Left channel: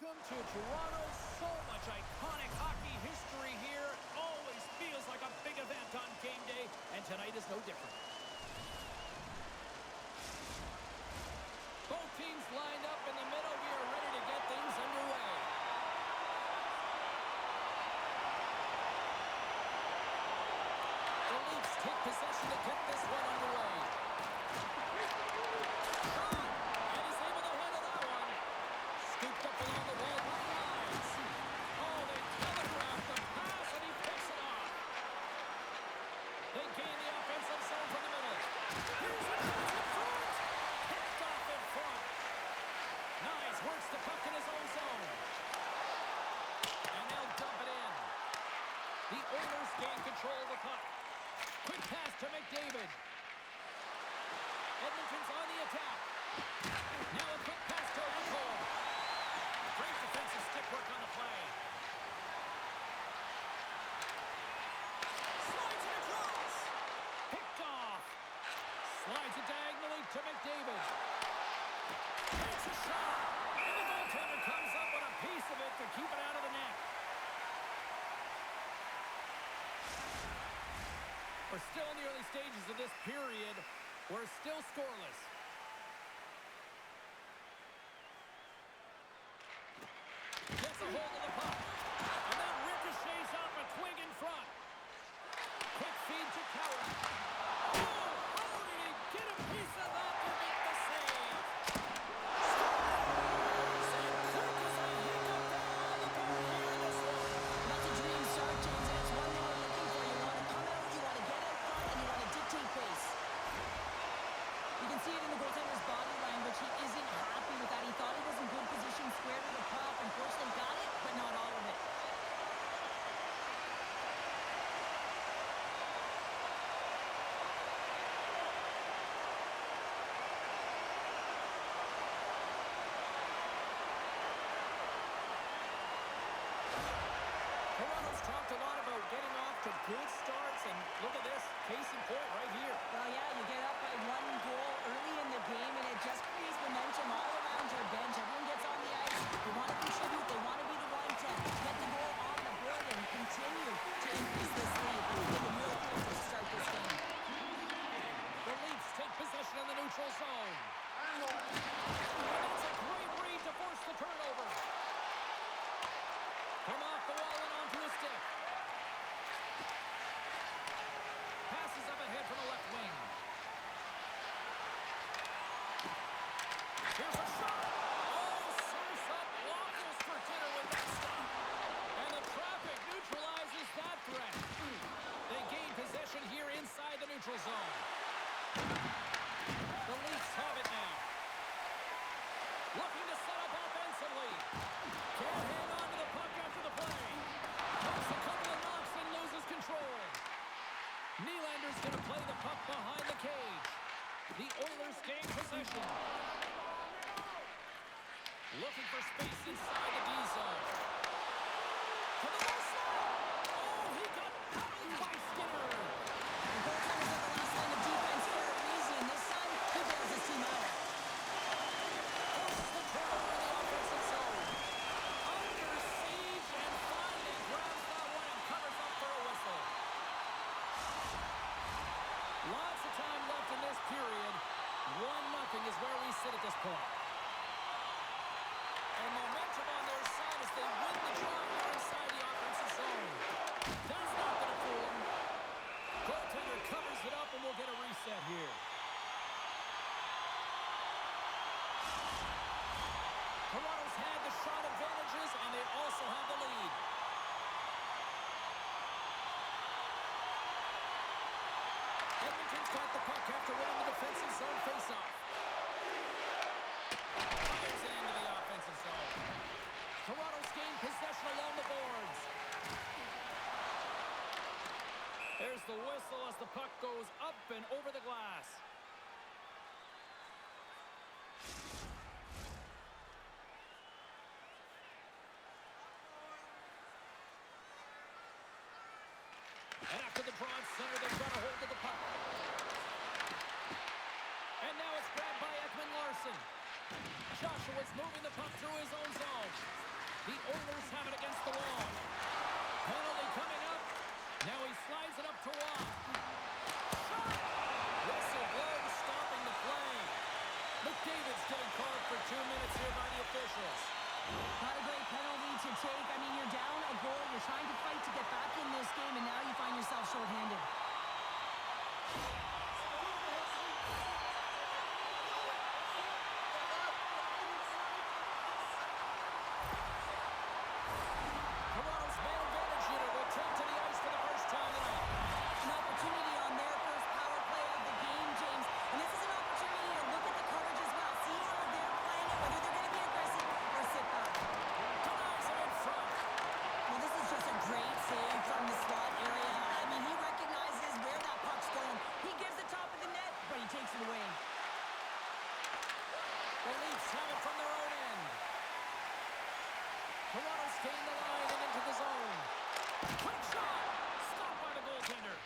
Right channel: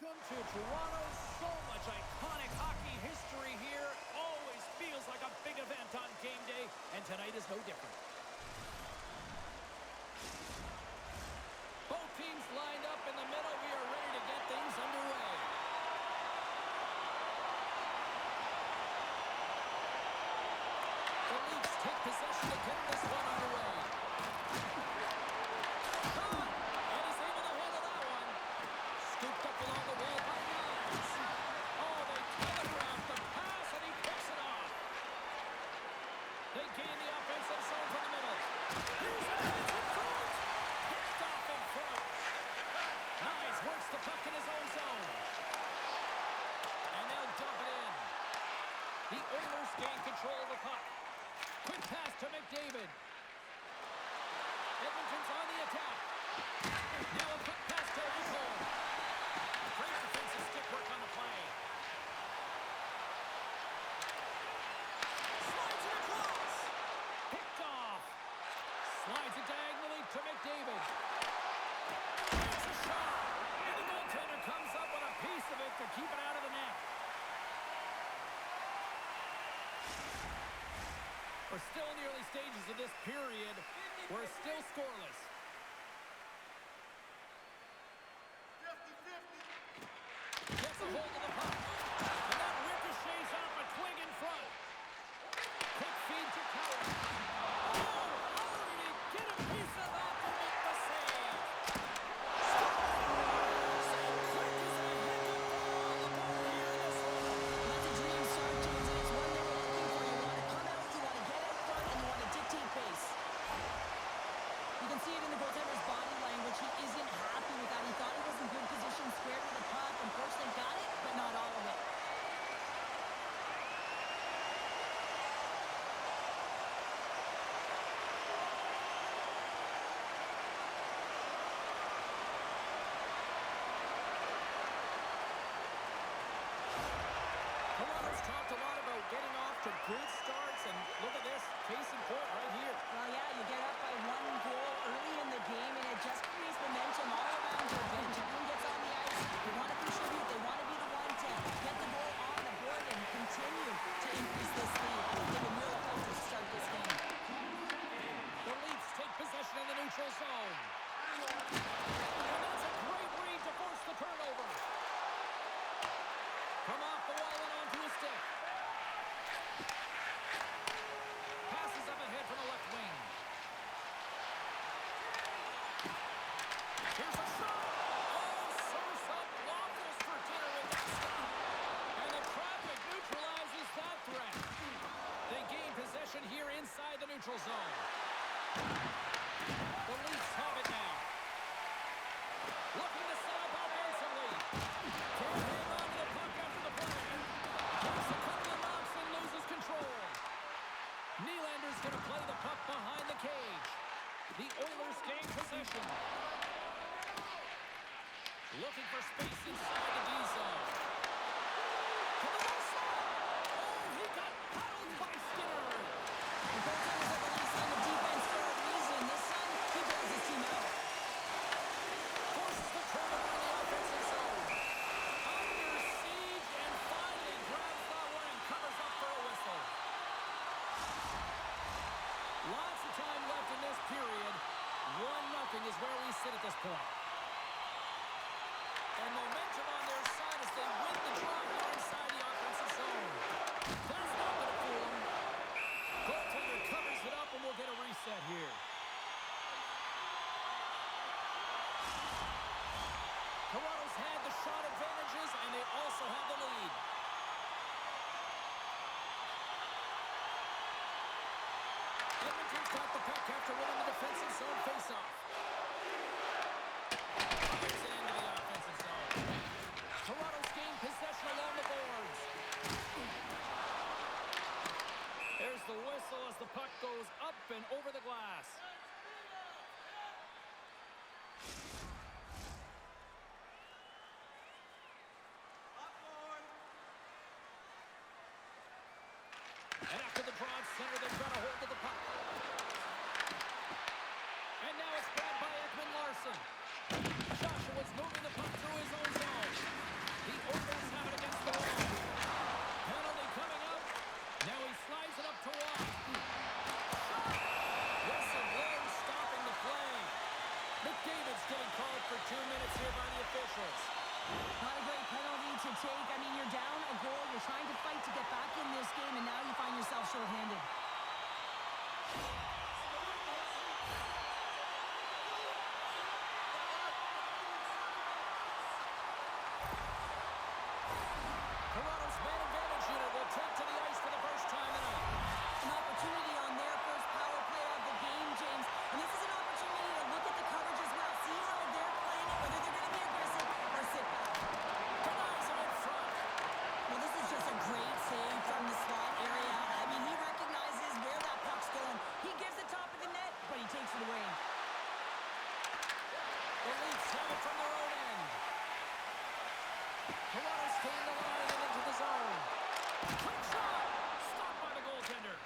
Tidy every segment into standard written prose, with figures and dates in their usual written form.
Welcome to Toronto. So much iconic hockey history here. Always feels like a big event on game day, and tonight is no different. Both teams lined up in the middle. We are ready to get things underway. The Leafs take possession to get this one underway. Shot! And he's able to handle that one. Scooped up along the wall by Guys. Oh, they telegraphed the pass, and he picks it off. They gain the offensive zone from the middle. Here's a chance in front. Picked off in front. Nice, works the puck in his own zone. And they'll dump it in. The Oilers gain control of the puck. Quick pass to McDavid. Edmonton's on the attack. Now a quick pass to Nicole. Great defensive stick work on the play. Slides it across. Picked off. Slides it diagonally to McDavid. Takes a shot. And the goaltender comes up with a piece of it to keep it out of the net. We're still in the early stages of this period. We're still scoreless. Gets a hold of the puck. And that ricochets off a twig in front. Quick feed to Coward. Oh, how did he get a piece of that to make the save? Scores! And quick as a hiccup down the board here in this one. That's a dream start, James, and it's one they were looking for. You want to come out, you want to get out front, and you want to dictate pace. You can see it in the goaltender's body language. He isn't happy with that. He thought he was in good position, squared with the puck. Unfortunately, got it, but not all of it. Toronto's talked a lot about getting off to good starts, and look at this, case in point right here. Well, yeah, you get up by 1 goal early in the game, and it just creates momentum all around your bench. Everyone gets on the ice. They want to contribute. They want to be the one to get the goal on the board and continue to increase this lead. I think they've been really close to start this game. The Leafs take possession in the neutral zone. And that's a great read to force the turnover. From off the wall and onto a stick. Passes up ahead from the left wing. Here's a shot. Oh, serves up waffles for dinner with that stop. And the traffic neutralizes that threat. They gain possession here inside the neutral zone. The Leafs have it now. Looking to set up offensively. Can't hang on to the puck after the play. Takes a couple of knocks and loses control. Nylander's going to play the puck behind the cage. The Oilers gain possession. Looking for space inside the D zone. To the low slot. Oh, he got paddled by Skinner. The goaltender's at the last line of defense for a reason. This time, he bails his team out. Forces the turnover in the offensive zone. Under siege and finally grabs that one and covers up for a whistle. Lots of time left in this period. 1-0 is where we sit at this point. And momentum on their side as they win the draw here inside the offensive zone. That's not going to fool them. Goaltender covers it up and we'll get a reset here. Toronto's had the shot advantages, and they also have the lead. Edmonton's got the puck after winning the defensive zone faceoff. Fires it into the offensive zone. Toronto's gained possession along the boards. There's the whistle as the puck goes up and over the glass. And after the draw at center, they've got a hold of the puck. And now it's grabbed by Ekman Larson. Joshua's moving the puck through his own zone. The Oilers have it against the wall. Penalty coming up. Now he slides it up to Watt. Shot! Whistle blows, stopping the play. McDavid's getting called for 2 minutes here by the officials. Not a great penalty to take. I mean, you're down a goal. You're trying to fight to get back in this game, and now you find yourself shorthanded. Toronto's man advantage unit will take to the ice for the first time tonight. An opportunity on their first power play of the game, James. And this is an opportunity to look at the coverage as well. See how they're playing it, whether they're going to be aggressive or sit back. Denies him in front. Well, this is just a great save from the slot area. I mean, he recognizes where that puck's going. He gives the top of the net, but he takes it away. The Leafs have it from their own end. Toronto's gained the line and into the zone. Quick shot! Stopped by the goaltender.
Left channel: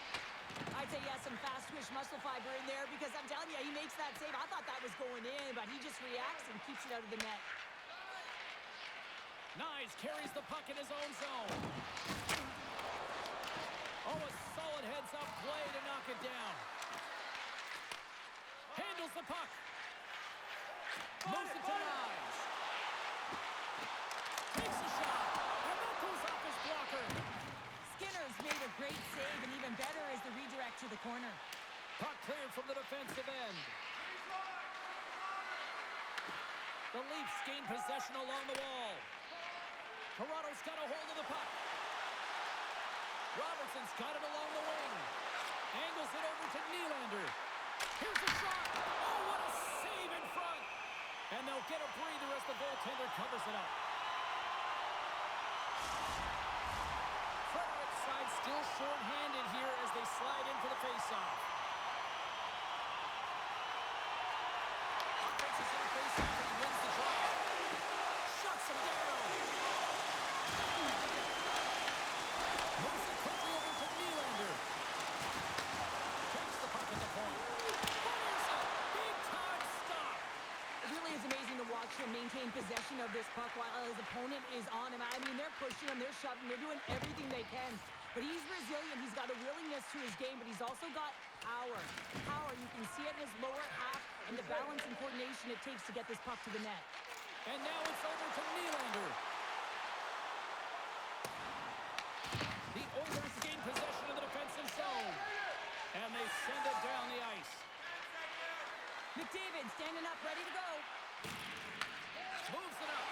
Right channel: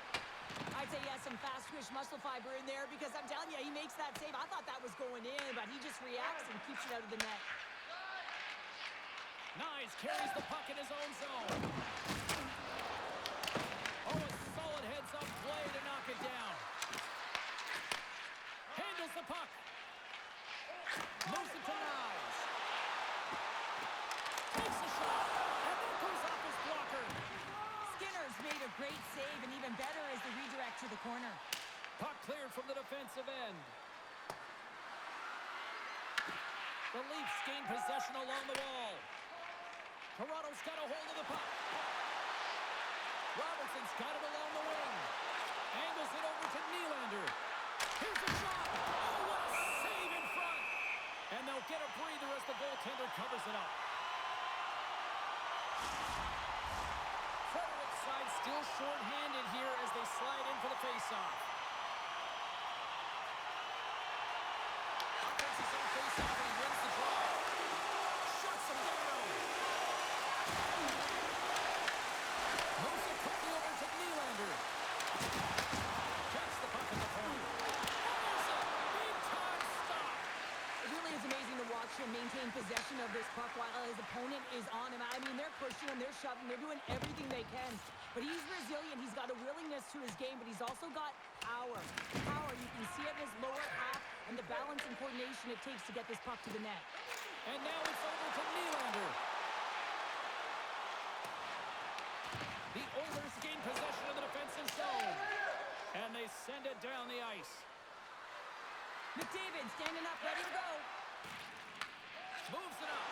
I'd say he has some fast twitch muscle fiber in there because I'm telling you, he makes that save. I thought that was going in, but he just reacts and keeps it out of the net. Nyes carries the puck in his own zone. Oh, a solid heads-up play to knock it down. Handles the puck. Moves it to Nyes. Takes a shot. And that goes off his blocker. Skinner's made a great save, and even better is the redirect to the corner. Puck cleared from the defensive end. The Leafs gain possession along the wall. Toronto's got a hold of the puck. Robertson's got it along the wing. Angles it over to Nylander. Here's the shot. Oh, what a save in front. And they'll get a breather as the goaltender covers it up. Frederick's side still short-handed here as they slide in for the face-off. Offense is on face-off and he wins the draw. Shuts him down. Moves it quickly over to Nylander. Takes the puck at the point. Fires it. Big-time stop. It really is amazing to watch him maintain possession of this puck while his opponent is on him. I mean, they're pushing him, they're shoving, they're doing everything they can. But he's resilient. He's got a willingness to his game, but he's also got power. Power, you can see it in his lower half and the balance and coordination it takes to get this puck to the net. And now it's over to Nylander. The Oilers gain possession of the defensive zone. And they send it down the ice. McDavid standing up, ready to go. Moves it up.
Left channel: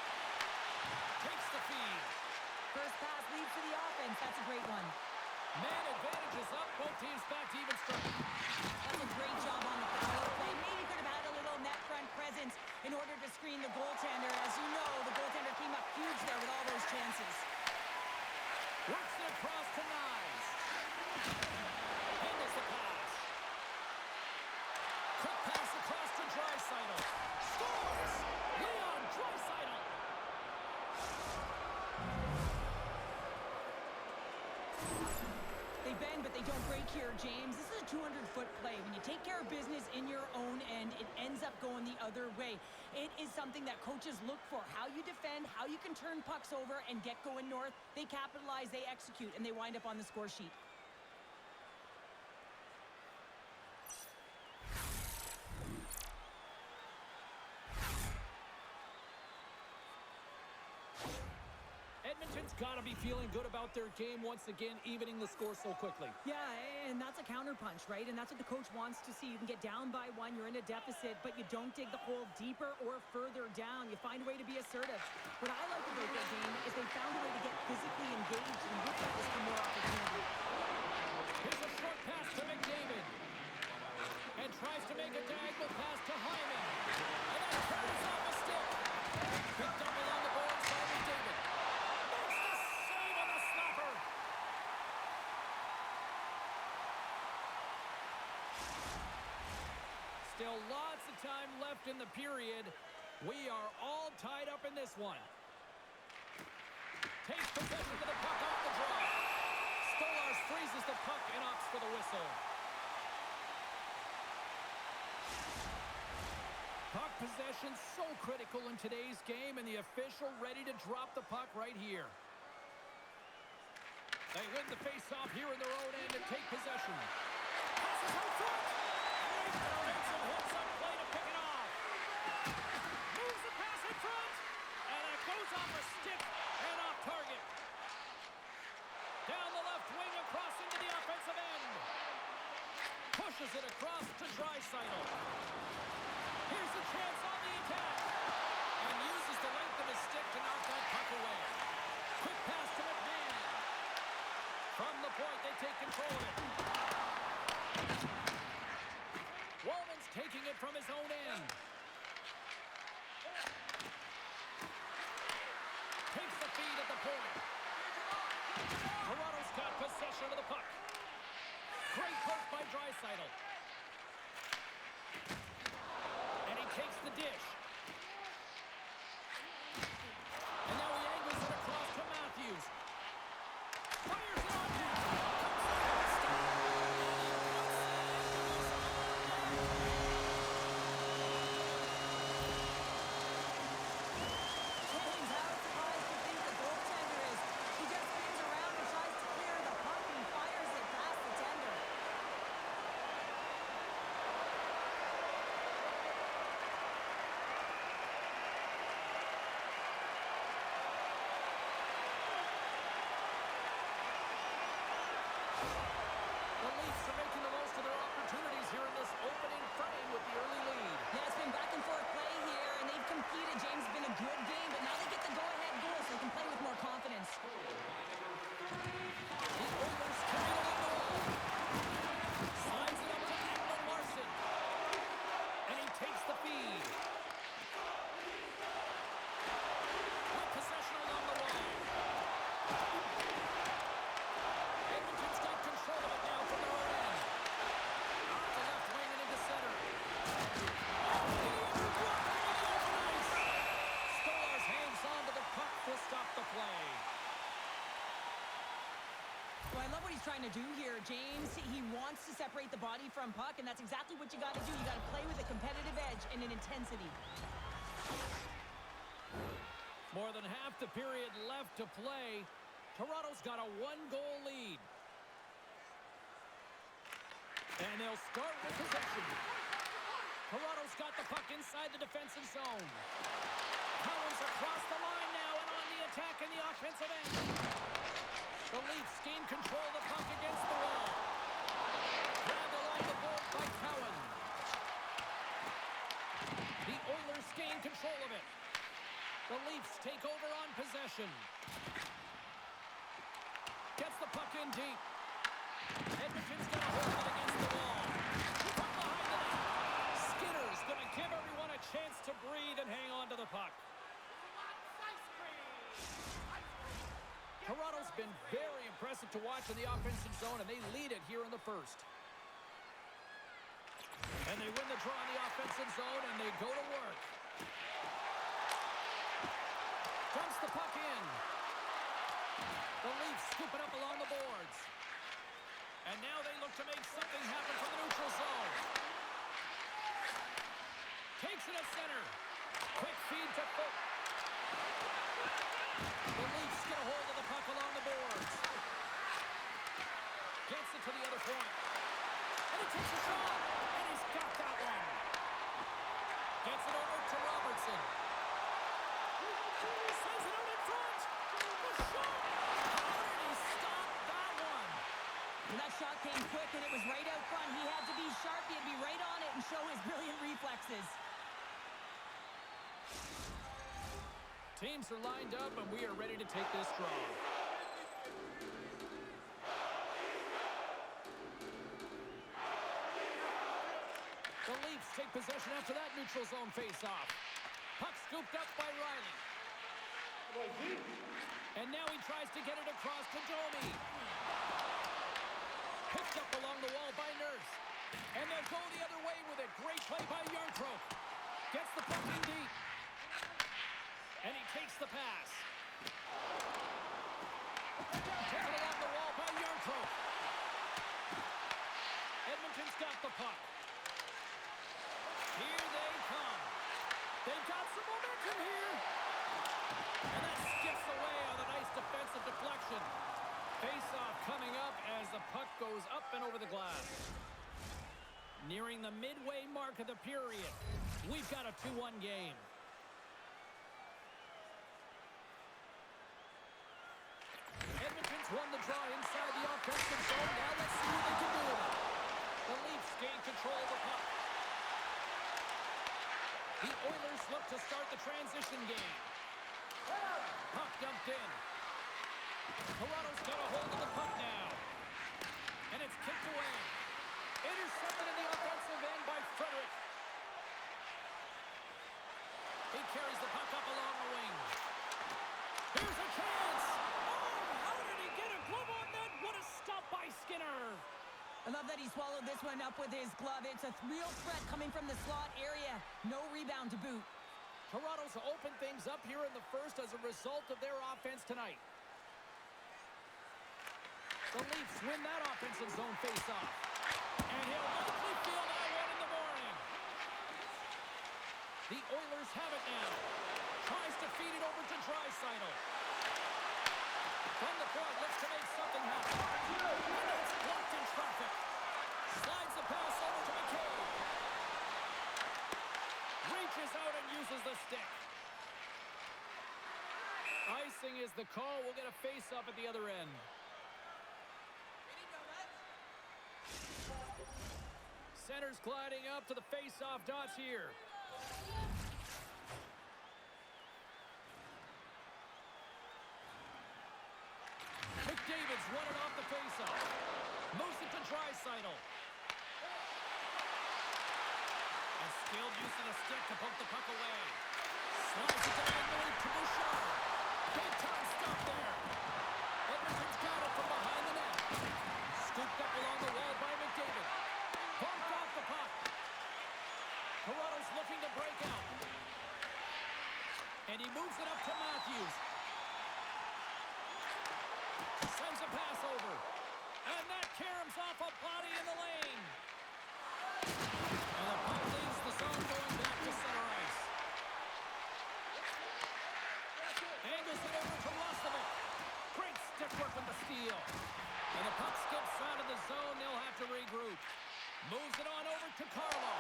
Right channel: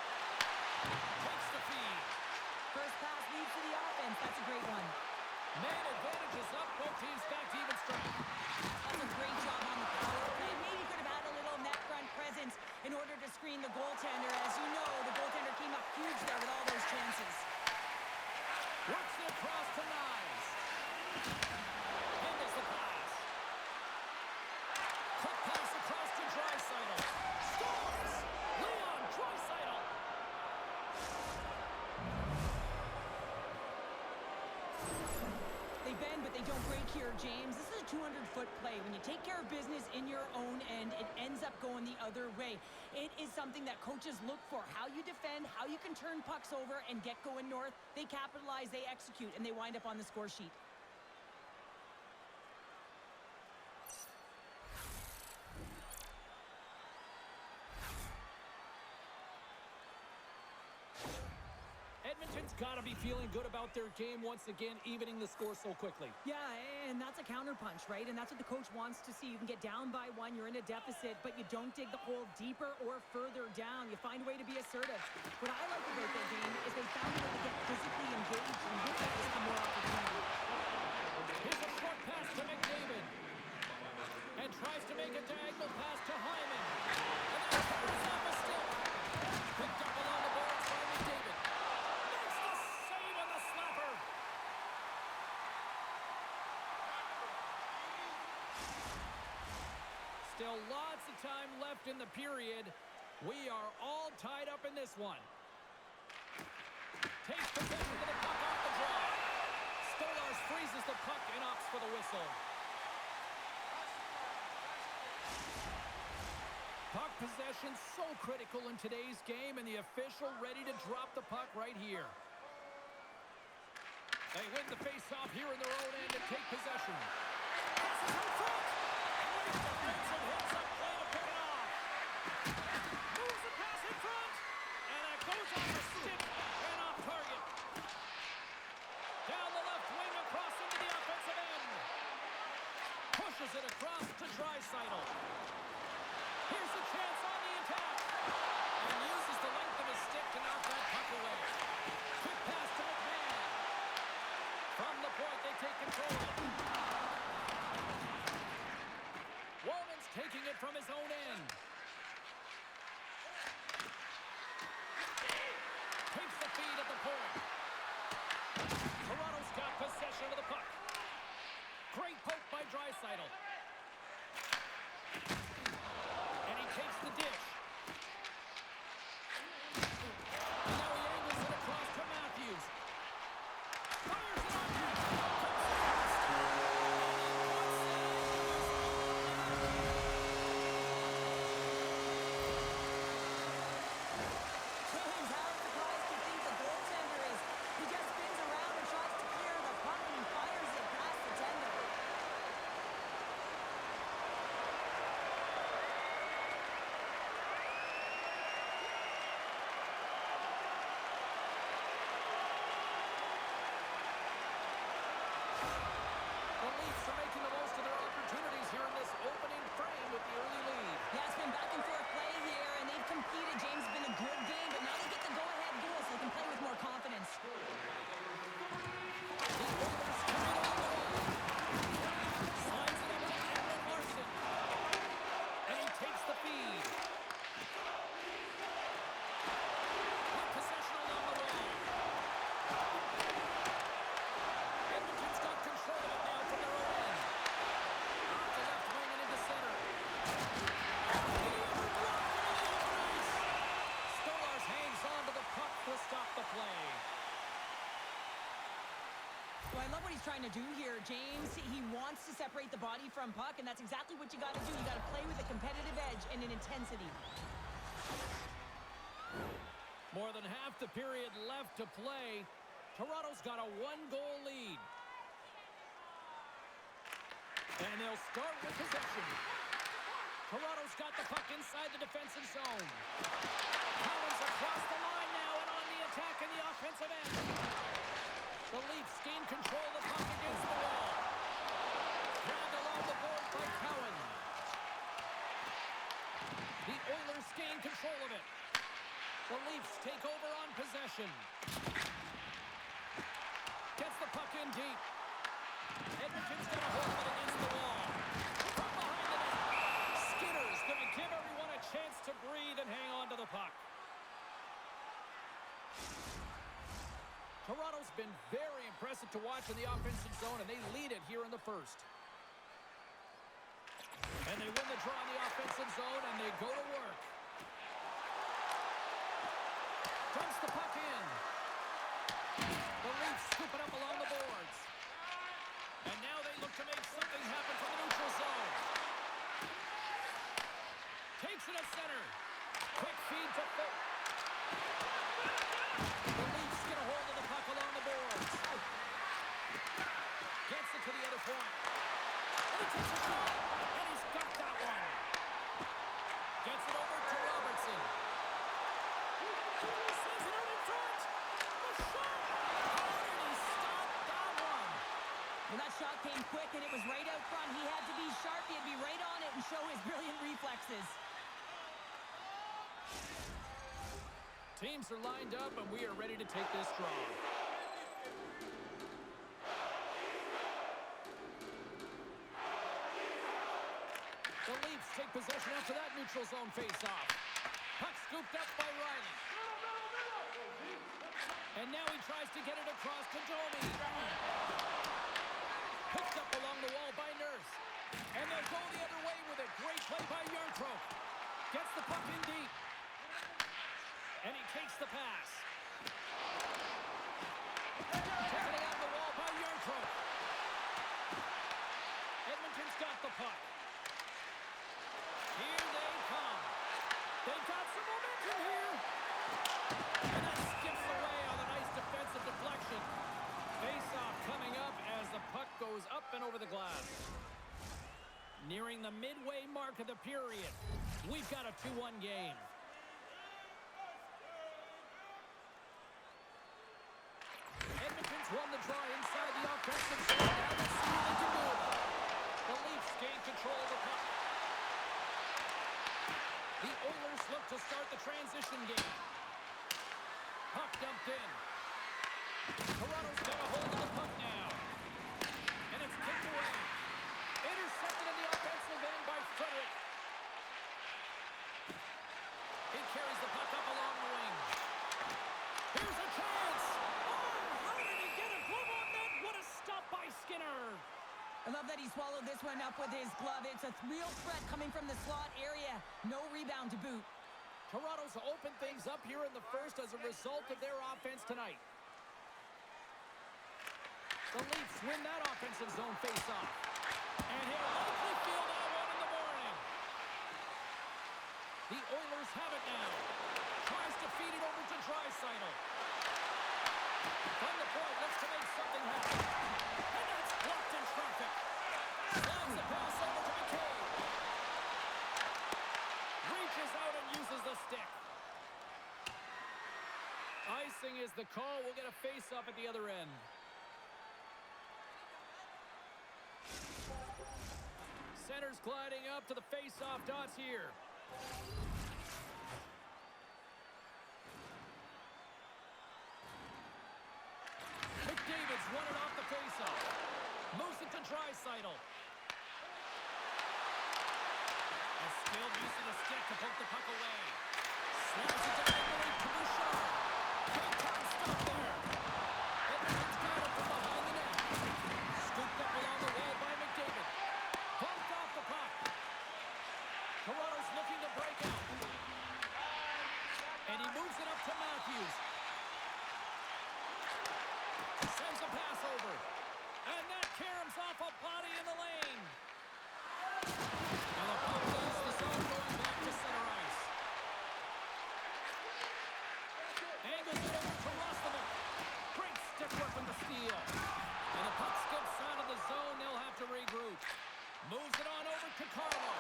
Takes the feed. First pass leads to the offense. That's a great one. Man advantage is up. Both teams back to even strength. That's a great job on the power play. Maybe could have had a little net front presence in order to screen the goaltender. As you know, the goaltender came up huge there with all those chances. Works it across to Nyes. Handles the pass. Quick pass across to Draisaitl. Scores! Leon Draisaitl. They bend, but they don't break here, James. This is a 200-foot play. When you take care of business in your own end, it ends up going the other way. It is something that coaches look for. How you defend, how you can turn pucks over and get going north. They capitalize, they execute, and they wind up on the score sheet. Edmonton's got to be feeling good about their game once again, evening the score so quickly. Yeah, and that's a counterpunch, right? And that's what the coach wants to see. You can get down by one, you're in a deficit, but you don't dig the hole deeper or further down. You find a way to be assertive. What I like about their game is they found a way to get physically engaged, and with that has come more opportunity. Here's a short pass to McDavid. And tries to make a diagonal pass to Hyman. And that carries off a stick. Picked up along the boards by McDavid. Makes the save on the slapper. Still lots of time left in the period. We are all tied up in this one. Takes possession of the puck off the draw. Stolarz freezes the puck and opts for the whistle. Puck Possession so critical in today's game, and the official ready to drop the puck right here. They win the face-off here in their own end and take possession. Passes out front. Great defensive hits up play to pick it off. Moves the pass in front. And it goes off a stick and off target. Down the left wing across into the offensive end. Pushes it across to Draisaitl. Here's the chance on the attack. And uses the length of his stick to knock that puck away. Quick pass to McMahon. From the point, they take control of it. Walman's taking it from his own end. Takes the feed at the point. Toronto's got possession of the puck. Great poke by Draisaitl. And he takes the dish. And now he angles it across to Matthews. Fires it on him. Comes up with a stop. And he puts it into his own net. James, how surprised do you think the goaltender is? He just spins around and tries to clear the puck and he fires it past the tender. The Leafs are making the most of their opportunities here in this opening frame with the early lead. Yeah, it's been back and forth play here, and they've competed. James, it's been a good game, but now they get the go-ahead goal, so they can play with more confidence. The Oilers carry it along the wall. Slides it up to Edmund Larson. And he takes the feed. With possession along the wall. Edmonton's got control of it now from their own end. Off the left wing and into center. He blocked it in the open ice. Stolarz hangs on to the puck to stop the play. Well, I love what he's trying to do here, James. He wants to separate the body from puck, and that's exactly what you got to do. You got to play with a competitive edge and an intensity. More than half the period left to play. Toronto's got a one-goal lead. And they'll start with possession. Toronto's got the puck inside the defensive zone. Cowan's across the line now and on the attack in the offensive end. The Leafs gain control of the puck against the wall. Grabbed along the board by Cowan. The Oilers gain control of it. The Leafs take over on possession. Gets the puck in deep. Edmonton's going to hold it against the wall. From behind the net. Skinner's going to give everyone a chance to breathe and hang on to the puck. Toronto's been very impressive to watch in the offensive zone, and they lead it here in the first. And they win the draw in the offensive zone, and they go to work. Dumps the puck in. The Leafs scoop it up along the boards. And now they look to make something happen from the neutral zone. Takes it at center. Quick feed to Foot. The Leafs get a hold of the puck along the boards. Gets it to the other point. And he takes a shot. And he's got that one. Gets it over to Robertson. Sends it out in front. The shot. How did he stop that one? Well, that shot came quick, and it was right out front. He had to be sharp. He had to be right on it and show his brilliant reflexes. Teams are lined up, and we are ready to take this draw. The Leafs take possession after that neutral zone face-off. Puck scooped up by Riley. And now he tries to get it across to Domi. Picked up along the wall by Nurse. And they'll go the other way with it. Great play by Yarncroke. Gets the puck in deep. And he takes the pass. Taken along the wall by Yarncroke. Edmonton's got the puck. Here they come. They got some momentum here. And that skips away on a nice defensive deflection. Face-off coming up as the puck goes up and over the glass. Nearing the midway mark of the period. We've got a 2-1 game. Edmonton's won the draw inside the offensive zone. Now let's see what they can do with it. The Leafs gain control of the puck. The Oilers look to start the transition game. Puck dumped in. Toronto's got a hold of the puck now. And it's kicked away. Intercepted in the offensive end by Frederick. He carries the puck up along the wing. Here's a chance. Oh, how did he get a glove on that? What a stop by Skinner. I love that he swallowed this one up with his glove. It's a real threat coming from the slot area. No rebound to boot. Toronto's opened things up here in the first as a result of their offense tonight. The Leafs win that offensive zone face-off. And he'll likely feel that one in the morning. The Oilers have it now. Tries to feed it over to Draisaitl. From the point, looks to make something happen. And that's blocked in traffic. Slides the pass over to McCabe. Reaches out and uses the stick. Icing is the call. We'll get a face-off at the other end. Center's gliding up to the face-off dots here. McDavid's won it off the face-off. Moves it to Draisaitl. And skilled use of the stick to poke the puck away. Slides it diagonally to Bouchard. Big time stop there. Edmonton's got it from behind the net. Scooped up along the wall by McDavid. Bumped off the puck. Toronto's looking to break out. And he moves it up to Matthews. Sends a pass over. And that caroms off a body in the lane. And the puck leaves the zone going back to center ice. Angles it over to Roslovic. Great stick work with the steal. And the puck skips out of the zone. They'll have to regroup. Moves it on over to Carlo.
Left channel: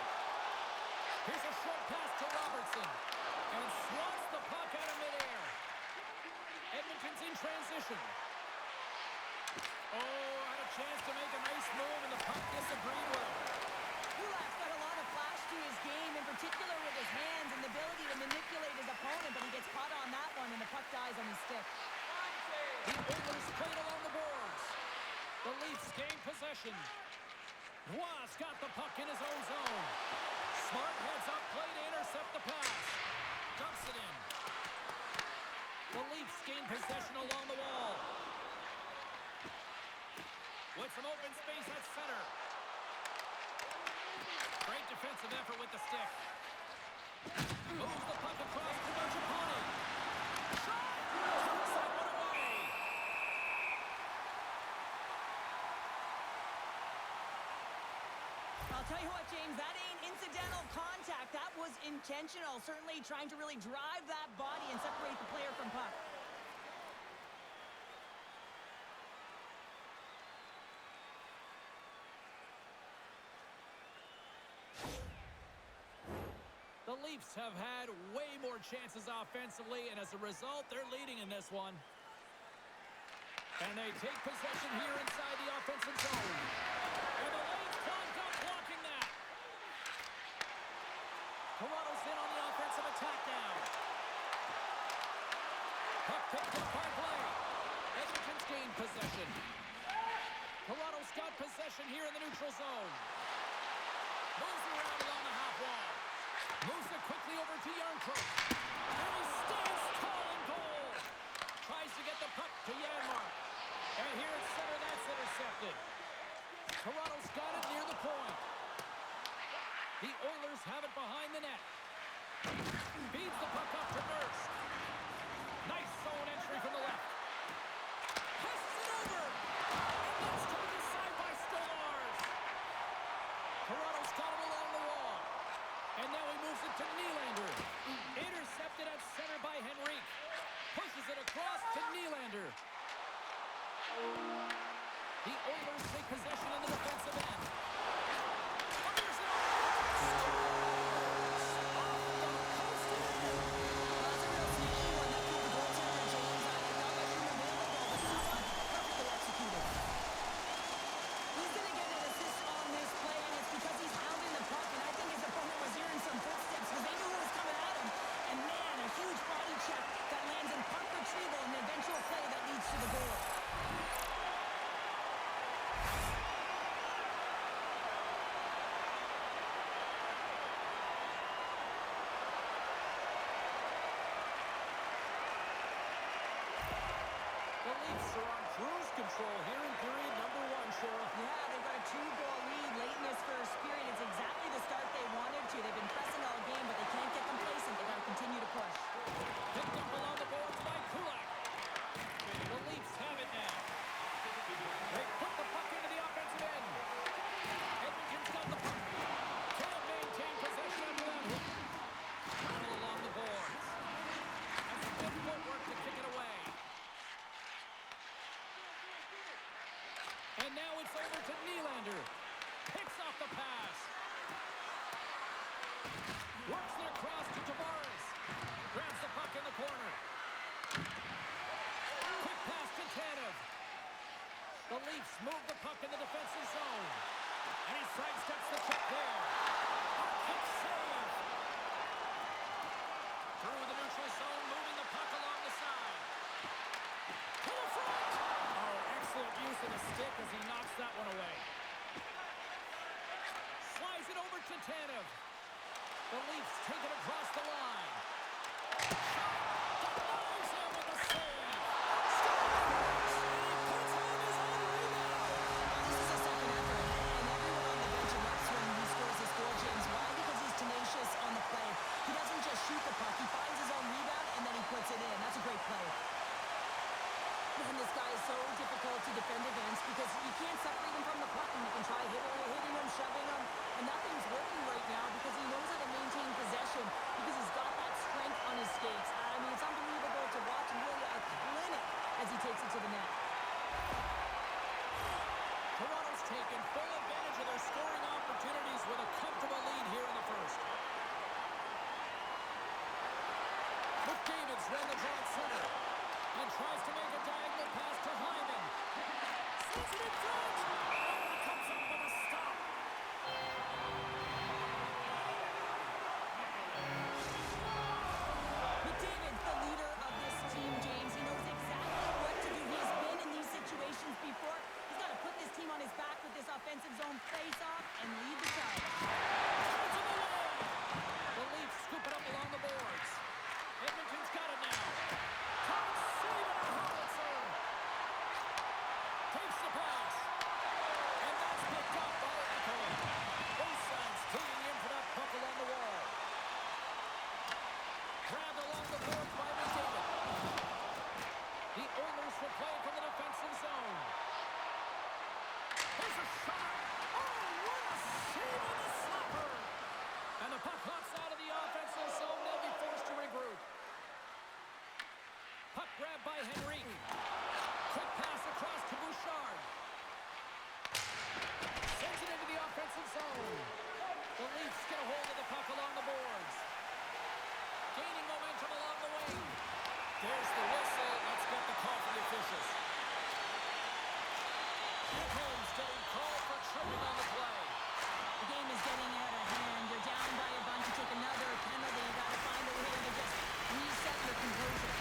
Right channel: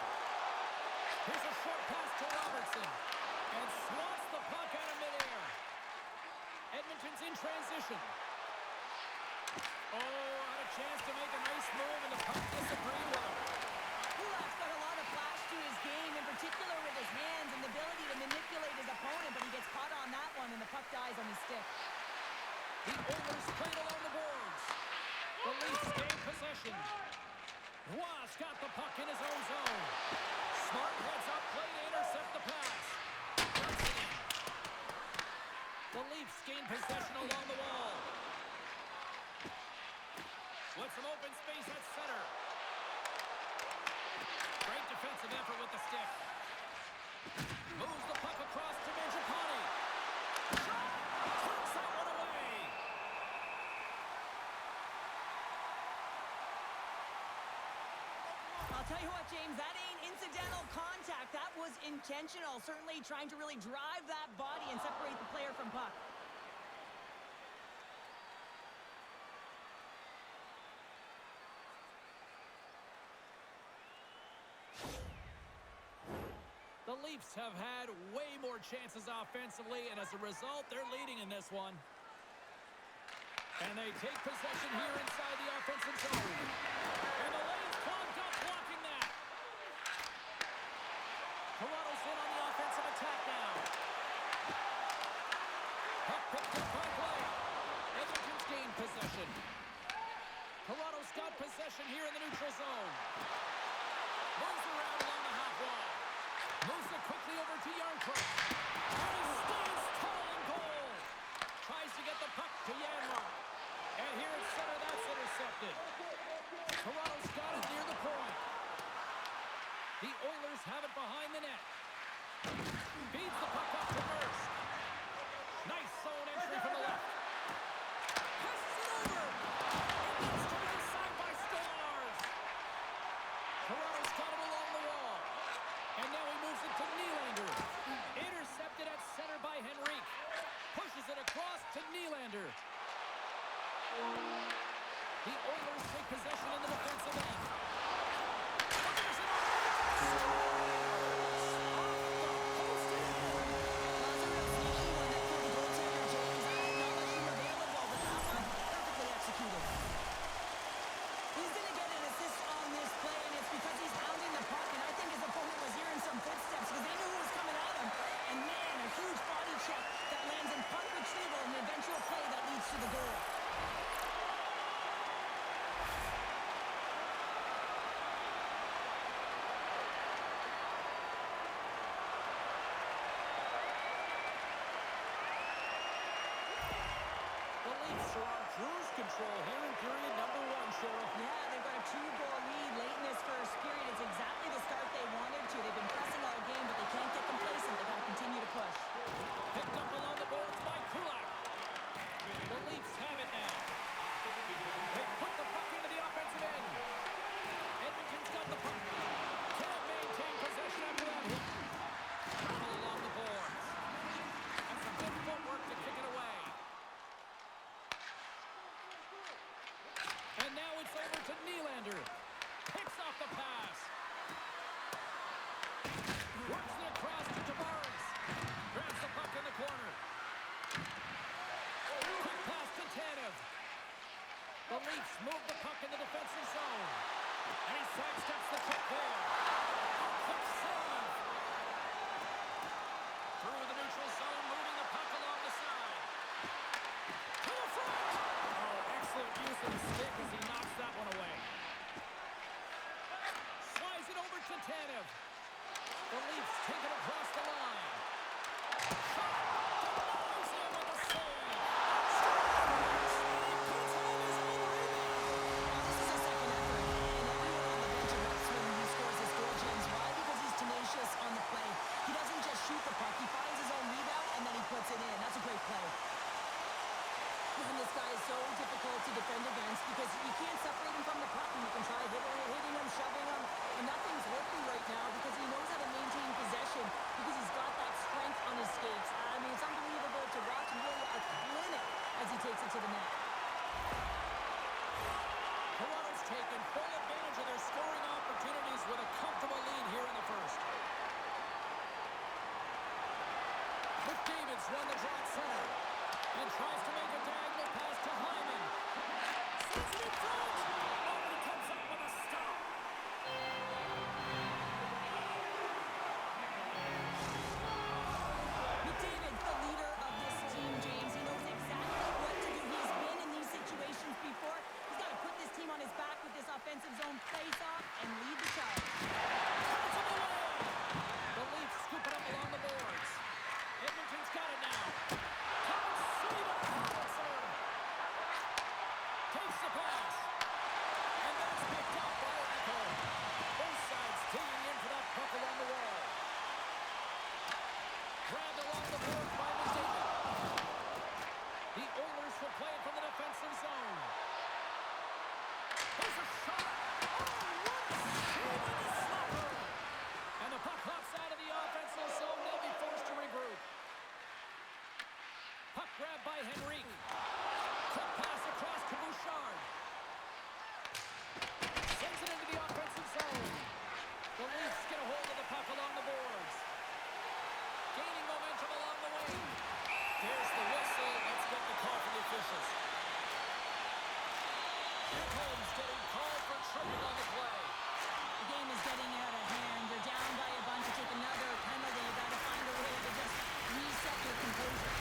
Here's a short pass to Robertson. And swats the puck out of midair. Edmonton's in transition. Oh, had a chance to make a nice move, and the puck disagreed with him. Kulak's got a lot of flash to his game, in particular with his hands and the ability to manipulate his opponent, but he gets caught on that one, and the puck dies on his stick. The Oilers played along the boards. The Leafs gain possession. Roy's got the puck in his own zone. Smart heads up play to intercept the pass. Dumps it in. The Leafs gain possession along the wall. With some open space at center. Great defensive effort with the stick. Moves the puck across to Mangiapane. Shot! Turns that one away. I'll tell you what, James, that ain't incidental contact. That was intentional. Certainly trying to really drive that body and separate the player from puck. The Leafs have had way more chances offensively, and as a result, they're leading in this one. And they take possession here inside the offensive zone. And the lane's clogged up, blocking that. Toronto's in on the offensive attack now. Puck picked up by Blake. Edmonton's gained possession. Toronto's got possession here in the neutral zone. Moves around along the half wall. Moves it quickly over to Yarncroke. And he stands tall in goal. Tries to get the puck to Janmark. And here at center, that's intercepted. Toronto's got it near the point. The Oilers have it behind the net. Feeds the puck up to Nurse. Nice zone entry from the left. Passes it over. And that's turned aside by Stolarz. Toronto's got it along the wall. And now he moves it to Nylander. cruise control here in period number 1, Cheryl. Yeah, they've got a 2-goal lead late in this first period. It's exactly the start they wanted to. They've been pressing all game, but they can't get complacent. They've got to continue to push. Picked up along the boards by Kulak. The Leafs have it now. They put the puck into the offensive end. Edmonton's got the puck. Can't maintain possession after that hit. All along the boards. And some good footwork to kick it away. And now it's over to Nylander. Picks off the pass. Works it across to Tavares. Grabs the puck in the corner. Quick pass to Tanev. The Leafs move the puck in the defensive zone. And he sidesteps the check there. A quick save. Through the neutral zone, moving the puck along the side. To the front. Oh, excellent use of the stick as he knocks that one away. Slides it over to Tanev. The Leafs take it across the line. Shot! Denies him with a save! Scores! And he puts on his own rebound! This is a second effort, and everyone on the bench erupts when he scores this goal, James. Why? Because he's tenacious on the play. He doesn't just shoot the puck. He finds his own rebound, and then he puts it in. That's a great play. And this guy is so difficult to defend against because you can't separate him from the puck, and you can try hitting him, shoving him, and nothing's working right now because he knows how to maintain possession because he's got that strength on his skates. I mean, it's unbelievable to watch and really a clinic as he takes it to the net. Toronto's taken full advantage of their scoring opportunities with a comfortable lead here in the first. McDavid's won the draw at center. And tries to make a diagonal pass to Hyman. Sends it in front. Oh, he comes up with a stop. McDavid's the leader of this team, James. He knows exactly what to do. He has been in these situations before. He's got to put this team on his back with this offensive zone face-off and lead the charge. Turns him away. The Leafs scoop it up along the boards. Edmonton's got it now. Save and a howitzer. Takes the pass. And that's picked up by Echo. Both sides teeing in for that puck along the wall. Grabbed along the boards by McDavid. The Oilers will play it from the defensive zone. There's a shot. Oh, what a save with the slapper. And the puck hops out of the offensive zone. They'll be forced to regroup. Puck grab by Henrique. Quick pass across to Bouchard. Sends it into the offensive zone. The Leafs get a hold of the puck along the boards. Gaining momentum along the wing. There's the whistle. Let's get the call from the officials. Ekholm's getting called for tripping on the play. The game is getting out of hand. You're down by a bunch. You take another penalty. You got to find a way to just reset your composure.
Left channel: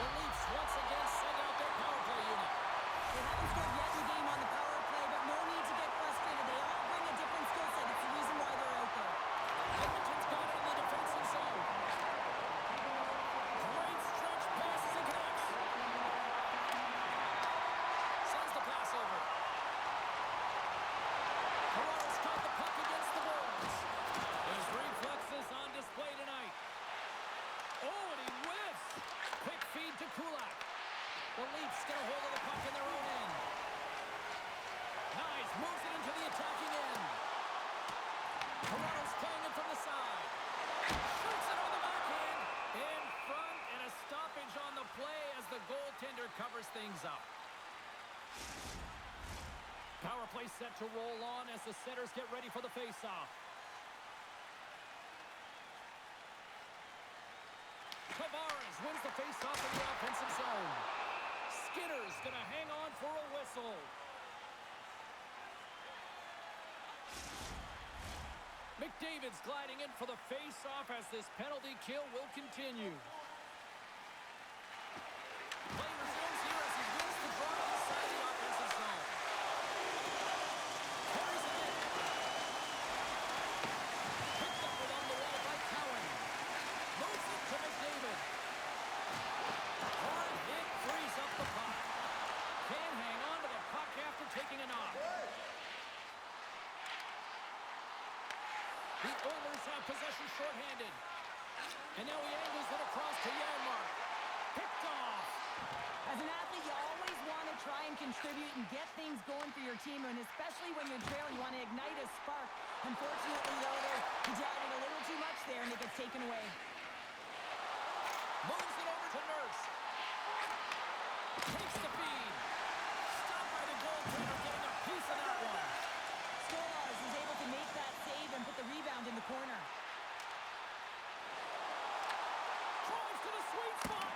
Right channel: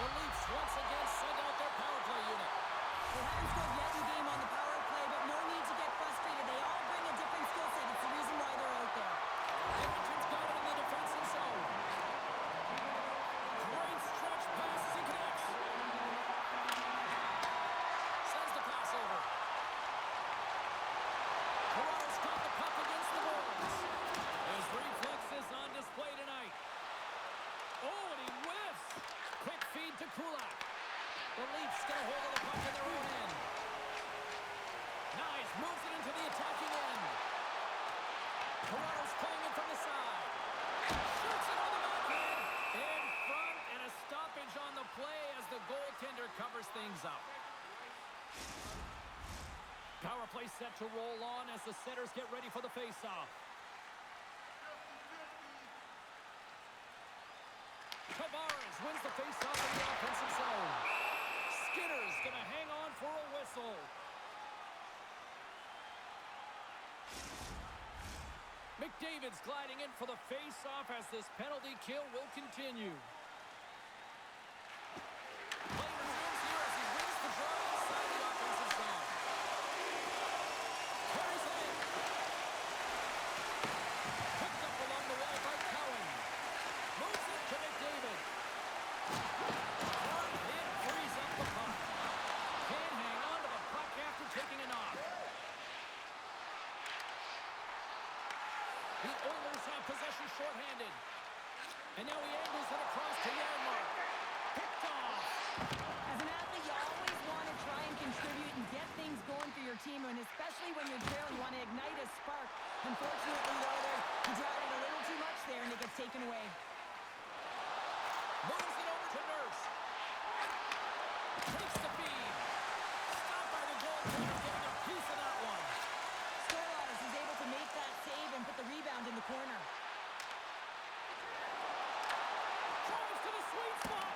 The Leafs once again send out their power play unit. They haven't scored yet in the game on the power play, but no need to get frustrated. They all bring a different skill set. It's the reason why they're out there. Edmonton's got it in the defensive zone. Great stretch passes and connects. Sends the pass over. Toronto's got the puck against the boards. His reflexes on display tonight. Oh, and he whiffs. Quick feed to Kulak. The Leafs get a hold of the puck in their own end. Nice, moves it into the attacking end. Toronto's playing it from the side. Shoots it on the backhand. In front, and a stoppage on the play as the goaltender covers things up. Power play set to roll on as the setters get ready for the face-off. Tavares wins the face-off in the offensive zone. Skinner's going to hang on for a whistle. McDavid's gliding in for the face-off as this penalty kill will continue. Play resumes here as he wins the draw inside the offensive zone. Carries it in. shorthanded. And now he angles it across to Janmark. Picked off. As an athlete, you always want to try and contribute and get things going for your team, and especially when you're trailing, you want to ignite a spark. Unfortunately, though, he tried it a little too much there, and it gets taken away. Moves it over to Nurse. Takes the feed. Stopped by the goaltender, getting a piece of that one. Stolarz is able to make that save and put the rebound in the corner. Drives to the sweet spot.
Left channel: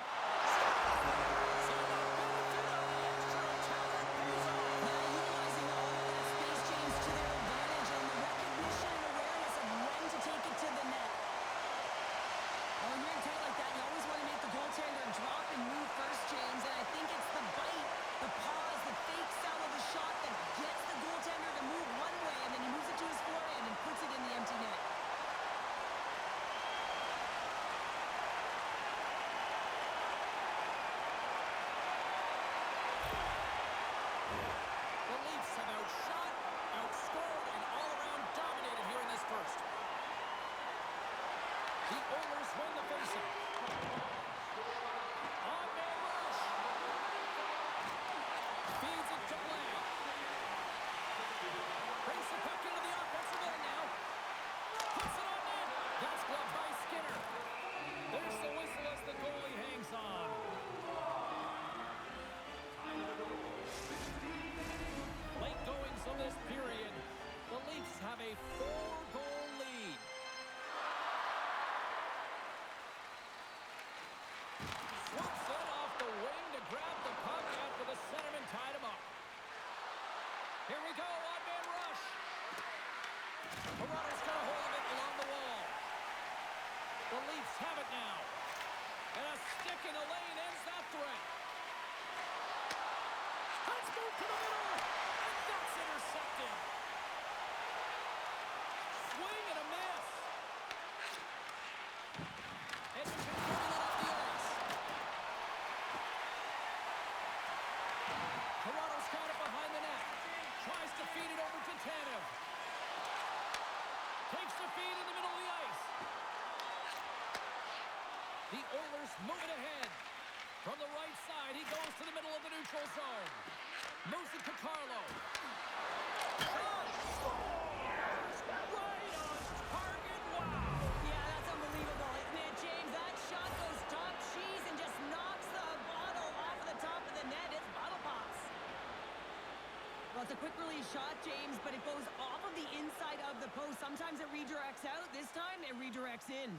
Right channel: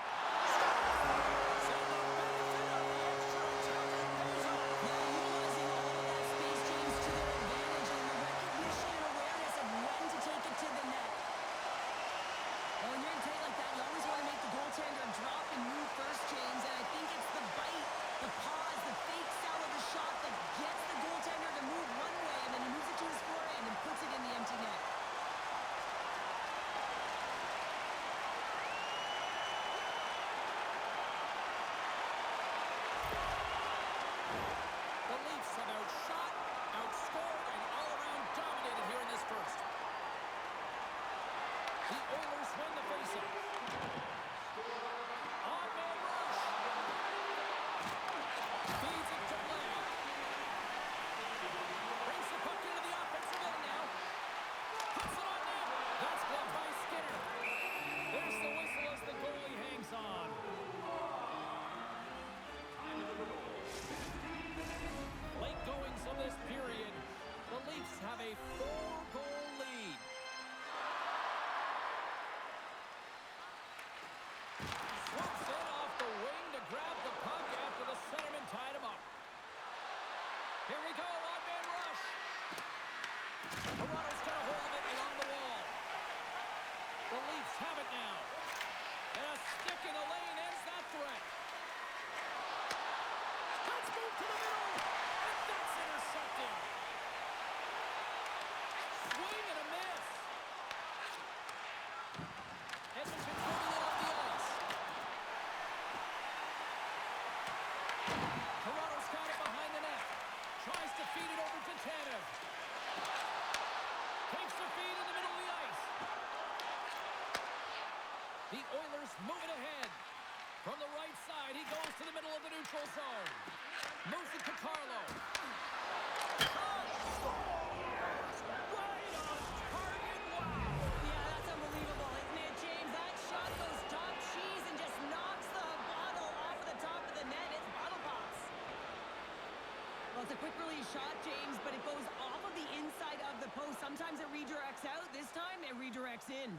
So the benefit of the extra attacker pays off. Yeah, utilizing all of that space, James, to their advantage, and the recognition and awareness of when to take it to the net. Well, when you're in tight like that, you always want to make the goaltender drop and move first, James, and I think it's the bite, the pause, the fake sell of the shot that gets the goaltender to move one way, and then he moves it to his forehand and puts it in the empty net. The Leafs have outshot, outscored, and all-around dominated here in this first. The Oilers win the faceoff. On-man rush. Feeds it to Blake. Brings the puck into the offensive end now. Puts it on net. That's gloved by Skinner. There's the whistle as the goalie hangs on. Late goings of this period. The Leafs have a 4-goal lead. Swoops in off the wing to grab the puck after the centerman tied him up. Here we go, on-man rush. Toronto's got a hold of it along the wall. The Leafs have it now. And a stick in the lane ends that threat. Let's move to the middle. And that's intercepted. Swing and a miss. Edmonton's moving it off the ice. Toronto's got it behind the net. Tries to feed it over to Tanev. Takes the feed in the middle of the ice. The Oilers move it ahead. From the right side, he goes to the middle of the neutral zone. Moves it to Carlo. Shot! Scores! Right on target! Wow! Yeah, that's unbelievable, isn't it, James? That shot goes top cheese and just knocks the bottle off of the top of the net. It's bottle pops. Well, it's a quick release shot, James, but it goes off of the inside of the post. Sometimes it redirects out. This time, it redirects in.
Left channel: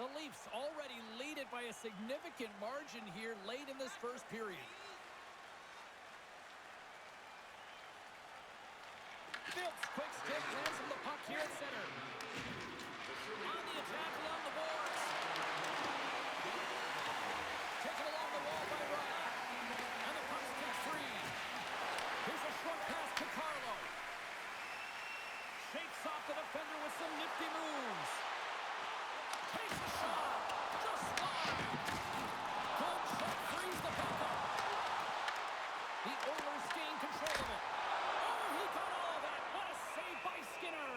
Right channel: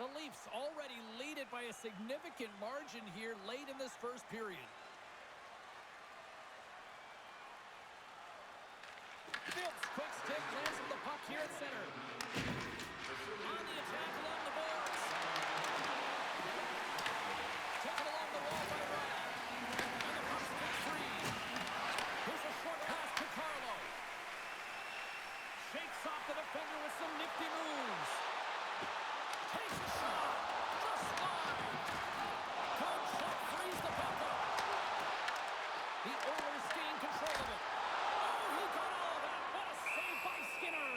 The Leafs already lead it by a significant margin here late in this first period. Phillips, quick stick, lands on the puck here at center. On the attack along the boards. Taken along the wall by Riley. And the puck's kicked free. Here's a short pass to Carlo. Shakes off the defender with some nifty moves. Takes a shot. Just wide. Good check. Frees the puck up. The Oilers gain control of it. Oh, he got all of that. What a save by Skinner.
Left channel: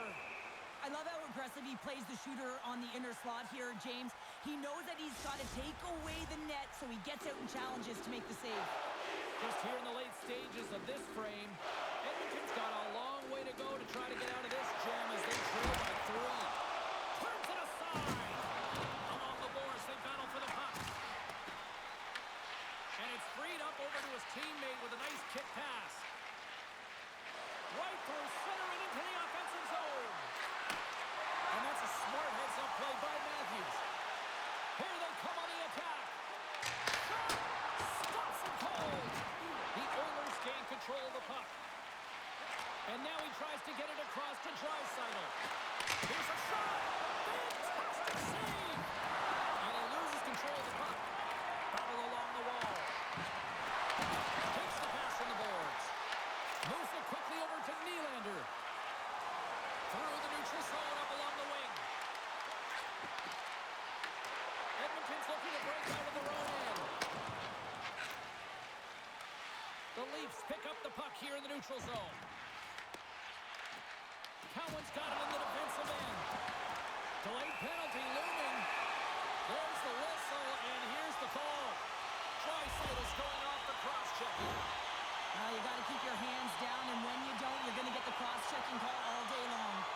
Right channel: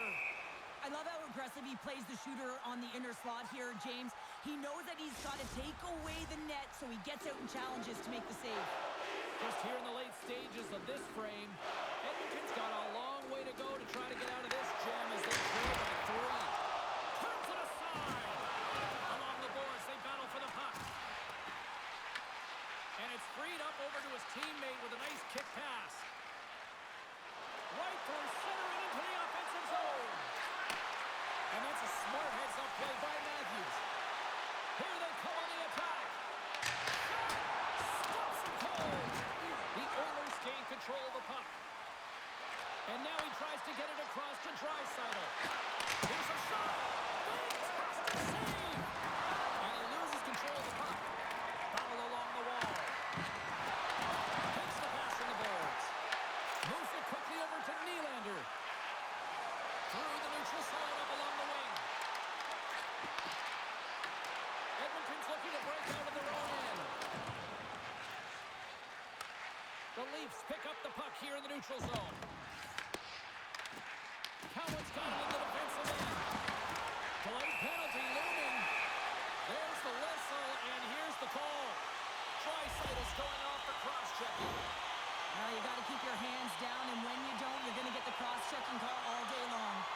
I love how aggressive he plays the shooter on the inner slot here, James. He knows that he's got to take away the net, so he gets out and challenges to make the save. Just here in the late stages of this frame, Edmonton's got a long way to go to try to get out of this jam as they trail by 3. Turns it aside. Along the boards, they battle for the puck. And it's freed up over to his teammate with a nice kick pass. Right through center and into the offensive zone. And that's a smart heads-up play by Matthews. Here they come on the attack. Shot! Stops him cold. The Oilers gain control of the puck. And now he tries to get it across to Draisaitl. Here's a shot! Fantastic save! And he loses control of the puck. Battle along the wall. Takes the pass from the boards. Moves it quickly over to Nylander. Through the neutral zone up along the wing. Edmonton's looking to break out of the The Leafs pick up the puck here in the neutral zone. Cowan's got it in the defensive end. Delayed penalty looming. There's the whistle, and here's the call. Draisaitl's going off for cross-checking. Well, you got to keep your hands down, and when you don't, you're going to get the cross-checking call all day long.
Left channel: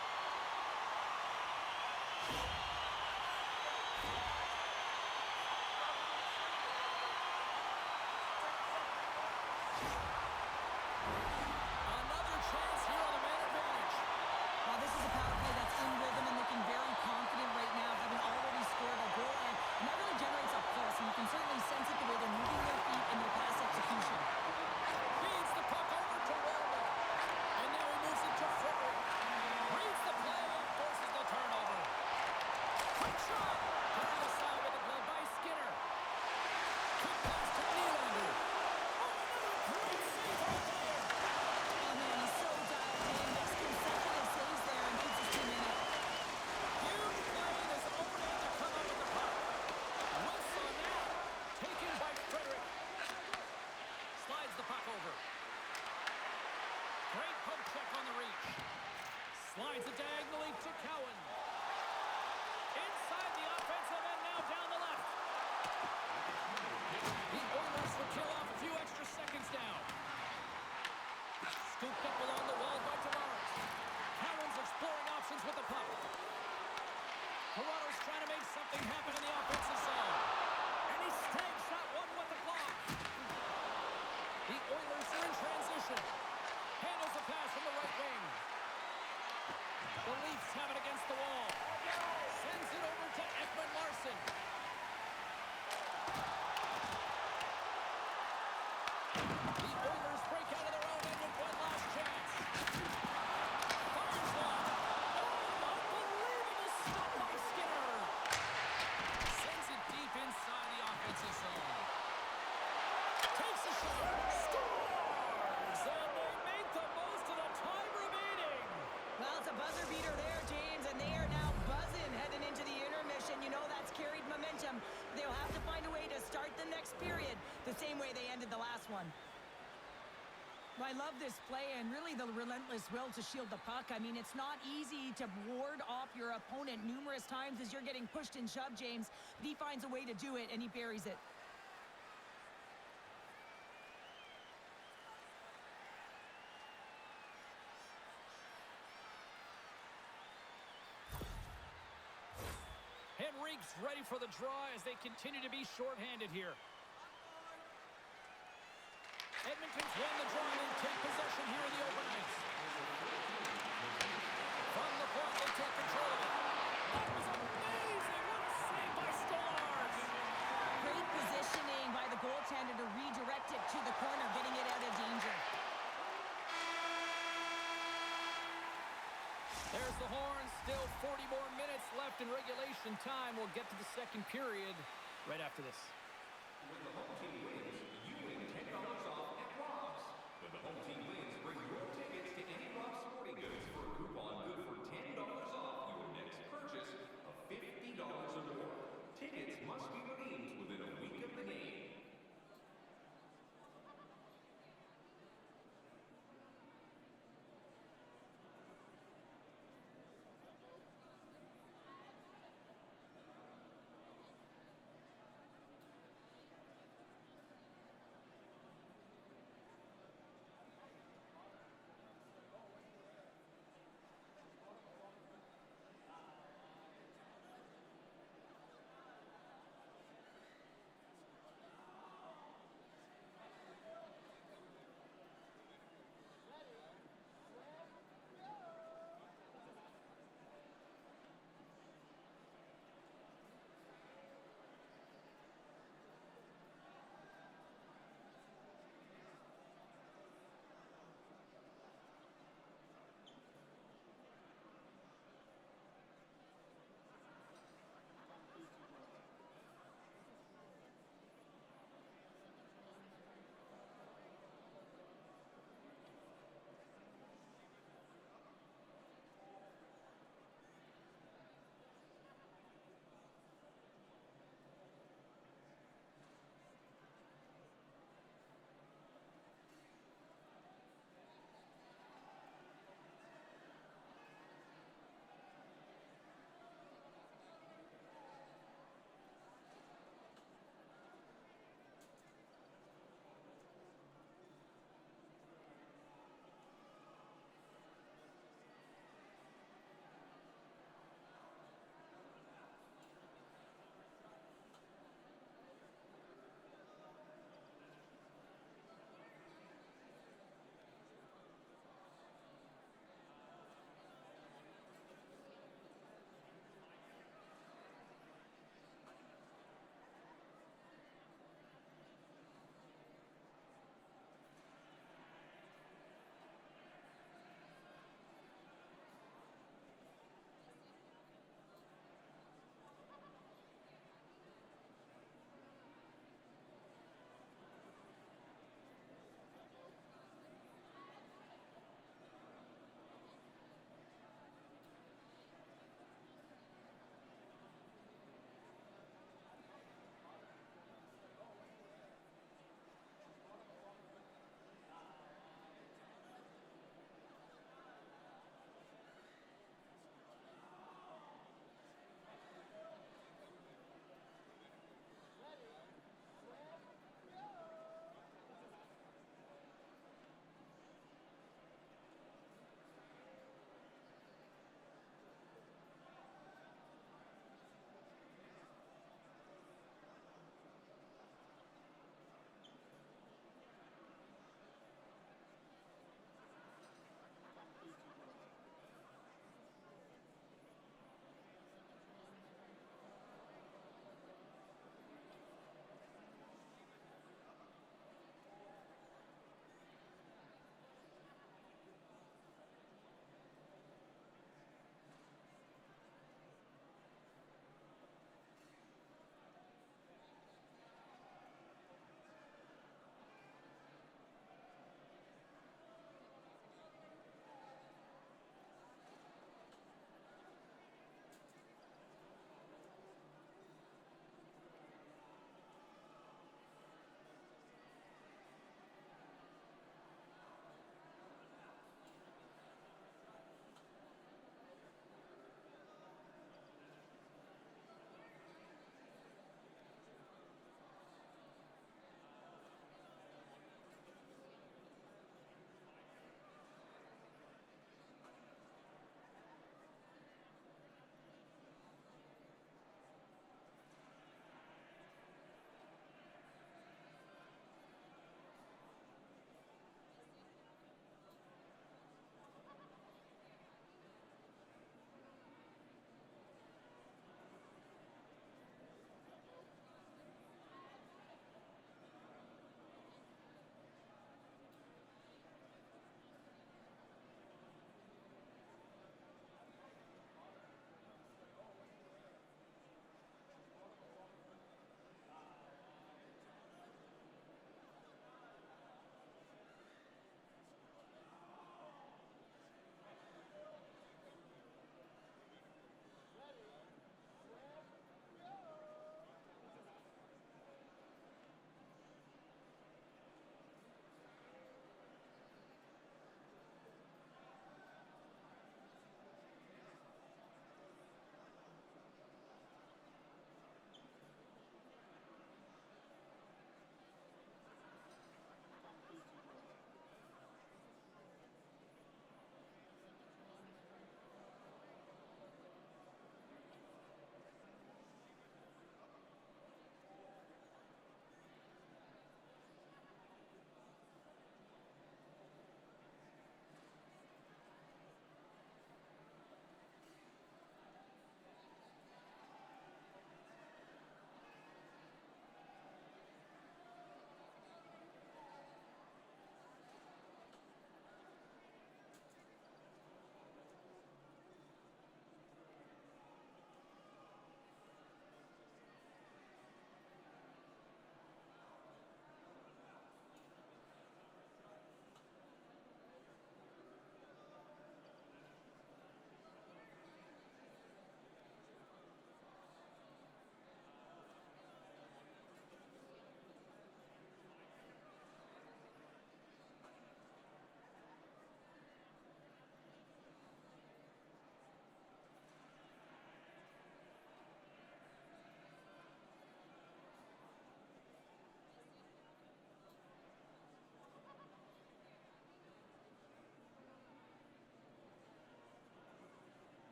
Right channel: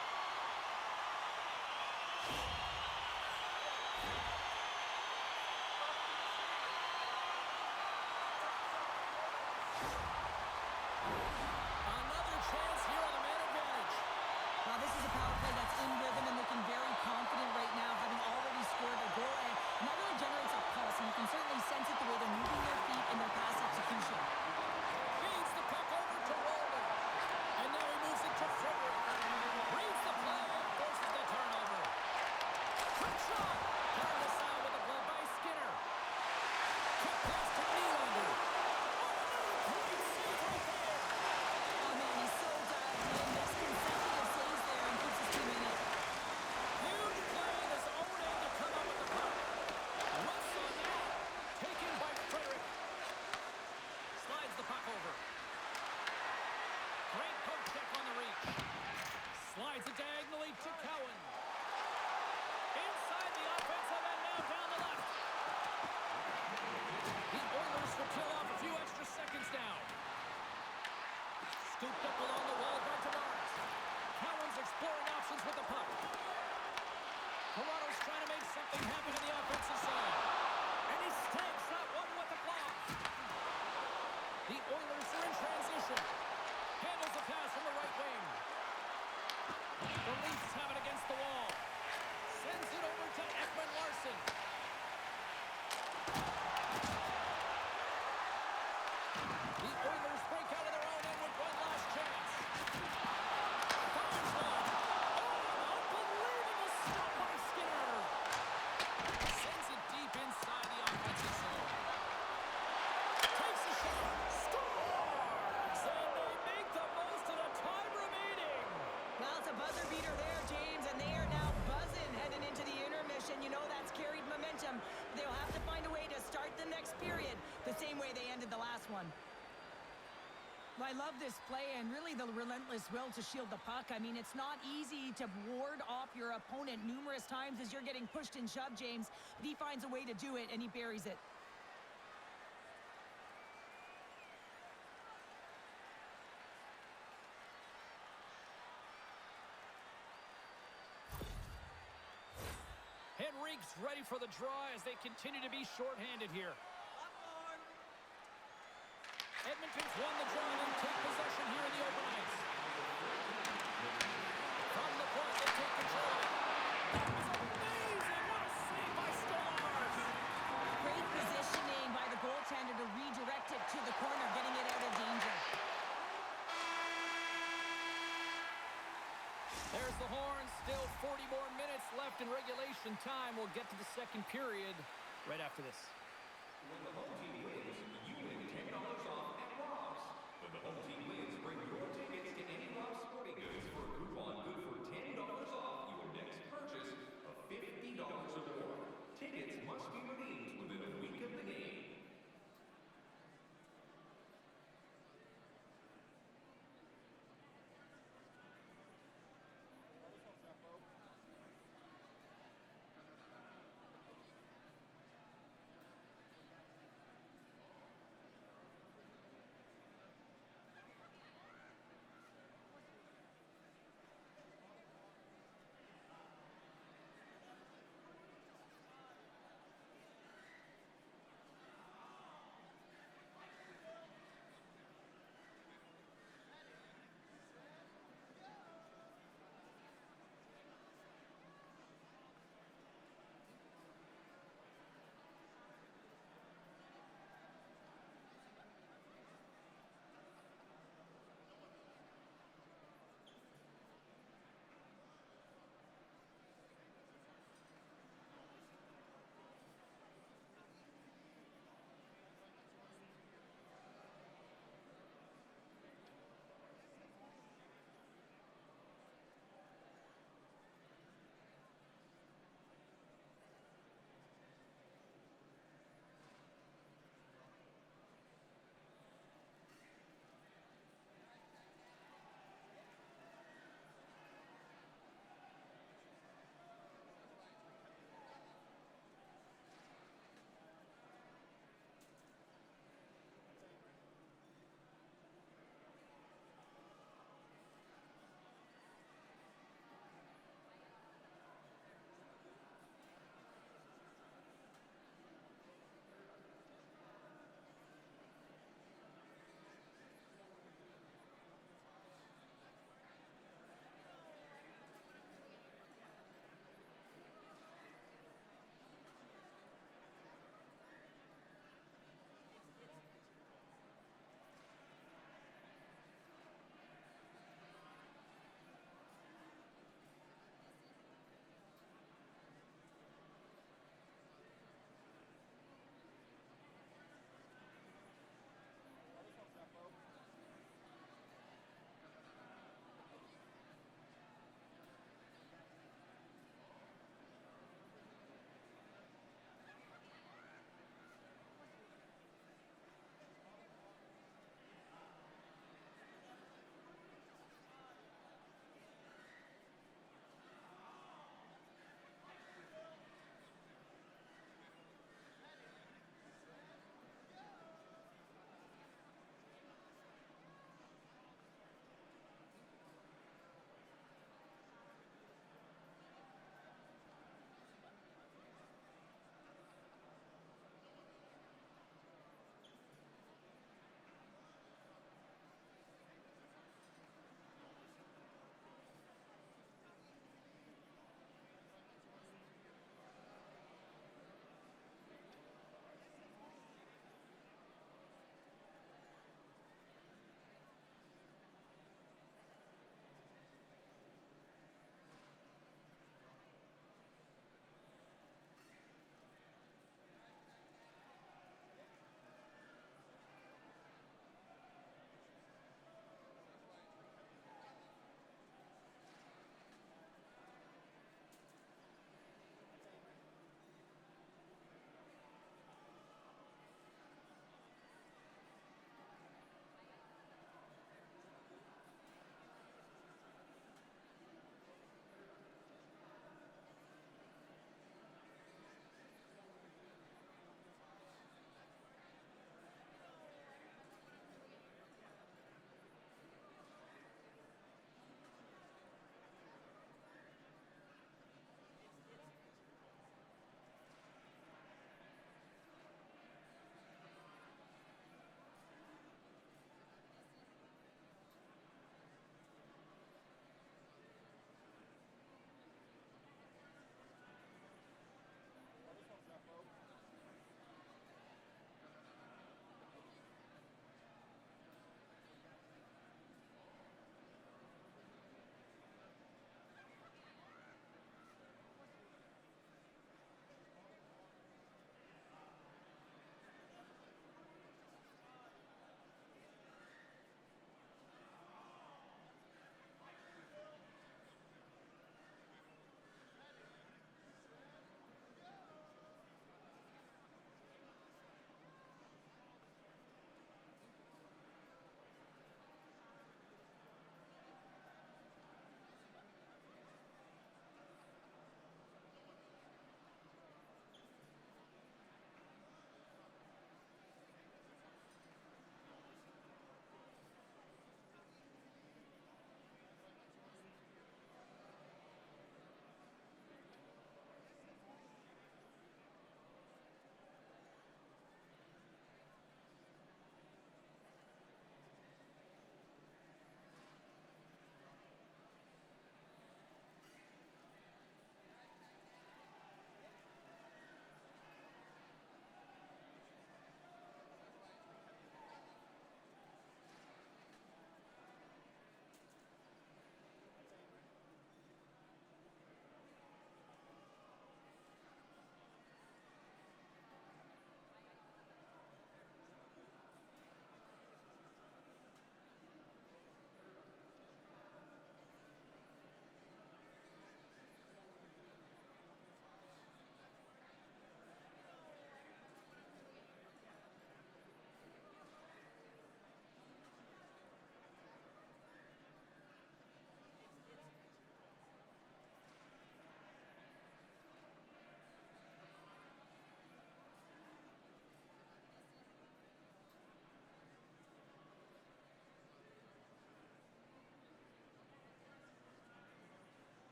Another chance here on the man advantage. Well, this is a power play that's in rhythm and looking very confident right now, having already scored a goal, and that really generates a pulse, and you can certainly sense it the way they're moving their feet and their pass execution. Feeds the puck over to Wallman. And now he moves it to Frederick. Reads the play and forces the turnover. Quick shot. Turned aside with a glove by Skinner. Quick pass to Nylander. Oh, another great save right there. Oh, man, he's so dialed in, makes consecutive saves there and keeps his team in it. Huge play in his own end to come up with the puck. Whistle now. Taken by Frederick. Slides the puck over. Great poke check on the reach. Slides it diagonally to Cowan. Inside the offensive end, now down the left. The Oilers would kill off a few extra seconds now. Scooped up along the wall by Tavares. Cowan's exploring options with the puck. Toronto's trying to make something happen in the offensive zone. And he snags that one with the glove. The Oilers are in transition. Handles the pass from the right wing. The Leafs have it against the wall. Sends it over to Ekman Larsson. The Oilers break out of their own end with one last chance. Fires one. Oh, an unbelievable stop by Skinner. Sends it deep inside the offensive zone. Takes a shot. Scores! And they make the most of the time remaining. Well, it's a buzzer beater there, James, and they are now buzzing heading into the intermission. You know that's carried momentum. They'll have to find a way to start the next period the same way they ended the last one. Well, I love this play and really the relentless will to shield the puck. I mean, it's not easy to ward off your opponent numerous times as you're getting pushed and shoved, James. But he finds a way to do it, and he buries it. Henrique's ready for the draw as they continue to be shorthanded here. Edmonton's won the draw and take possession here in the open ice. From the point, they take control of it. That was amazing! What a save by Stolarz! Great positioning by the goaltender to redirect it to the corner, getting it out of danger. There's the horn. Still 40 more minutes left in regulation time. We'll get to the second period right after this. When the home team wins, you win $10 off at Rob's. When the home team wins, bring your tickets to any Rob's Sporting Goods for a coupon good for $10 off your next purchase of $50 or more. Tickets must be redeemed within a week of the game.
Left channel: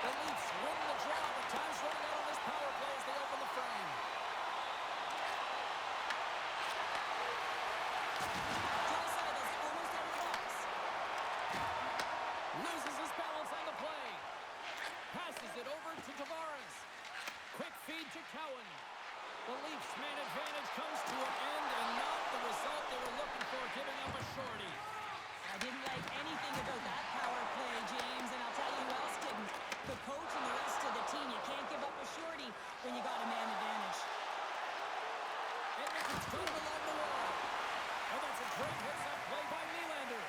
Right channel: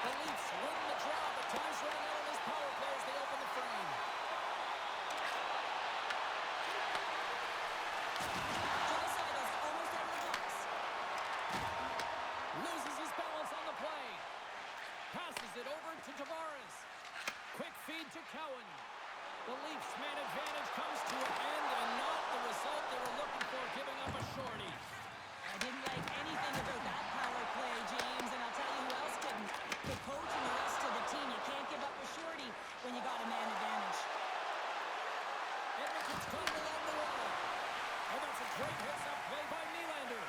The Leafs win the draw, but time's running out on this power play as they open the frame. Draisaitl almost out of the box. Loses his balance on the play. Passes it over to Tavares. Quick feed to Cowan. The Leafs' man advantage comes to an end, and not the result they were looking for, giving up a shorty. I didn't like anything about that power play, James, and I'll tell you who else didn't. The coach and the rest of the team. You can't give up a shorty when you got a man advantage. Edmonton's got it along the wall. And that's a great hits-up play by Nylander.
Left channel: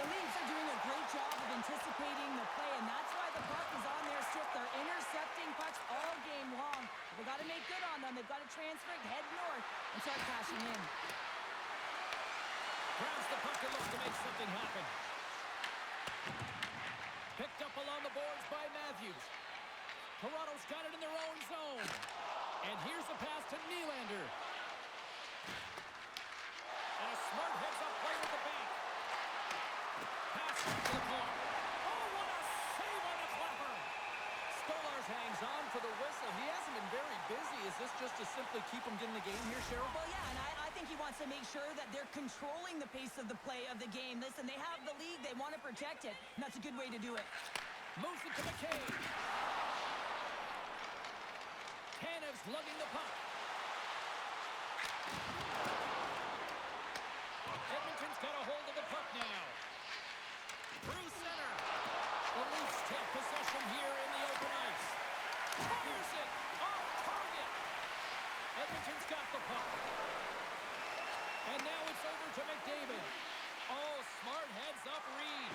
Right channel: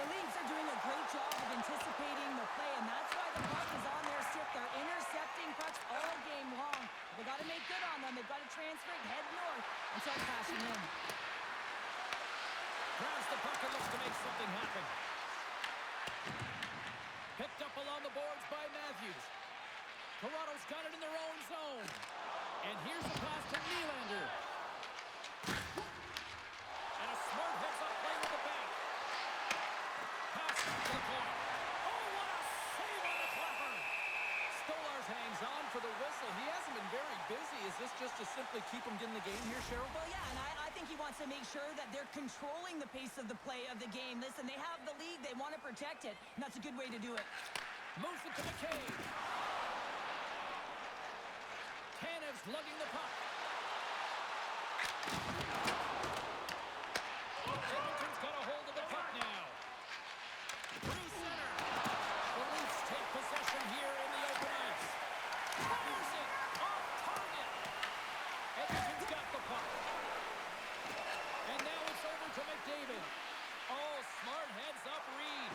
The Leafs are doing a great job of anticipating the play, and that's why the puck is on their stick. They're intercepting pucks all game long. They got to make good on them. They've got to transfer it, head north, and start crashing in. Grabs the puck and looks to make something happen. Picked up along the boards by Matthews. Toronto's got it in their own zone. And here's a pass to Nylander. And a smart heads-up play with the bank. Pass back to the point. Oh, what a save on the clapper! Stolarz hangs on for the whistle. He hasn't been very busy. Is this just to simply keep him in the game here, Cheryl? Well, yeah, and I think he wants to make sure that they're controlling the pace of the play of the game. Listen, they have the lead. They want to protect it, and that's a good way to do it. Moves it to McCabe. Tanev's lugging the puck. Edmonton's got a hold of the puck now. Through center. The Leafs take possession here in the open ice. Fires it. Off target. Edmonton's got the puck. And now it's over to McDavid. Oh, smart heads-up read.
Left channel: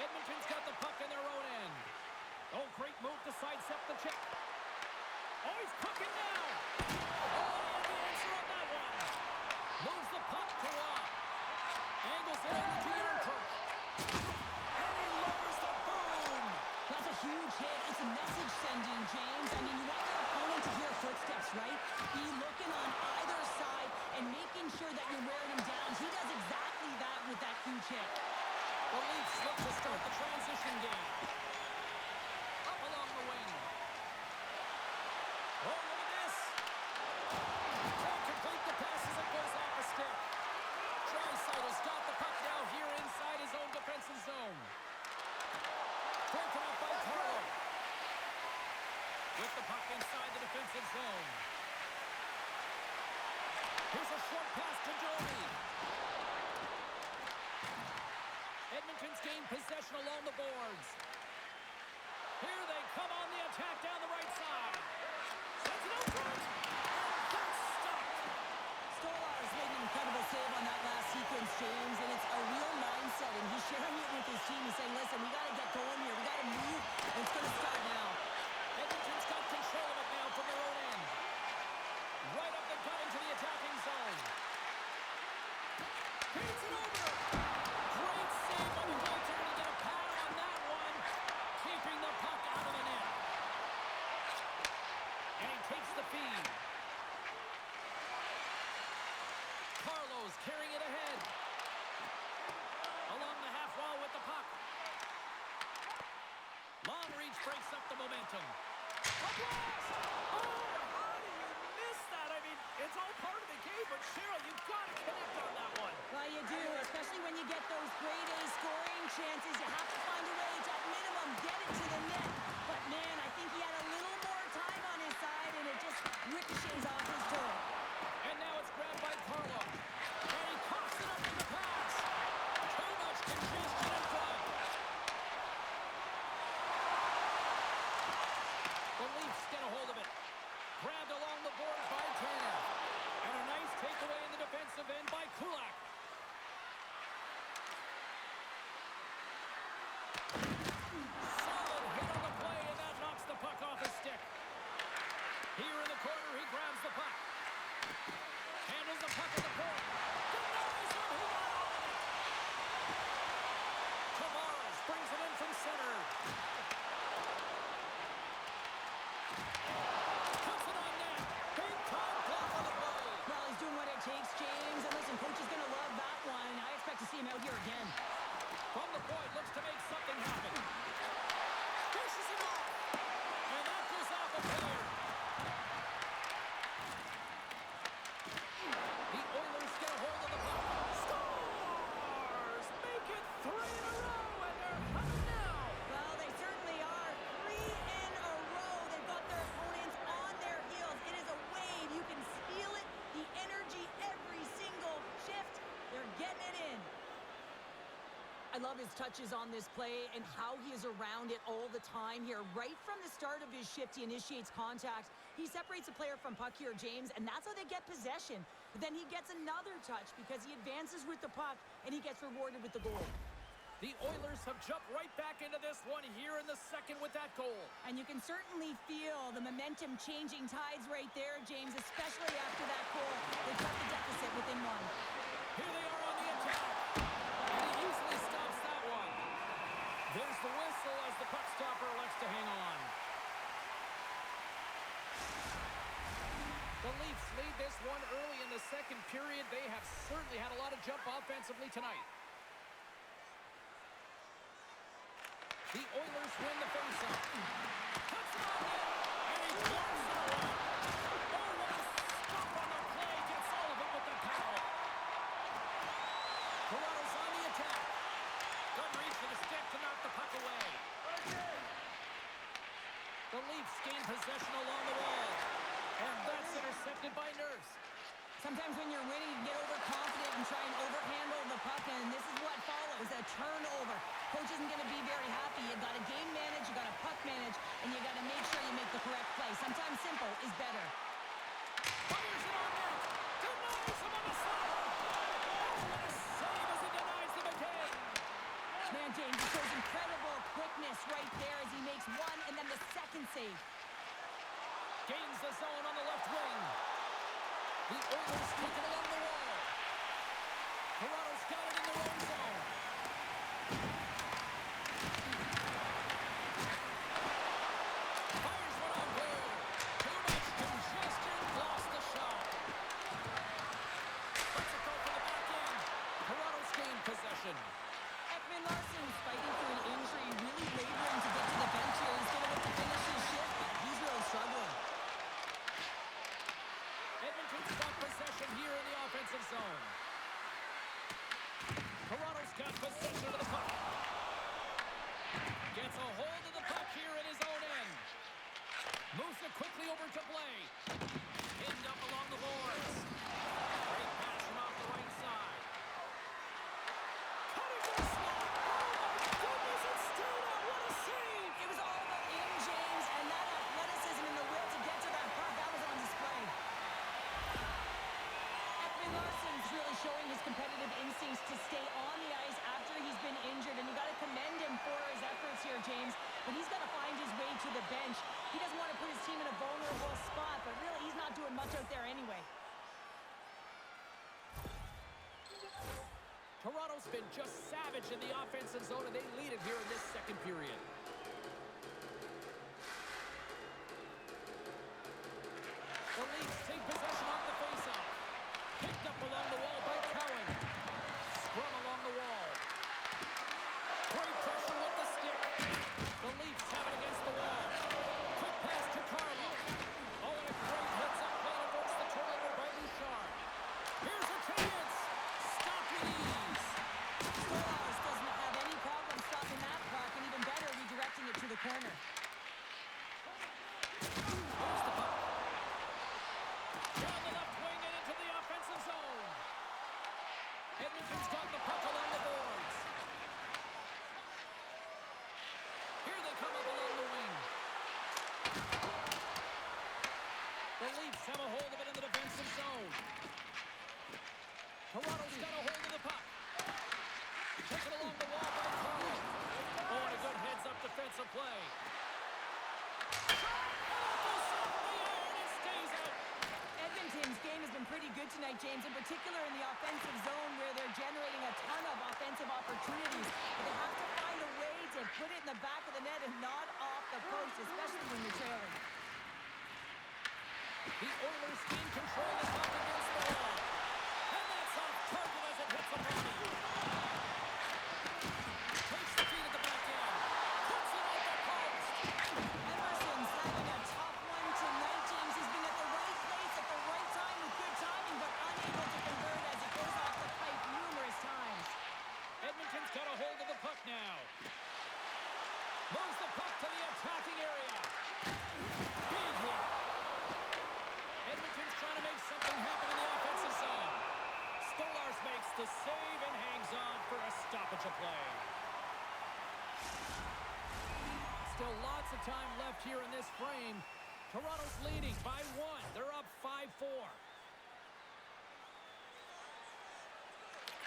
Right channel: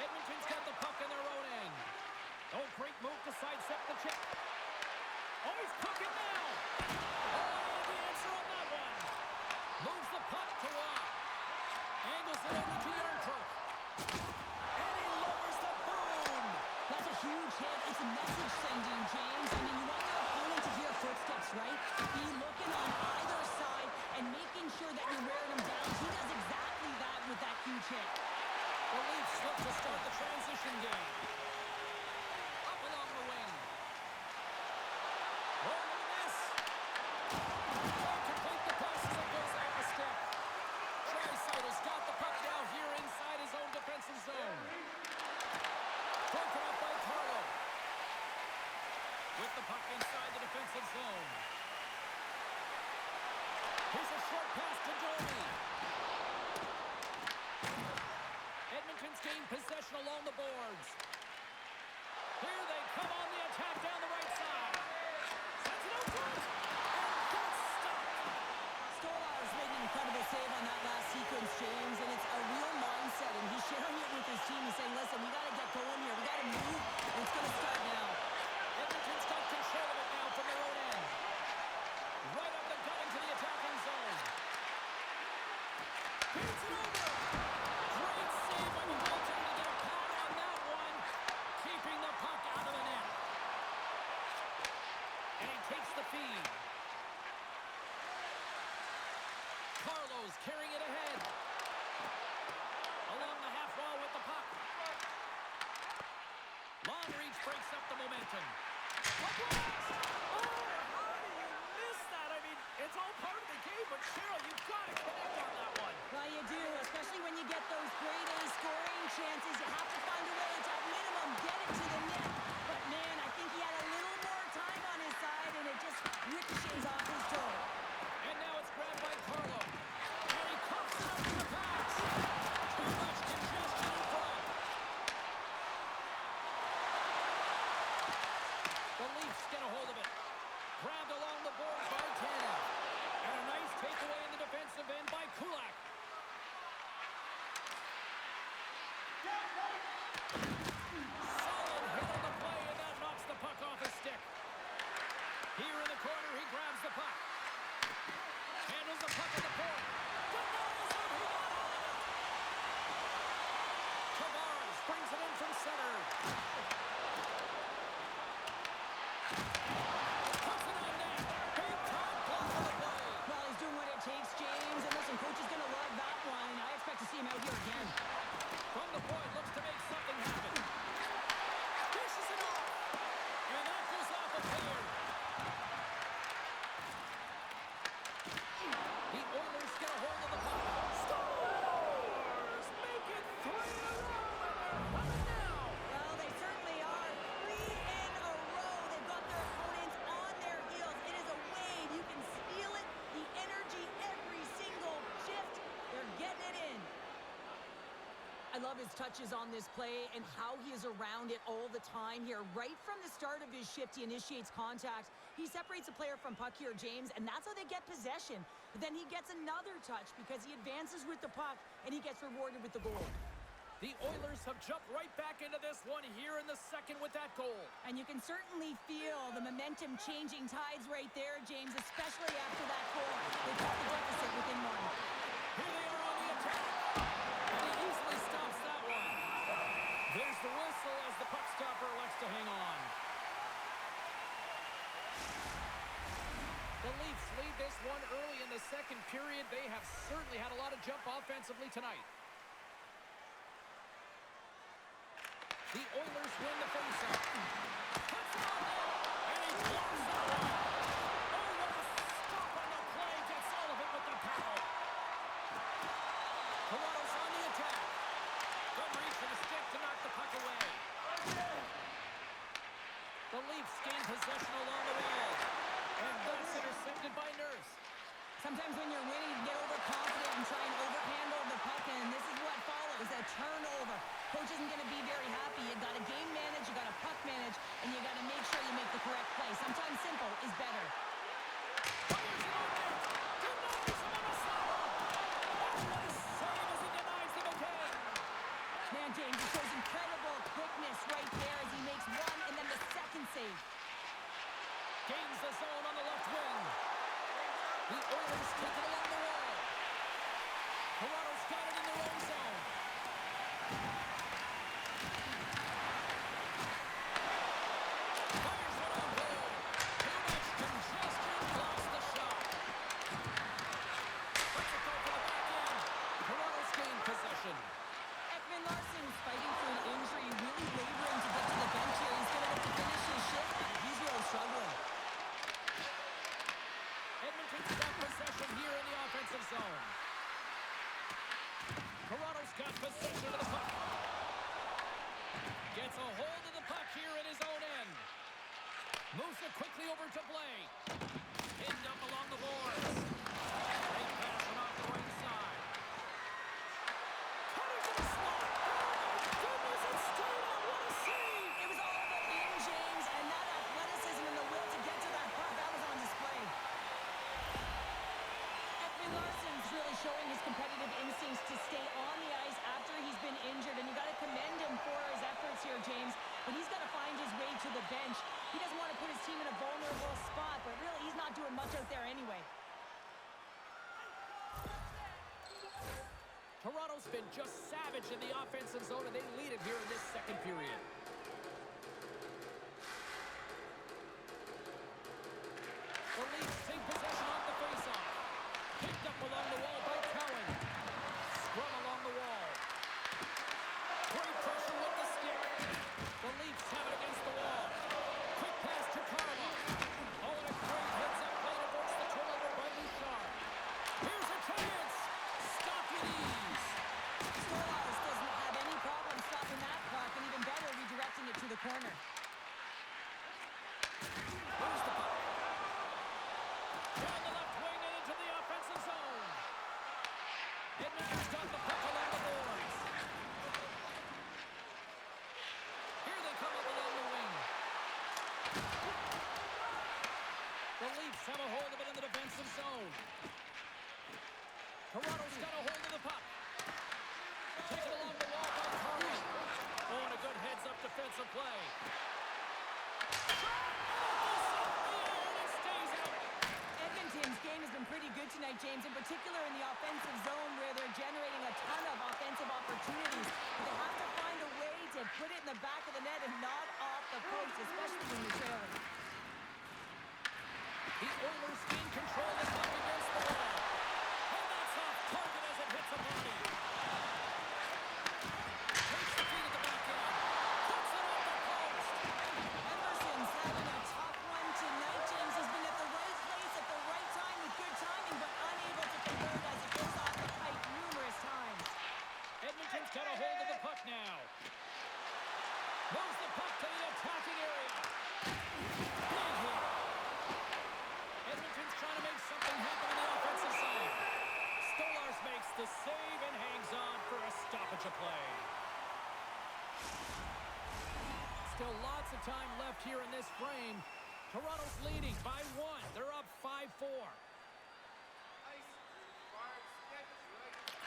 Edmonton's got the puck in their own end. Oh, great move to sidestep the check. Oh, he's cooking now. Oh, he had the answer on that one. Moves the puck to Waugh. Angles it over to Yarncroke. And he lowers the boom. That's a huge hit. It's a message sending, James. I mean, you want your opponent to hear footsteps, right? Be looking on either side and making sure that you're wearing them down. He does exactly that with that huge hit. The Leafs look to start the transition game. Up along the wing. Oh, look at this. Can't complete the pass as it goes off a stick. Draisaitl's got the puck now here inside his own defensive zone. Broken up by Carlo. With the puck inside the defensive zone. Here's a short pass to Domi. Edmonton's gained possession along the boards. Here they come on the attack down the right side. Sends it out front. And that's stopped. Stolarz made an incredible save on that last sequence, James, and it's a real mindset, and he's sharing it with his team. He's saying, listen, we got to get going here. We got to move, and it's going to start now. Edmonton's got control of it now from their own end. Right up the gut into the attacking zone. Beats it over. Great save by the goaltender to get a pad on that one. Keeping the puck out of the net. And he takes the feed. Carlo's carrying it ahead. Along the half wall with the puck. Long reach breaks up the momentum. A blast! Oh, how do you miss that? I mean, it's all part of the game, but Cheryl, you've got to connect on that one. Well, you do, especially when you get those grade A scoring chances. You have to find a way to, at minimum, get it to the net. But, man, I think he had a little more time on his side, and it just ricochets off his toe. And now it's grabbed by Carlo. And he coughs it up in the pass. Too much congestion in front. The Leafs get a hold of it. Grabbed along the boards by Tanev. And a nice takeaway in the defensive end by Kulak. Solid hit on the play, and that knocks the puck off his stick. Here in the corner, he grabs the puck. Handles the puck at the point. Denies him, he got all of it. Tavares brings it in from center. Puts it on net. Big time block on the play. Well, he's doing what it takes, James. And listen, coach is going to love that one. I expect to see him out here again. From the point, looks to make something happen. love his touches on this play and how he is around it all the time here. Right from the start of his shift, he initiates contact. He separates a player from puck here, James, and that's how they get possession. But then he gets another touch because he advances with the puck, and he gets rewarded with the goal. The Oilers have jumped right back into this one here in the second with that goal. And you can certainly feel the momentum changing tides right there, James, especially after that goal. They cut the deficit within one. Here they are on the attack. And he easily stops that one. There's the whistle as the puck stopper elects to hang on. The Leafs lead this one early in the second period. They have certainly had a lot of jump offensively tonight. The Oilers win the faceoff. Puts it on net, and he blocks that one. Oh, what a stop on the play. Gets all of it with the paddle. Toronto's on the attack. Good reach for the stick to knock the puck away. The Leafs gain possession along the wall. And that's intercepted by Nurse. Sometimes when you're winning, you get overconfident and try and overhandle the puck, and this is what follows, a turnover. Coach isn't going to be very happy. You got to game manage, you got to puck manage, and you got to make sure you make the correct play. Sometimes simple is better. Fires it on net. Denies him on a slapper. Oh, what a save as he denies them again. Man, James, he shows incredible quickness right there as he makes one and then the second save. Gains the zone on the left wing. The Oilers take it along the wall. Toronto's got it in their own zone. Fires one on goal. Too much congestion. Lost the shot. Lets it go for the back end. Toronto's gained possession. Ekman Larsson's fighting through an injury, really laboring to get to the bench here. He's going to look to finish his shift, but he's really struggling. Edmonton's got possession here in the offensive zone. Toronto's got possession of the puck. Gets a hold of the puck here in his own end. Moves it quickly over to Blay. Pinned up along the boards. Great pass from off the right side. Cutter to the slot. Oh my goodness, it stayed out. What a save. It was all about in, James, and that athleticism and the will to get to that puck, that was on display. Larsson's really showing his competitive instincts to stay on the ice after he's been injured, and you got to commend him for his efforts here, James. But he's got to find his way to the bench. He doesn't want to put his team in a vulnerable spot, but really he's not doing much out there anyway. Toronto's been just savage in the offensive zone, and they lead it here in this second period. The Leafs take possession off the faceoff. Picked up along the wall by Cowan. Scrum along the wall. Great pressure with the stick. The Leafs have it against the wall. Quick pass to Carlo. Oh, and a great heads-up play to force the turnover by Bouchard. Here's a chance. Stop with ease. Stolarz doesn't have any problem stopping that puck, and even better, redirecting it to the corner. Moves the puck. Down the left wing and into the offensive zone. Edmonton's got the puck along the boards. Here they come up along the wing. The Leafs have a hold of it in the defensive zone. Toronto's got a hold of the puck. Taken along the wall by Carlo. Oh, and a good heads-up defensive play. Edmonton's game has been pretty good tonight, James, in particular in the offensive zone where they're generating a ton of offensive opportunities. But they have to find a way to put it in the back of the net and not off the post, especially when you're trailing. The Oilers gain control of the puck against the wall. And that's off target as it hits a body. Takes the feed at the back end. Puts it off the post. Emerson's having a tough one tonight, James. He's been at the right place at the right time with good timing, but unable to convert as it goes off the pipe numerous times. Edmonton's got a hold of the puck now. Moves the puck to the attacking area. Big hit. Edmonton's trying to make something happen in the offensive zone. Stolarz makes the save and hangs on for a stoppage of play. Still lots of time left here in this frame. Toronto's leading by 1. They're up 5-4.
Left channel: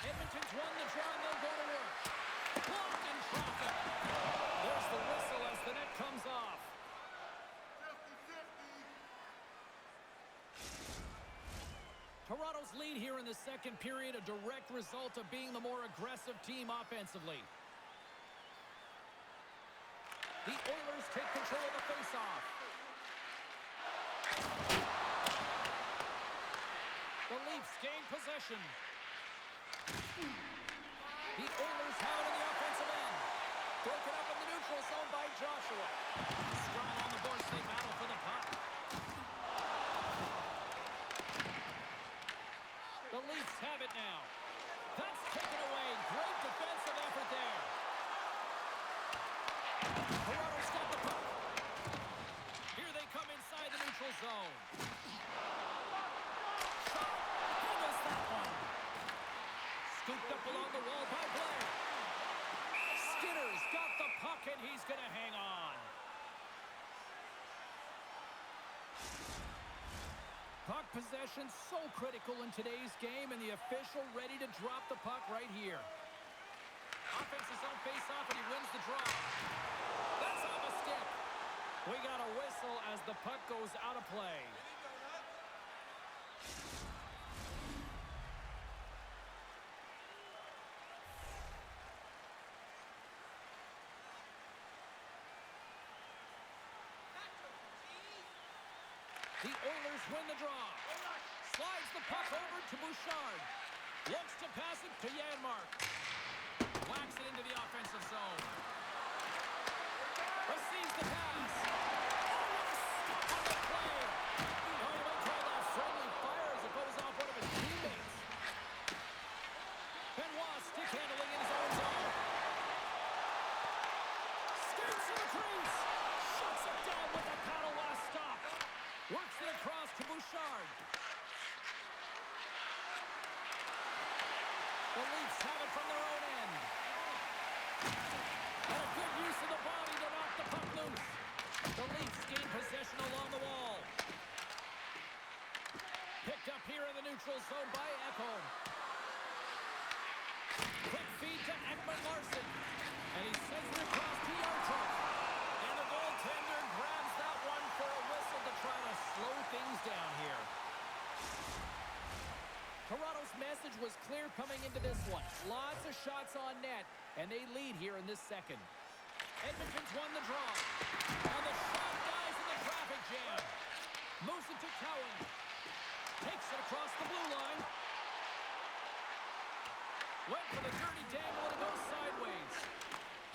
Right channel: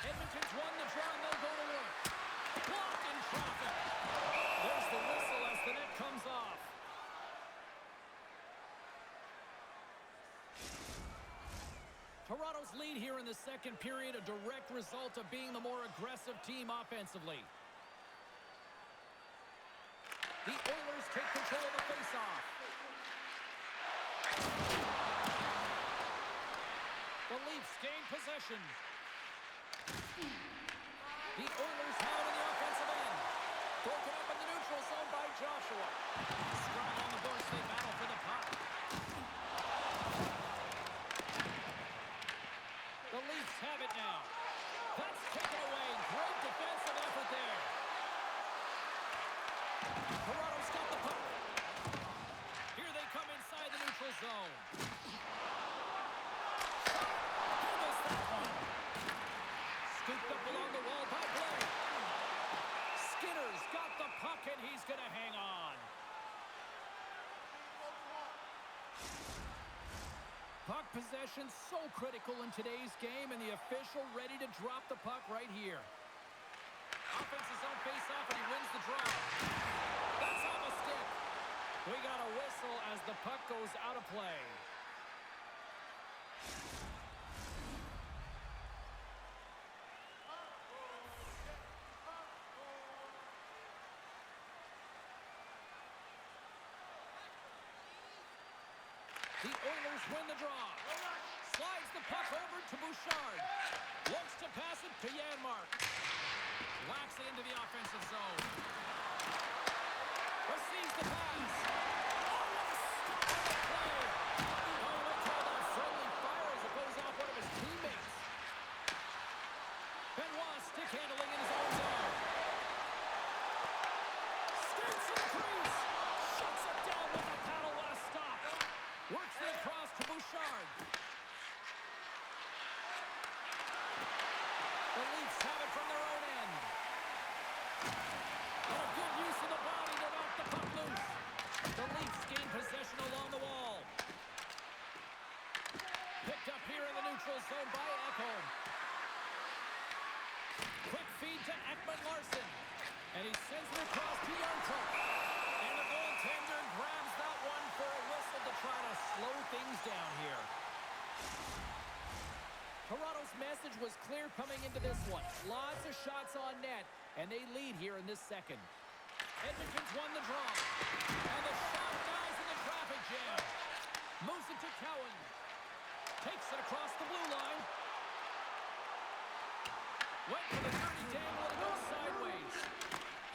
Edmonton's won the draw, and they'll go to work. Blocked in traffic. There's the whistle as the net comes off. Toronto's lead here in the second period, a direct result of being the more aggressive team offensively. The Oilers take control of the faceoff. The Leafs gain possession. The Oilers have it in the offensive end. Broken up in the neutral zone by Joshua. Strong on the boards, they battle for the puck. The Leafs have it now. That's taken away. Great defensive effort there. Toronto's got the puck. Here they come inside the neutral zone. Shot. Handles that one. Scooped up along the wall by Blake. Skinner's got the puck, and he's going to hang on. Puck possession so critical in today's game, and the official ready to drop the puck right here. Offense's own face-off, and he wins the draw. That's off a stick. We got a whistle as the puck goes out of play. The Oilers win the draw. Slides the puck over to Bouchard. Looks to pass it to Janmark. Whacks it into the offensive zone. Receives the pass. Oh, what a stop on the play. Now you might call that friendly fire as it goes off one of his teammates. Benoit stick handling in his own zone. Skates to the crease. Shuts it down with the paddle. What a stop. Works it across to Bouchard. The Leafs have it from their own end. And a good use of the body to knock the puck loose. The Leafs gain possession along the wall. Picked up here in the neutral zone by Ekholm. Quick feed to Ekman-Larsson. And he sends it across to Yarncroke. And the goaltender grabs that one for a whistle to try to slow things down here. Toronto's message was clear coming into this one. Lots of shots on net, and they lead here in this second. Edmonton's won the draw. And the shot dies in the traffic jam. Moves it to Cowan. Takes it across the blue line. Went for the dirty dangle, and it goes sideways.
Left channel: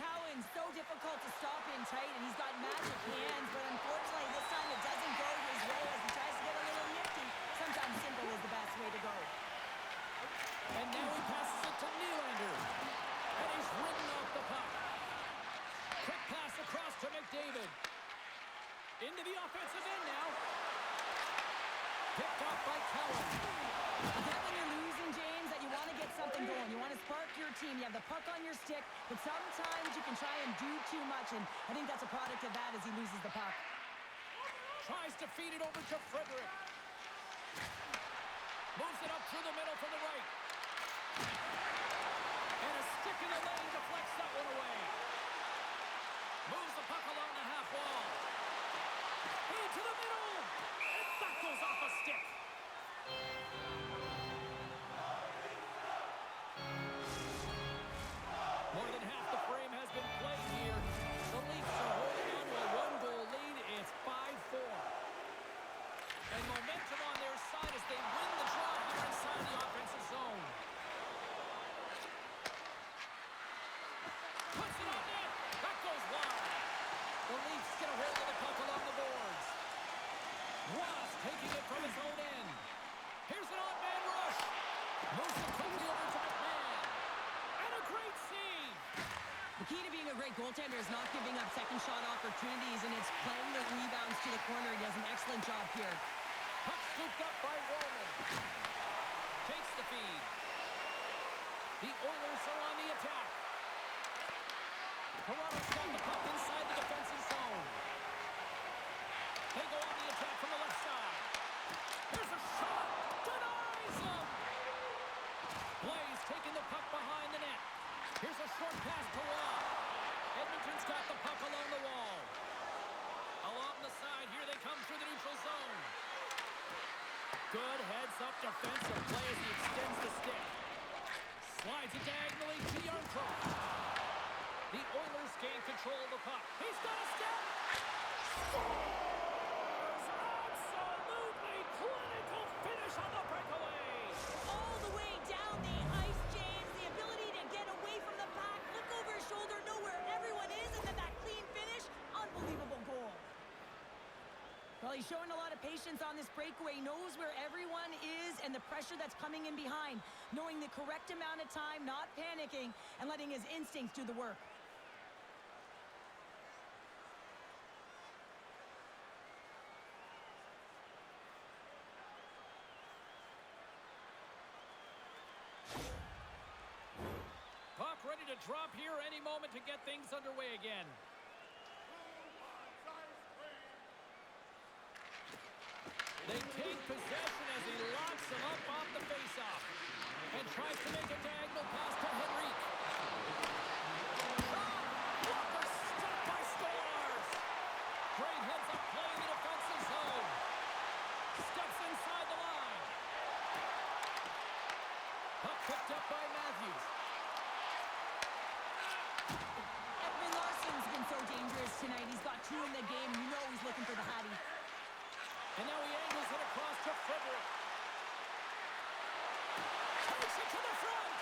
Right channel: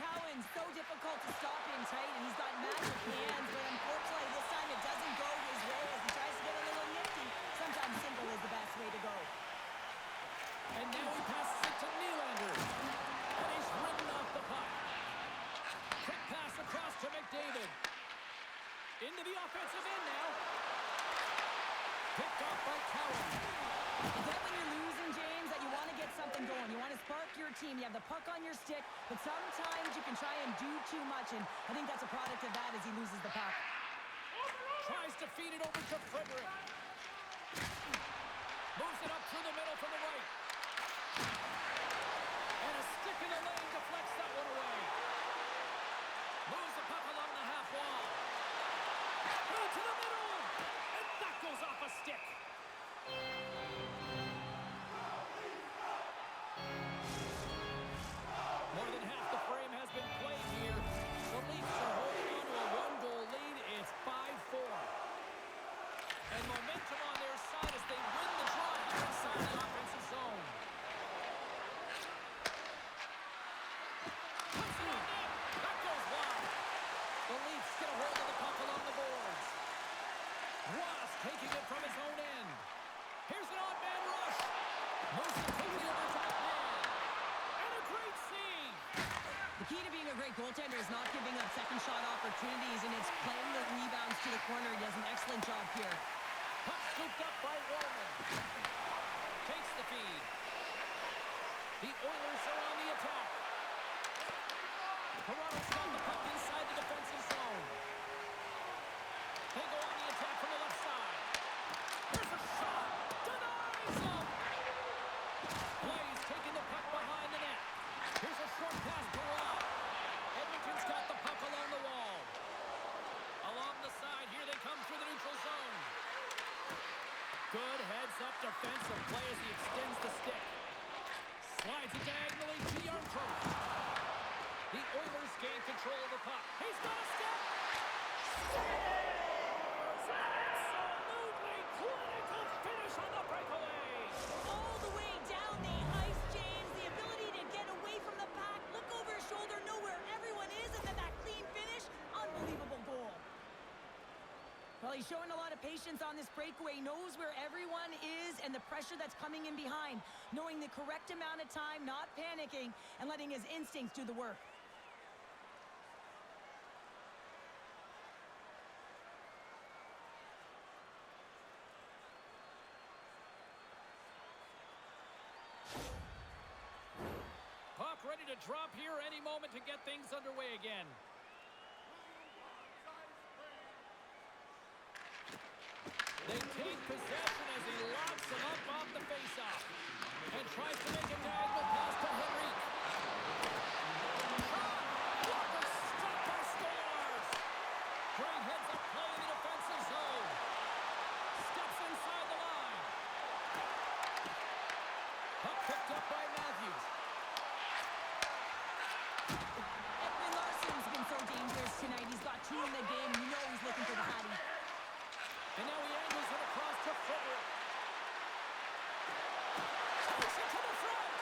Cowan's so difficult to stop in tight, and he's got magic hands, but unfortunately this time it doesn't go his way as he tries to get a little nifty. Sometimes simple is the best way to go. And now he passes it to Nylander. And he's ridden off the puck. Quick pass across to McDavid. Into the offensive end now. Picked off by Cowan. You get when you're losing, James, that you want to get something going. You want to spark your team. You have the puck on your stick, but sometimes you can try and do too much, and I think that's a product of that as he loses the puck. Tries to feed it over to Frederick. Moves it up through the middle for the right. And a stick in the lane deflects that one away. Moves the puck along the half wall. Into the middle. And that goes off a stick. More than half the frame has been played here. The Leafs are holding on to a one-goal lead. It's 5-4. And momentum on their side as they win the draw here inside the offensive zone. Puts it on net. That goes wide. The Leafs get a hold of the puck along the boards. Ross taking it from his own end. Here's an odd-man rush. Moves it quickly over to McMahon. And a great save. The key to being a great goaltender is not giving up second shot opportunities, and it's playing the rebounds to the corner. He does an excellent job here. Puck scooped up by Roman. Takes the feed. The Oilers are on the attack. Toronto's got the puck inside the defensive zone. He's got the puck along the wall. Along the side, here they come through the neutral zone. Good heads-up defensive play as he extends the stick. Slides it diagonally to Yarncroke. The Oilers gain control of the puck. He's got a step. Scores! Absolutely clinical finish on the breakaway. All the way down the ice, James. The ability to get away from the pack, look over his shoulder, know where everyone is, and then that clean finish. Unbelievable goal. Well, he's showing a lot of patience on this breakaway, knows where everyone is and the pressure that's coming in behind, knowing the correct amount of time, not panicking, and letting his instincts do the work. Puck ready to drop here any moment to get things underway again. They take possession as he locks him up off the faceoff and tries to make a diagonal pass to Henrique. Shot! Walker stopped by Stolarz. Great heads-up play in the defensive zone. Steps inside the line. Puck picked up by Matthews. Ekman Larsson's been so dangerous tonight. He's got 2 in the game. You know he's looking for the Hattie. And now he angles it across to Frederick. Takes it to the front.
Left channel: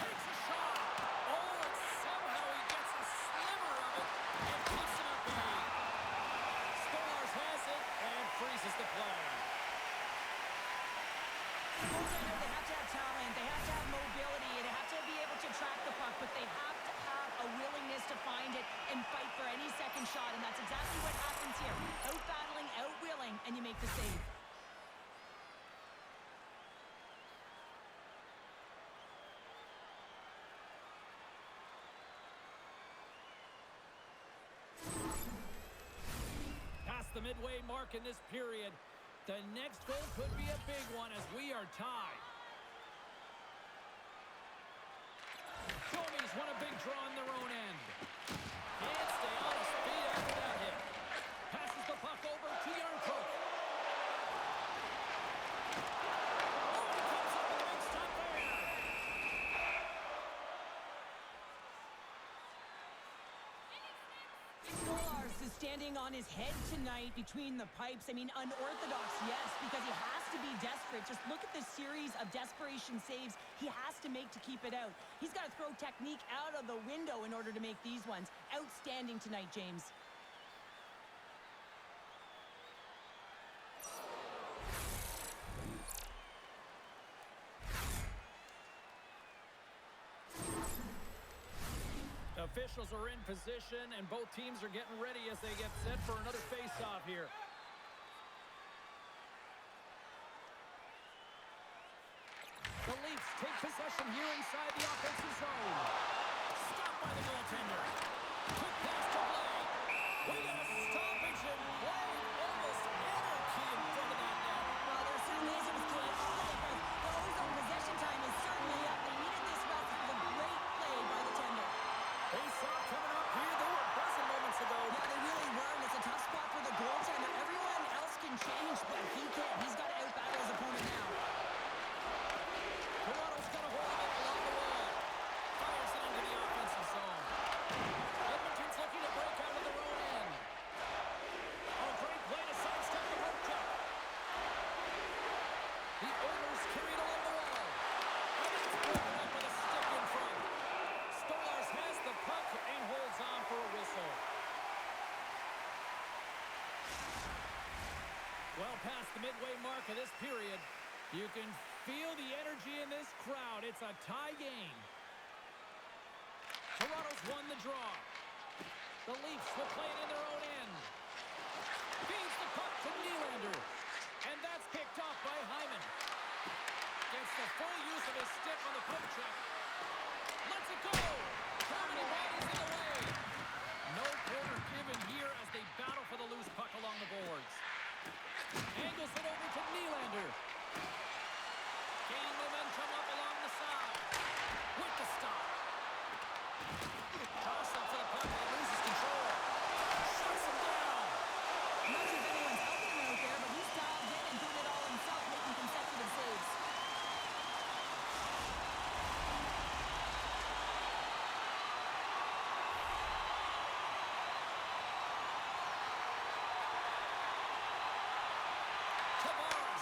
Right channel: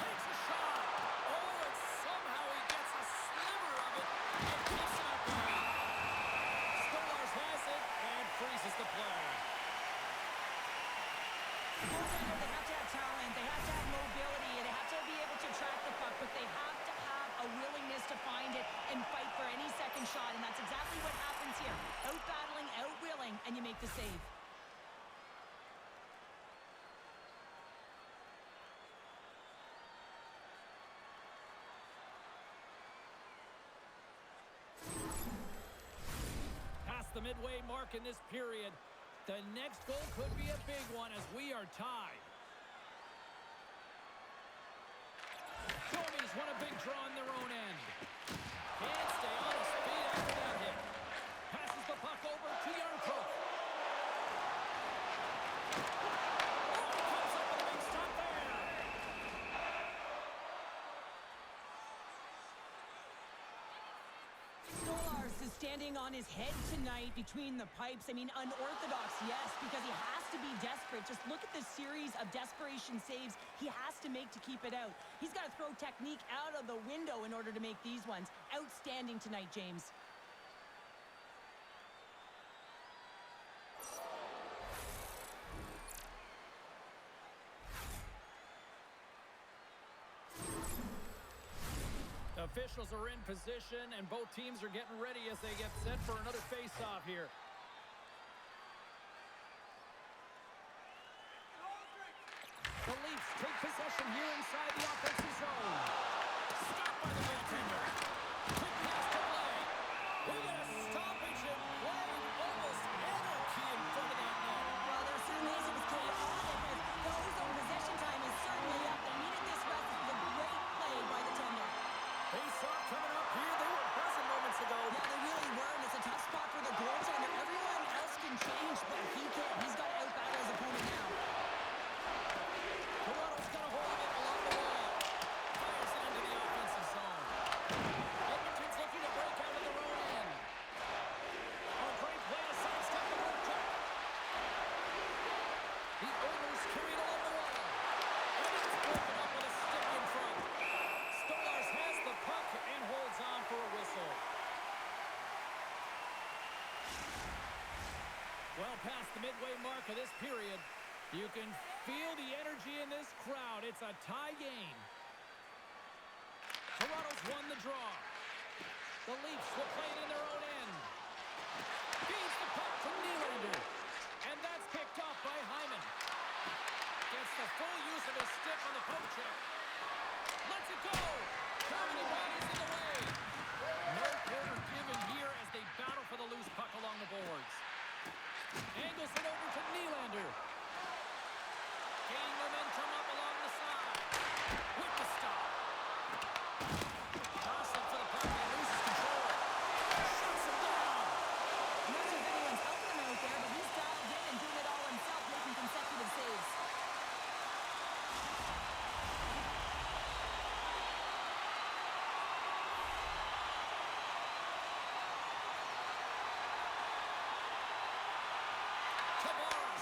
Takes a shot. Oh, and somehow he gets a sliver of it and keeps him at bay. Stolarz has it and freezes the play. Goaltender, they have to have talent. They have to have mobility. They have to be able to track the puck, but they have to have a willingness to find it and fight for any second shot, and that's exactly what happens here. Out-battling, out-willing, and you make the save. Past the midway mark in this period, the next goal could be a big one as we are tied. Domi's won a big draw on their own end. Can't stay on his feet after that hit. Passes the puck over to Yarncroke. Oh, he comes up with a big stop there. Stolarz is standing on his head tonight between the pipes. I mean, unorthodox, yes, because he has to be desperate. Just look at the series of desperation saves he has to make to keep it out. He's got to throw technique out of the window in order to make these ones. Outstanding tonight, James. Officials are in position, and both teams are getting ready as they get set for another face-off here. The Leafs take possession here inside the offensive zone. Stopped by the goaltender. Quick pass to Blake. We got a stoppage in play. Almost anarchy in front of that net. Well, there certainly is. It was chaotic as the ozone possession time is certainly up. They needed this rest. It was a great play by the tender. Face-off coming up here. They were buzzing moments ago. Yeah, they really were, and it's a tough spot for the goaltender. Everyone else can change, but he can't. He's got to out-battle his opponent now. Toronto's got a hold of it along the wall. Fires it into the offensive zone. Edmonton's looking to break out of their own end. A great play to sidestep the road check. The Oilers carry it along the wall. And it's broken up with a stick in front. Stolarz has the puck and holds on for a whistle. Well past the midway mark of this period, you can feel the energy in this crowd. It's a tie game. Toronto's won the draw. The Leafs will play it in their own end. Feeds the puck to Nylander. And that's picked off by Hyman. Gets the full use of his stick on the poke check. Lets it go. How many bodies in the way? No quarter given here as they battle for the loose puck along the boards. Angles it over to Nylander. Gaining momentum up along the side. With the stop. Jostling for the puck and he loses control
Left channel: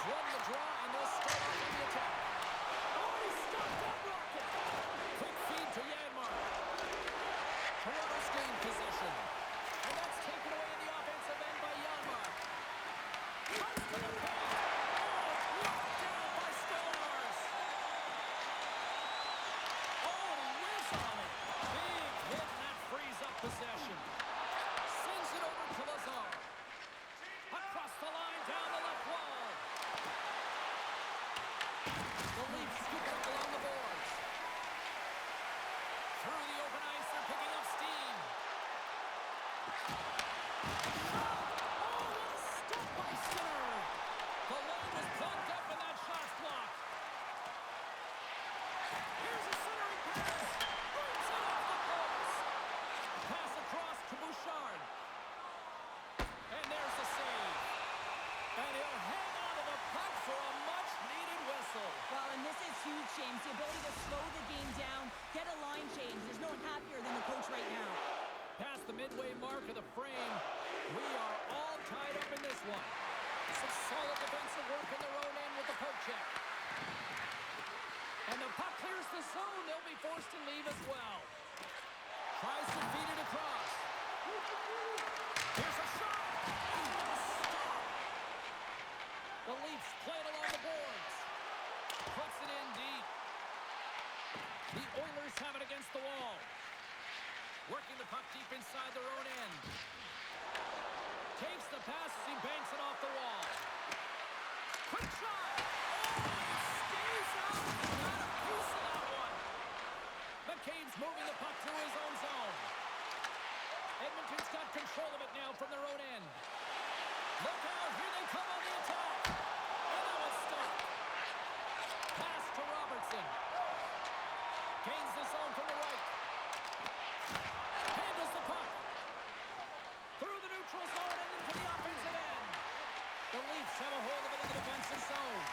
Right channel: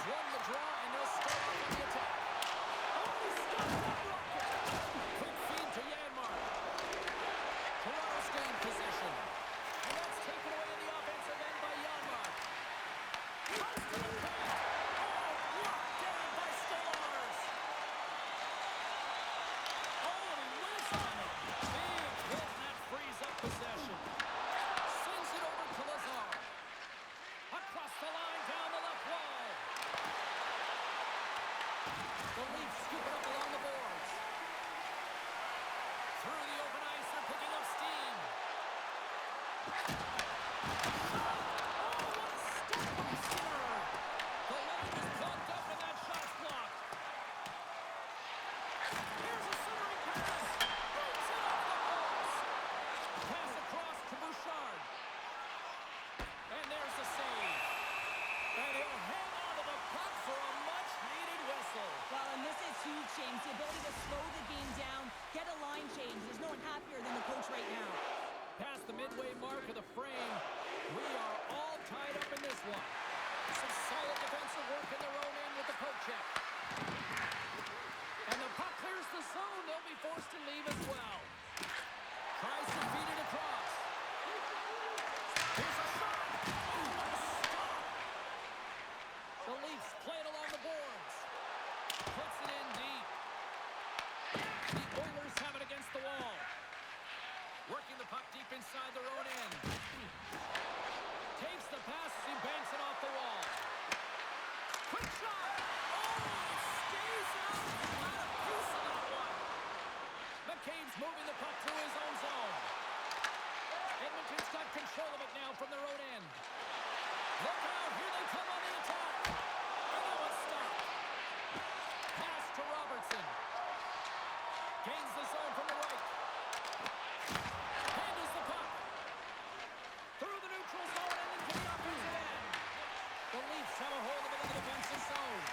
won the draw, and they'll start off on the attack. Oh, he stopped that rocket. Quick feed to Janmark. Toronto's gained possession. And that's taken away in the offensive end by Janmark. Comes to the paint. Oh, blocked down by Stillars. Oh, and he whiffs on it. Big hit, and that frees up possession. Sends it over to Lazar. Across the line, down the left wall. The Leafs scoop it up along the boards. Through the open ice, they're picking up steam. Shot! Oh, what a stop by Skinner! The lane is plugged up and that shot's blocked. Here's a centering pass. Brings it off the post. Pass across to Bouchard. And there's the save. And he'll hang on to the puck for a much-needed whistle. Well, and this is huge, James. The ability to slow the game down, get a line change. There's no one happier than the coach right now. Past the midway mark of the frame, we are all tied up in this one. Some solid defensive work in their own end with the poke check. And the puck clears the zone. They'll be forced to leave as well. Tries to feed it across. Here's a shot. Oh, what a stop. The Leafs play it along the boards. Puts it in deep. The Oilers have it against the wall. Working the puck deep inside their own end. Takes the pass as he banks it off the wall. Quick shot. Oh, it stays out. Got a piece of that one. McCabe's moving the puck through his own zone. Edmonton's got control of it now from their own end. Look out. Here they come on the attack. And that one's stopped. Pass to Robertson. Gains the zone from the right. Handles the puck. Through the neutral zone and into the offensive end. The Leafs have a hold of it in the defensive zone.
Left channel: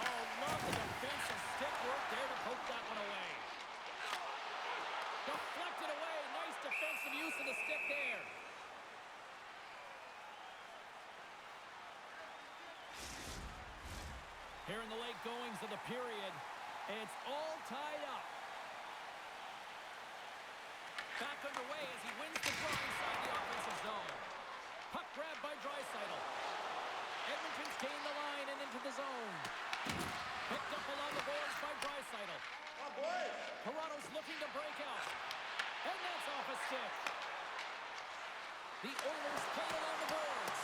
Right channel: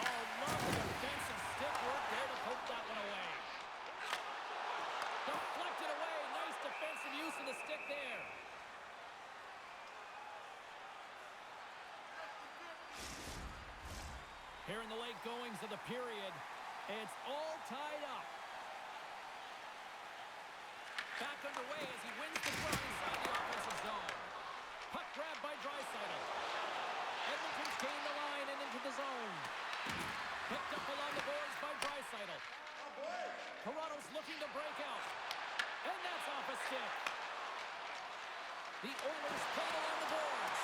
Oh, love the defensive stick work there to poke that one away. Deflected away. Nice defensive use of the stick there. Here in the late goings of the period, it's all tied up. Back underway as he wins the draw inside the offensive zone. Puck grabbed by Draisaitl. Edmonton's gained the line and into the zone. Picked up along the boards by Draisaitl. Toronto's looking to break out. And that's off a stick. The Oilers played along the boards.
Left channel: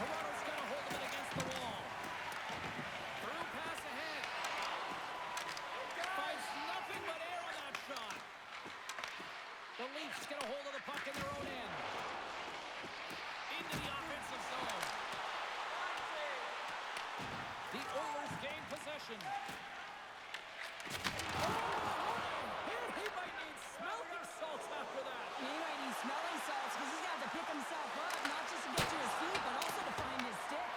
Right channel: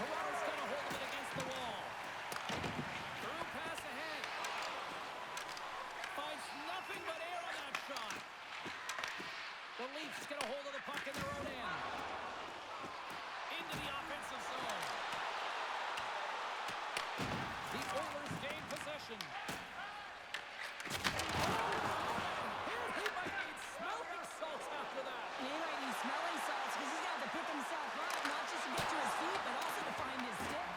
Toronto's got a hold of it against the wall. Through pass ahead. Finds nothing but air on that shot. The Leafs get a hold of the puck in their own end. Into the offensive zone. The Oilers gain possession. He might need smelling salts after that. He might need smelling salts because he's got to pick himself up, not just to get to his feet, but also to find his stick.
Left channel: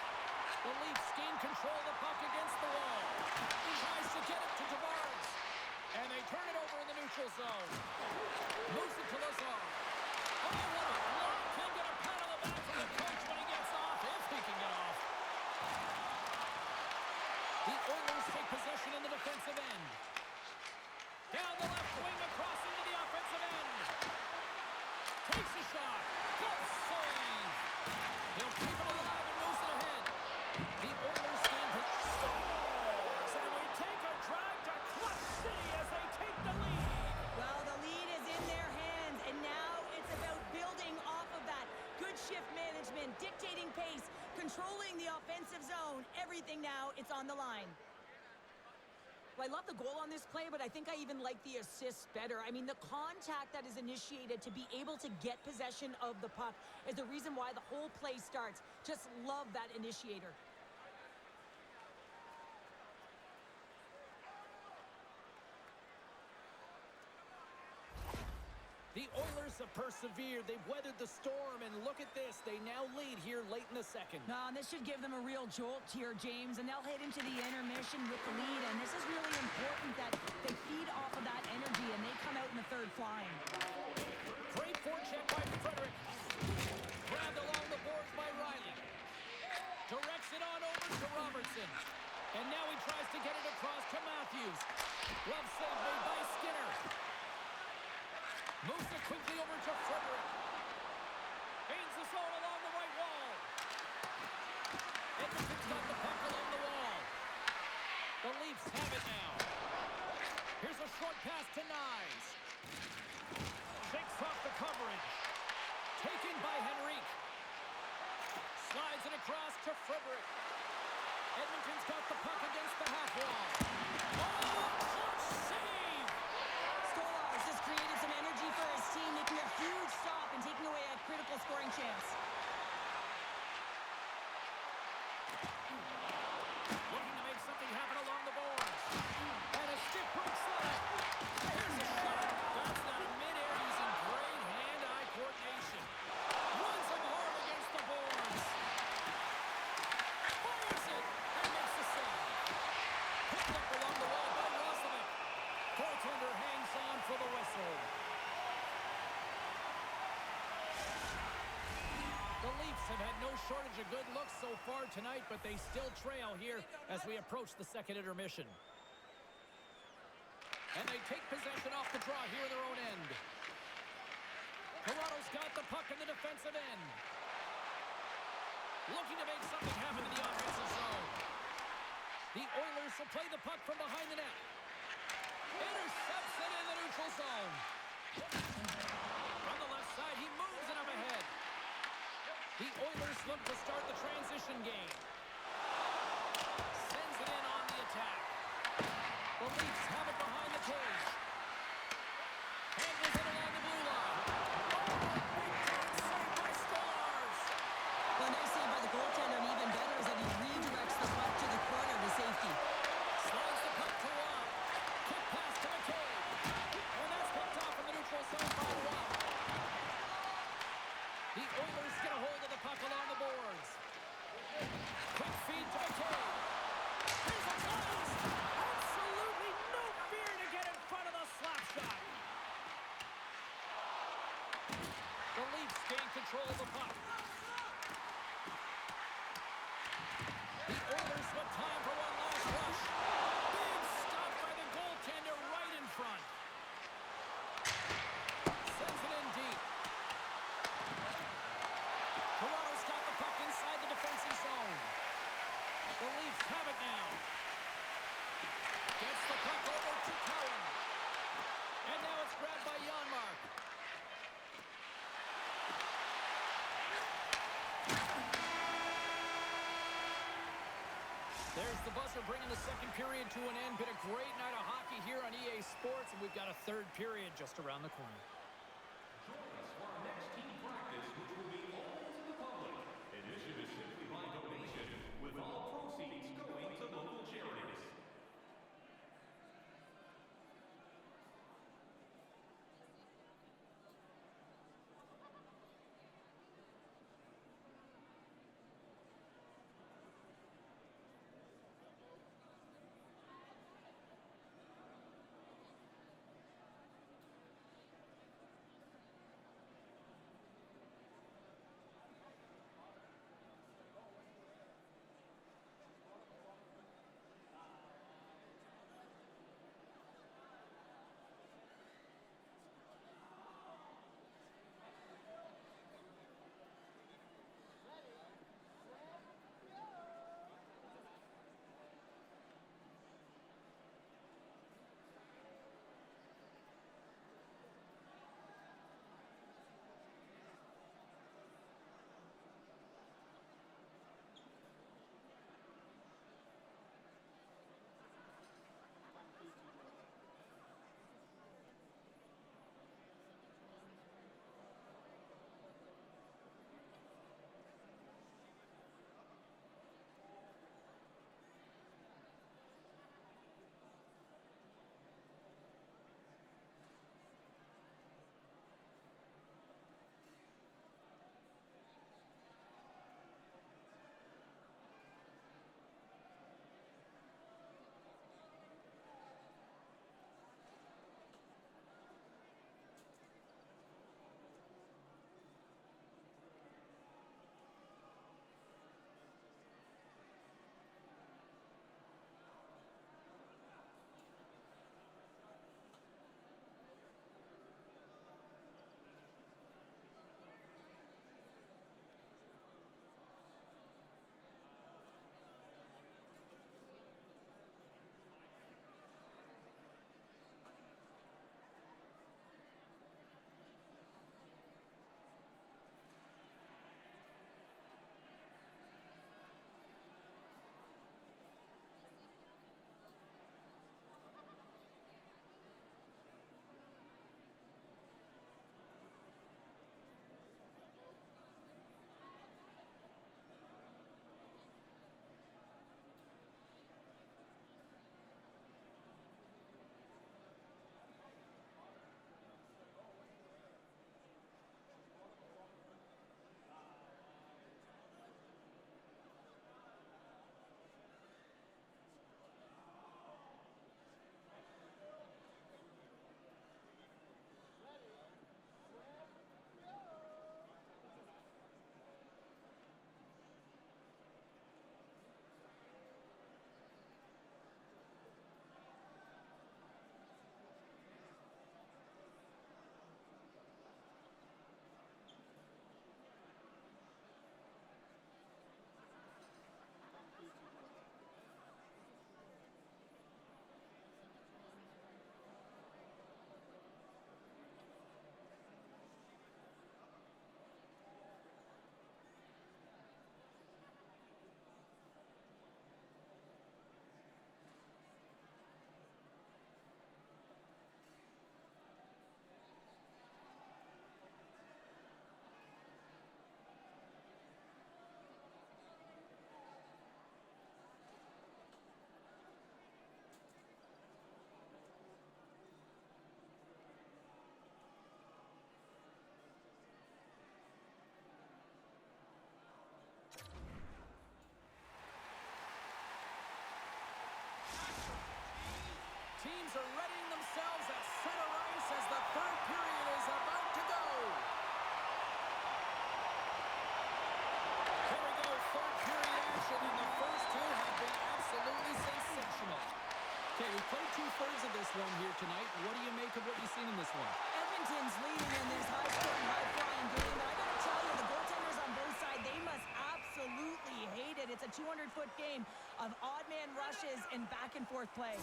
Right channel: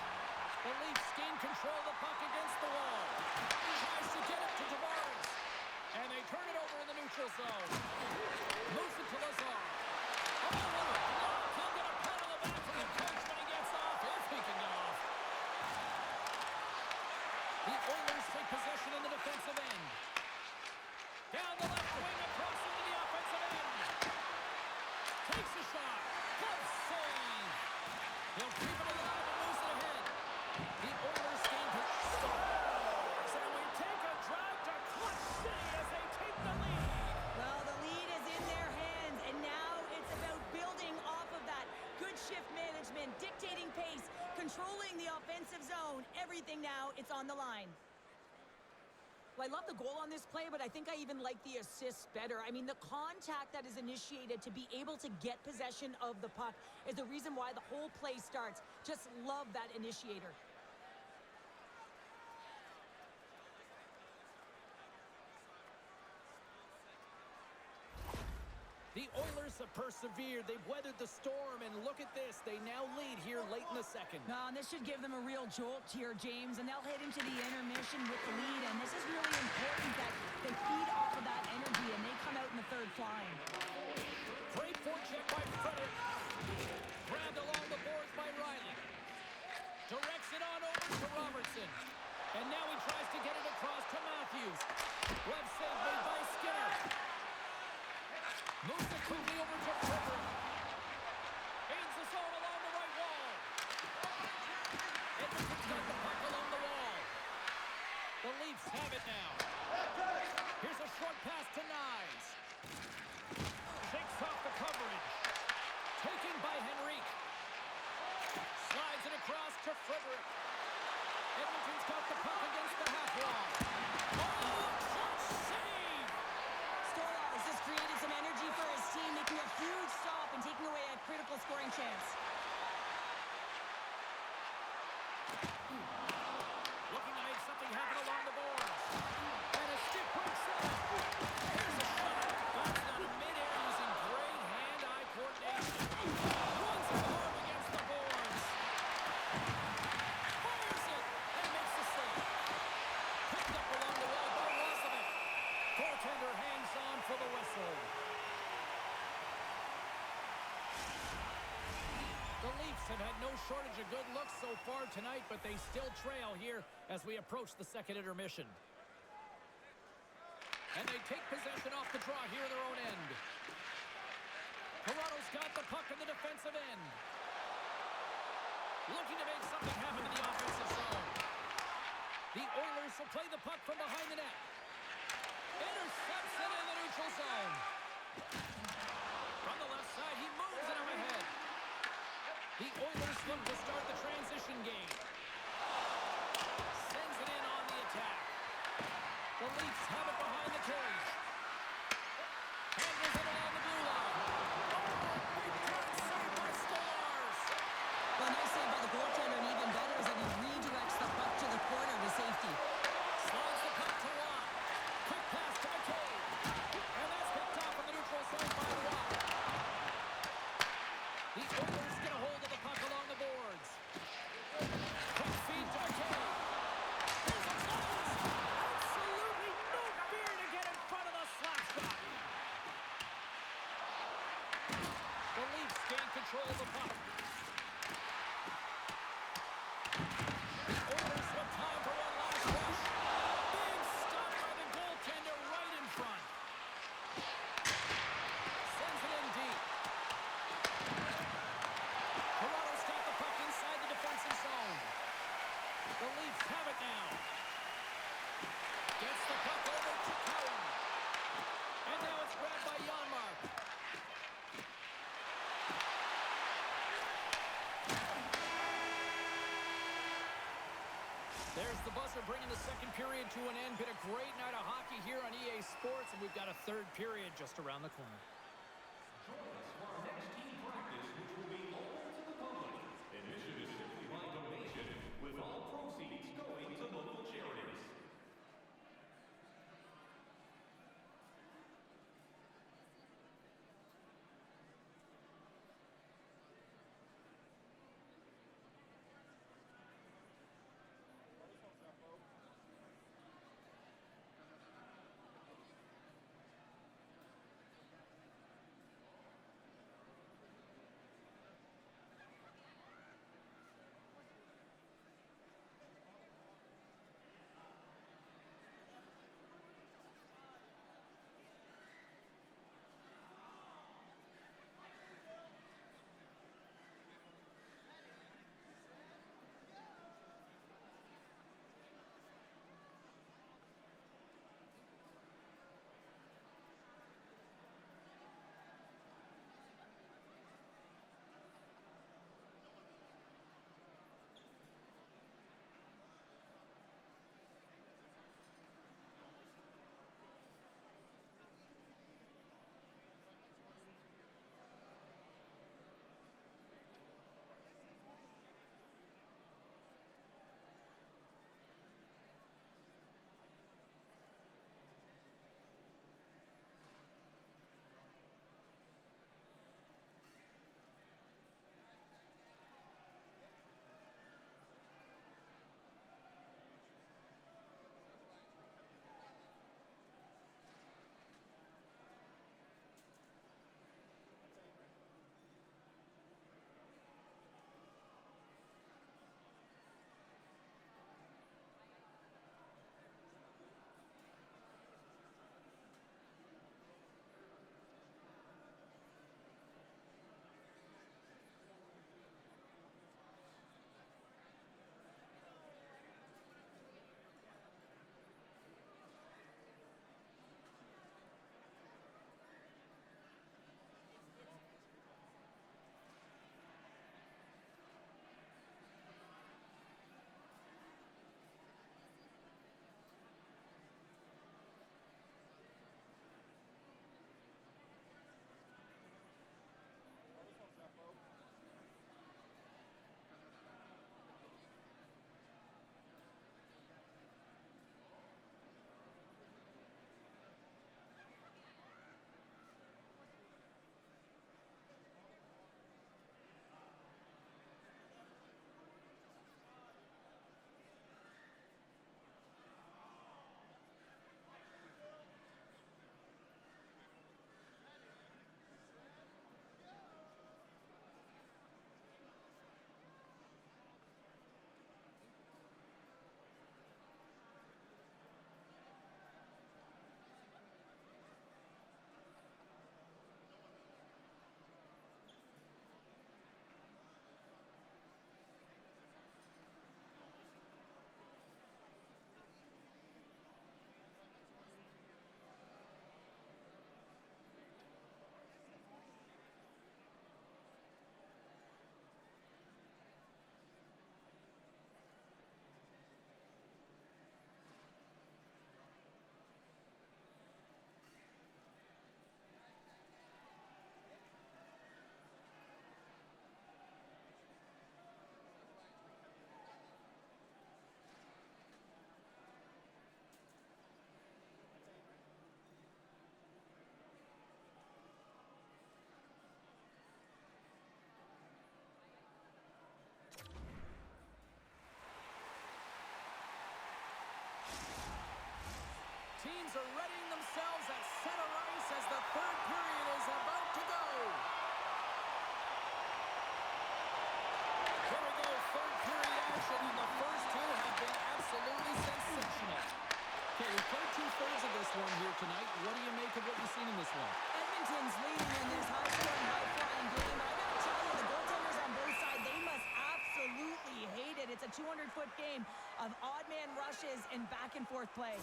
The Leafs gain control of the puck against the wall. He tries to get it to Tavares. And they turn it over in the neutral zone. Moves it to Lazar. Oh, what a block. He'll get a pat on the back from the coach when he gets off, if he can get off. The Oilers take possession in the defensive end. Down the left wing, across into the offensive end. Takes a shot. Good save. He'll keep it alive and moves it ahead. The Oilers gain Stars. And we take a drag to Clutch City as they take the lead. Well, the lead is in their hands, and now it's about building off of that. Good shift management, dictating pace, controlling the offensive zone. Everything now, it's on the line. Well, I love the goal on this play, but I think I even like the assist better. I mean, the contact that is initiated to be able to get possession of the puck is the reason why the whole play starts. Just love that initiator. The Oilers have persevered. They've weathered the storm, and look at this. They now lead here late in the second. No, and this should give them a real jolt here, James, and they'll head into the intermission with the lead, and this is really important that they feed off of that energy, and they come out in the third flying. Great forecheck by Frederick. Grabbed along the boards by Riley. Directs it on over to Robertson. And now he tries to get it across to Matthews. Glove save made by Skinner. Moves it quickly over to Frederick. Gains the zone along the right wall. Edmonton's got the puck along the wall. The Leafs have it now. Here's a short pass to Nyes. Shakes off the coverage. Taken by Henrique. Slides it across to Frederick. Edmonton's got the puck against the half wall. Oh, clutch save! Stolarz just created some energy for his team, making a huge stop and taking away a critical scoring chance. Looking to make something happen along the boards. And a stick break setup. Here's a shot. That's done in midair using great hand-eye coordination. Runs him hard against the boards. Fires it and makes the save. Picked up along the wall by Roslovic. Goaltender hangs on for the whistle. The Leafs have had no shortage of good looks so far tonight, but they still trail here as we approach the second intermission. And they take possession off the draw here in their own end. Toronto's got the puck in the defensive end. Looking to make something happen in the offensive zone. The Oilers will play the puck from behind the net. Intercepts it in the neutral zone. From the left side, he moves it up ahead. The Oilers look to start the transition game. Sends it in on the attack. The Leafs have it behind the cage. Handles it along the blue line. Oh, big time save by Stolarz. Well, a nice save by the goaltender, and even better is that he redirects the puck to the corner to safety. Slides the puck to Watt. Quick pass to McCabe. And that's picked off in the neutral zone by Watt. The Oilers get a hold of the puck along the boards. Quick feed to McCabe. Here's a blast. Absolutely no fear to get in front of the slap shot. The Leafs gain control of the puck. The Oilers with time for one last rush. Big stop by the goaltender right in front. Sends it in deep. Toronto's got the puck inside the defensive zone. The Leafs have it now. Gets the puck over to Cowan. And now it's grabbed by Janmark. There's the buzzer bringing the second period to an end. Been a great night of hockey here on EA Sports, and we've got a third period just around the corner. Join us for our next team practice, which will be open to the public. Admission is simply by donation, with all proceeds going to local charities. teams are readying themselves at center ice as the third period is about to go. Here we go, third period action, and the first two have been absolutely sensational. Okay, we played two-thirds of this one here tonight. What do you make of what you've seen in this one? Edmonton's leading in this high-scoring, high-flying game, but I gotta tell you, the goaltenders on both sides, they must absolutely hate it. It's a 200-foot game of odd-man rushes and back-and-forth play.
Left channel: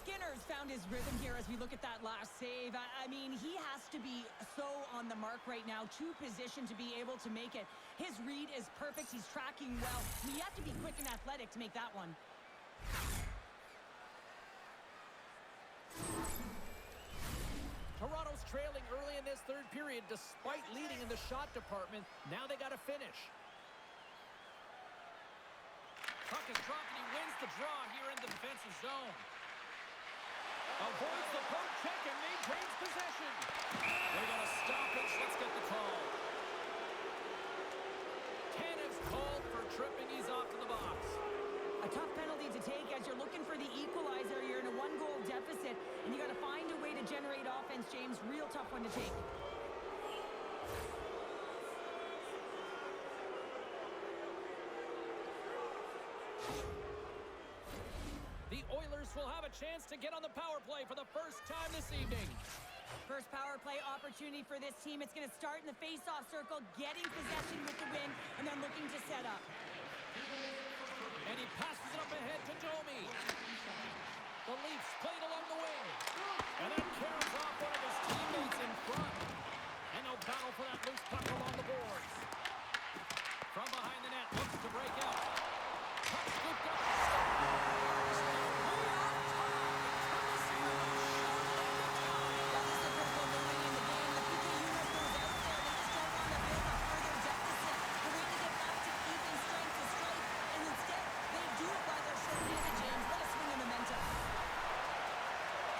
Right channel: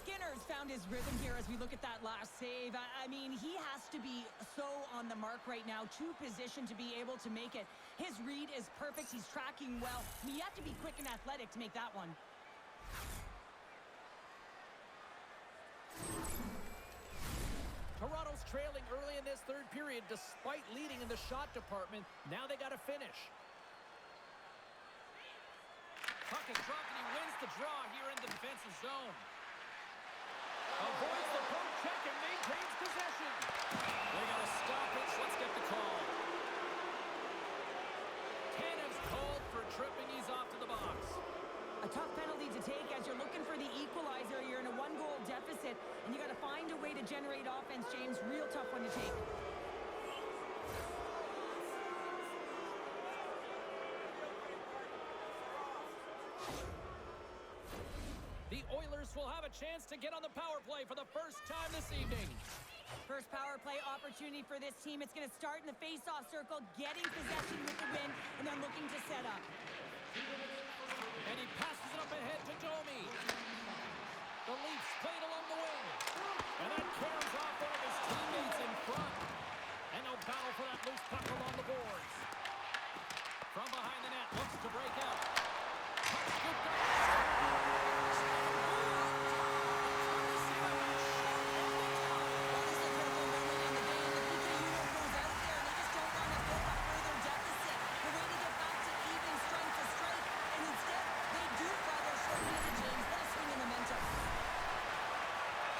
Skinner's found his rhythm here as we look at that last save. I mean, he has to be so on the mark right now, too positioned to be able to make it. His read is perfect. He's tracking well. I mean, you have to be quick and athletic to make that one. Toronto's trailing early in this third period despite leading in the shot department. Now they got to finish. Puck is dropped and he wins the draw here in the defensive zone. Avoids the poke check and maintains possession. They got a stoppage. Let's get the call. Tanev's called for tripping. He's off to the box. A tough penalty to take as you're looking for the equalizer. You're in a one-goal deficit, and you got to find a way to generate offense, James. Real tough one to take. The Oilers will have a chance to get on the power play for the first time this evening. First power play opportunity for this team. It's going to start in the face-off circle, getting possession with the win, and then looking to set up. And he passes it up ahead to Domi. The Leafs played along the wing. And that carries off one of his teammates in front. And they'll battle for that loose puck along the boards. From behind the net, looks to break out. Puck scooped up. Well, this is a critical moment in the game. The PK unit goes out there, and they just don't want to build a further deficit. They're waiting to get back to even strength to strike, and instead, they do it by their short-handed, James. What a swing in momentum.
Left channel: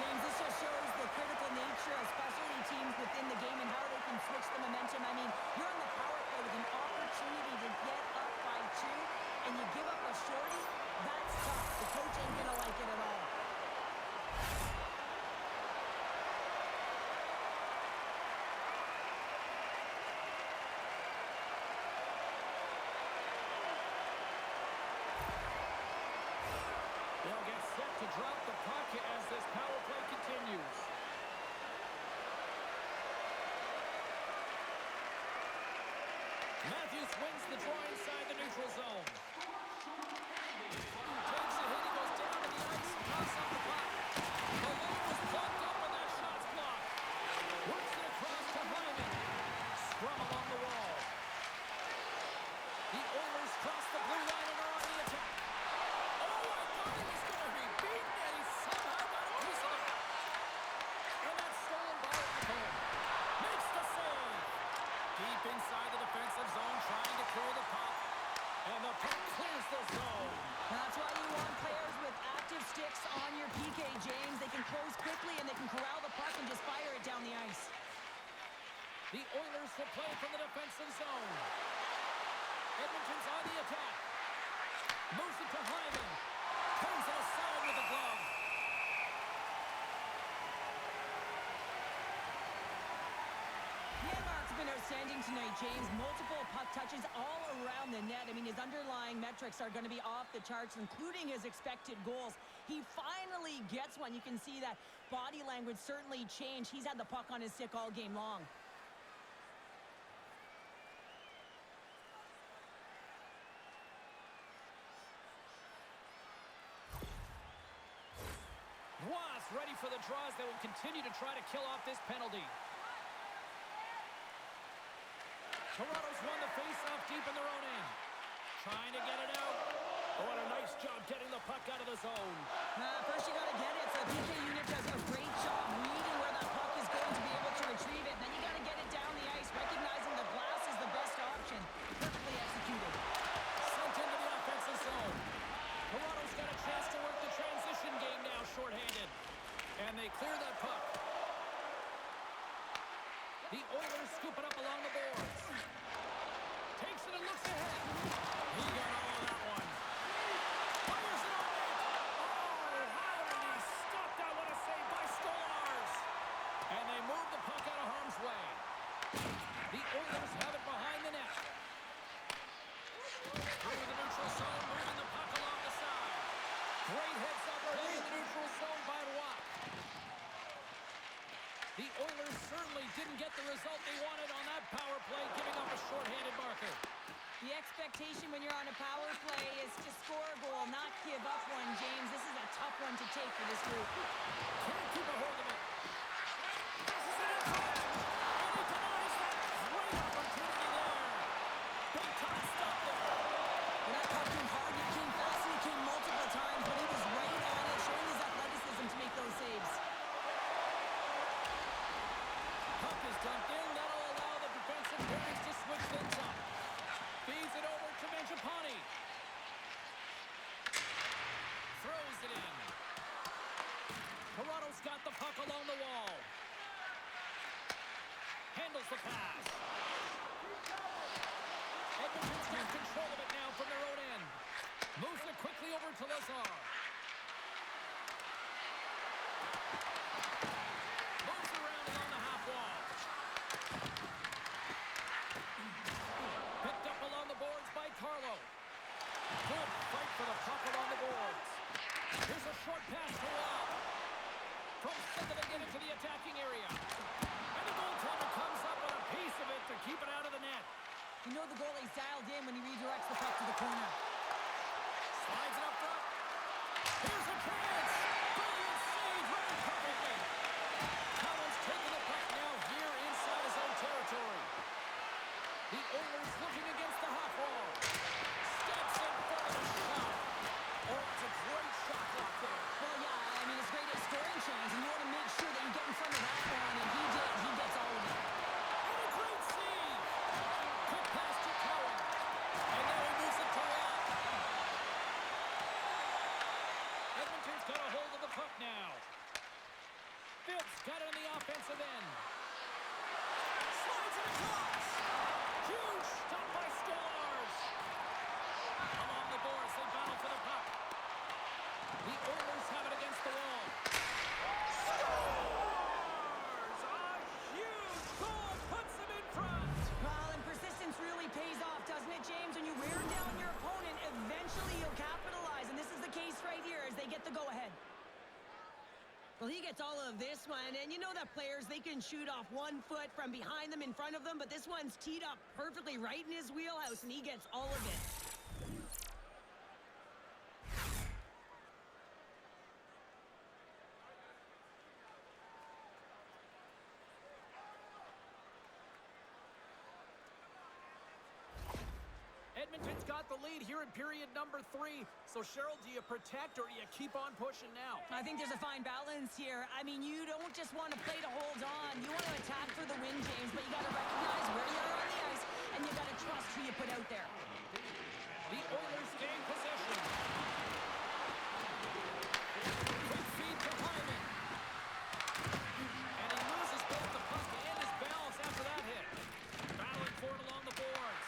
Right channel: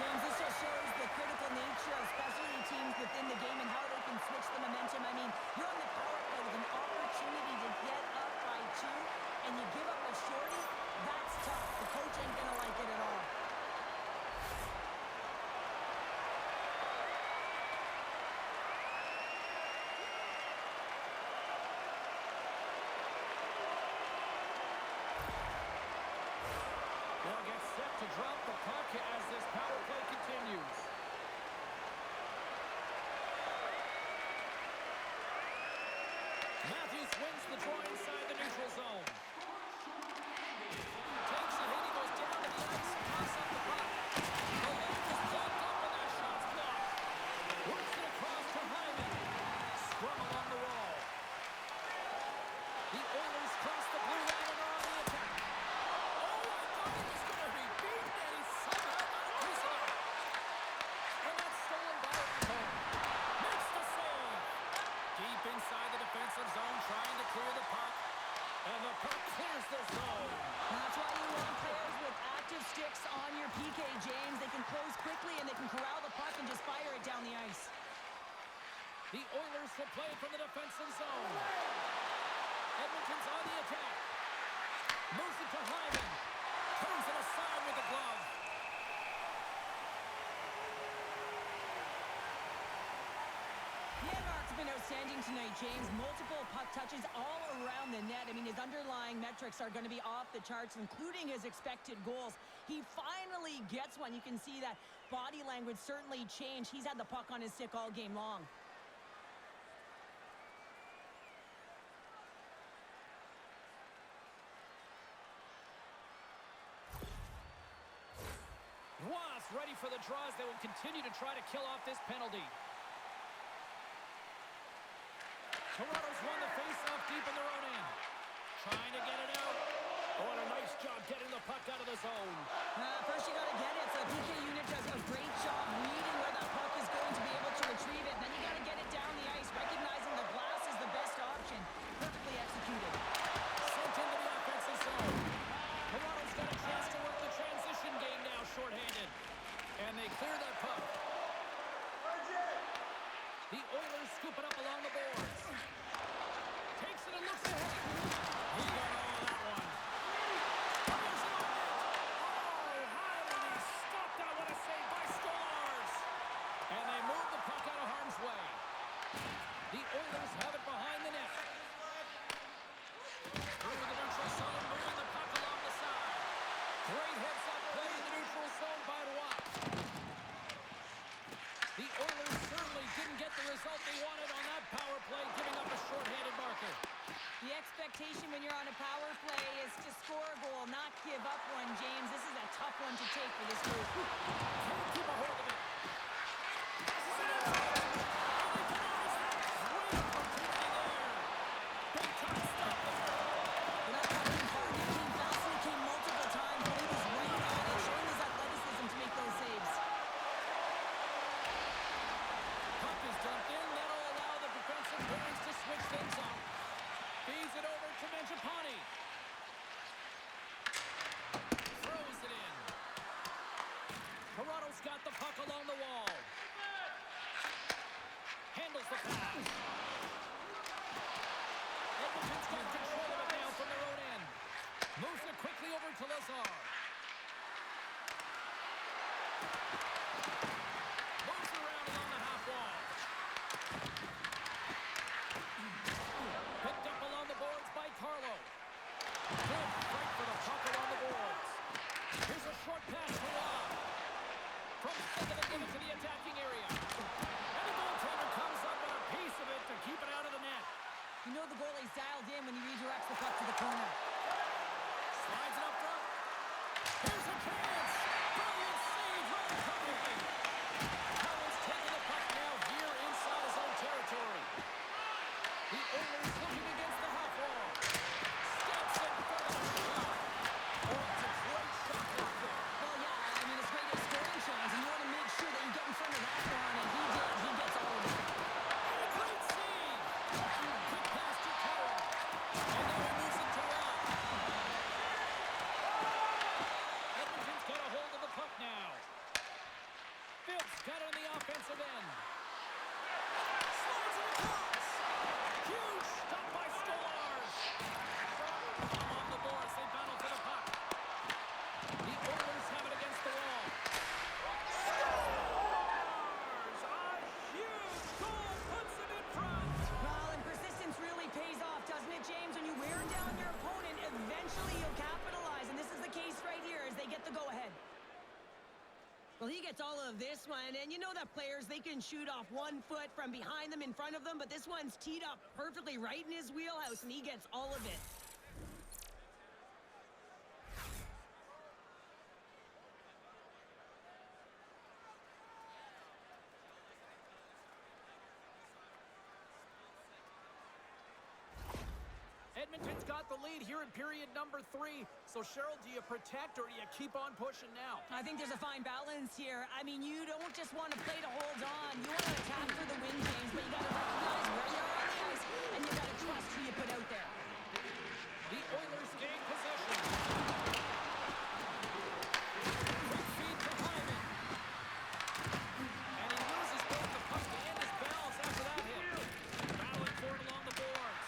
James, this just shows the critical nature of specialty teams within the game and how they can switch the momentum. I mean, you're on the power play with an opportunity to get up by 2, and you give up a shorty. That's tough. The coach ain't going to like it at all. They'll get set to drop the puck as this power play continues. Matthews wins the draw inside the neutral zone. Takes a hit, he goes down to the ice, toss up the puck. The lane was plugged up and that shot's blocked. Works it across to Hyman. Scrum along the wall. The Oilers cross the blue line and are on the attack. Oh, I thought he was going to be beaten, and he somehow got a piece of it. And that's stolen by Ekholm. Makes the save. Deep inside the defensive zone, trying to clear the puck. And the puck clears the zone. That's why you want players with active sticks on your PK, James. They can close quickly, and they can corral the puck and just fire it down the ice. The Oilers will play from the defensive zone. Edmonton's on the attack. Moves it to Hyman. Turns it aside with the glove. Janmark's been outstanding tonight, James. Multiple puck touches all around the net. I mean, his underlying metrics are going to be off the charts, including his expected goals. He finally gets one. You can see that body language certainly changed. He's had the puck on his stick all game long. Was ready for the draws. They will continue to try to kill off this penalty. Toronto's won the face-off deep in their own end. Trying to get it out. Oh, and a nice job getting the puck out of the zone. First you got to get it. So the PK unit does a great job reading where that puck is going to be able to retrieve it. And then you got to get it down the ice, recognizing the glass is the best option. Perfectly executed. Sent into the offensive zone. Toronto's got a chance to work the transition game now, shorthanded. And they clear that puck. The Oilers scoop it up along the boards. Takes it and looks ahead. He got all of that one. Fires it on net. Oh, how did he stop that? What a way. The Oilers have it behind the net. Through the neutral zone, moving the puck along the side. Great heads-up play in the neutral zone by Roy. The Oilers certainly didn't get the result they wanted on that power play, giving up a shorthanded marker. The expectation when you're on a power play is to score a goal, not give up one, James. This is a tough one to take for this group. Can't keep a hold of it. Passes it in front. And he denies that. Great opportunity there. Big time stop there. When that puck came hard, it came fast, and it came multiple times, but he was right on it, showing his athleticism to make those saves. Puck is dumped in. That'll allow the defensive pairings to switch things up. Feeds it over to Mangiapane. Throws it in. Toronto's got the puck along the wall. Handles the pass. Edmonton's got control of it now from their own end. Moves it quickly over to Lazar. Moves around along the half wall. Picked up along the boards by Carlo. Good fight for the puck along the boards. Here's a short pass to Roy. From center they get into the attacking area. And the goaltender comes up with a piece of it to keep it out of the net. You know the goalie's dialed in when he redirects the puck to the corner. Slides it up front. Here's a chance. Brilliant save right perfectly. Collins taking the puck now here inside his own territory. The Oilers looking against the half wall. Steps in front of the shot. Oh, it's a great shot block there. Well, yeah, I mean, it's great at scoring chance, and you want to make sure that you get in front of that one, and he did. He gets all of it. And a great save. Quick pass to Cowan. And now he moves it to Roy. Edmonton's got a hold of the puck now. Phillips got it on the offensive end. Slides it across. Huge stop by Stolarz. Along the boards, they battle for the puck. The Oilers have it against the wall. Stolarz! A huge goal puts them in front. Well, and persistence really pays off, doesn't it, James? When you wear down your opponent, eventually you'll capitalize, and this is the case right here as they get the go-ahead. Well, he gets all of this one, and you know that players, they can shoot off 1 foot from behind them, in front of them, but this one's teed up perfectly right in his wheelhouse, and he gets all of it. Edmonton's got the lead here in period number 3. So, Cheryl, do you protect or do you keep on pushing now? I think there's a fine balance here. I mean, you don't just want to play to hold on. You want to attack for the win, James, but you got to recognize where you are on the ice, and you got to trust who you put out there. The Oilers gain possession. Quick feed to Hyman. And he loses both the puck and his balance after that hit. Battling for it along the boards.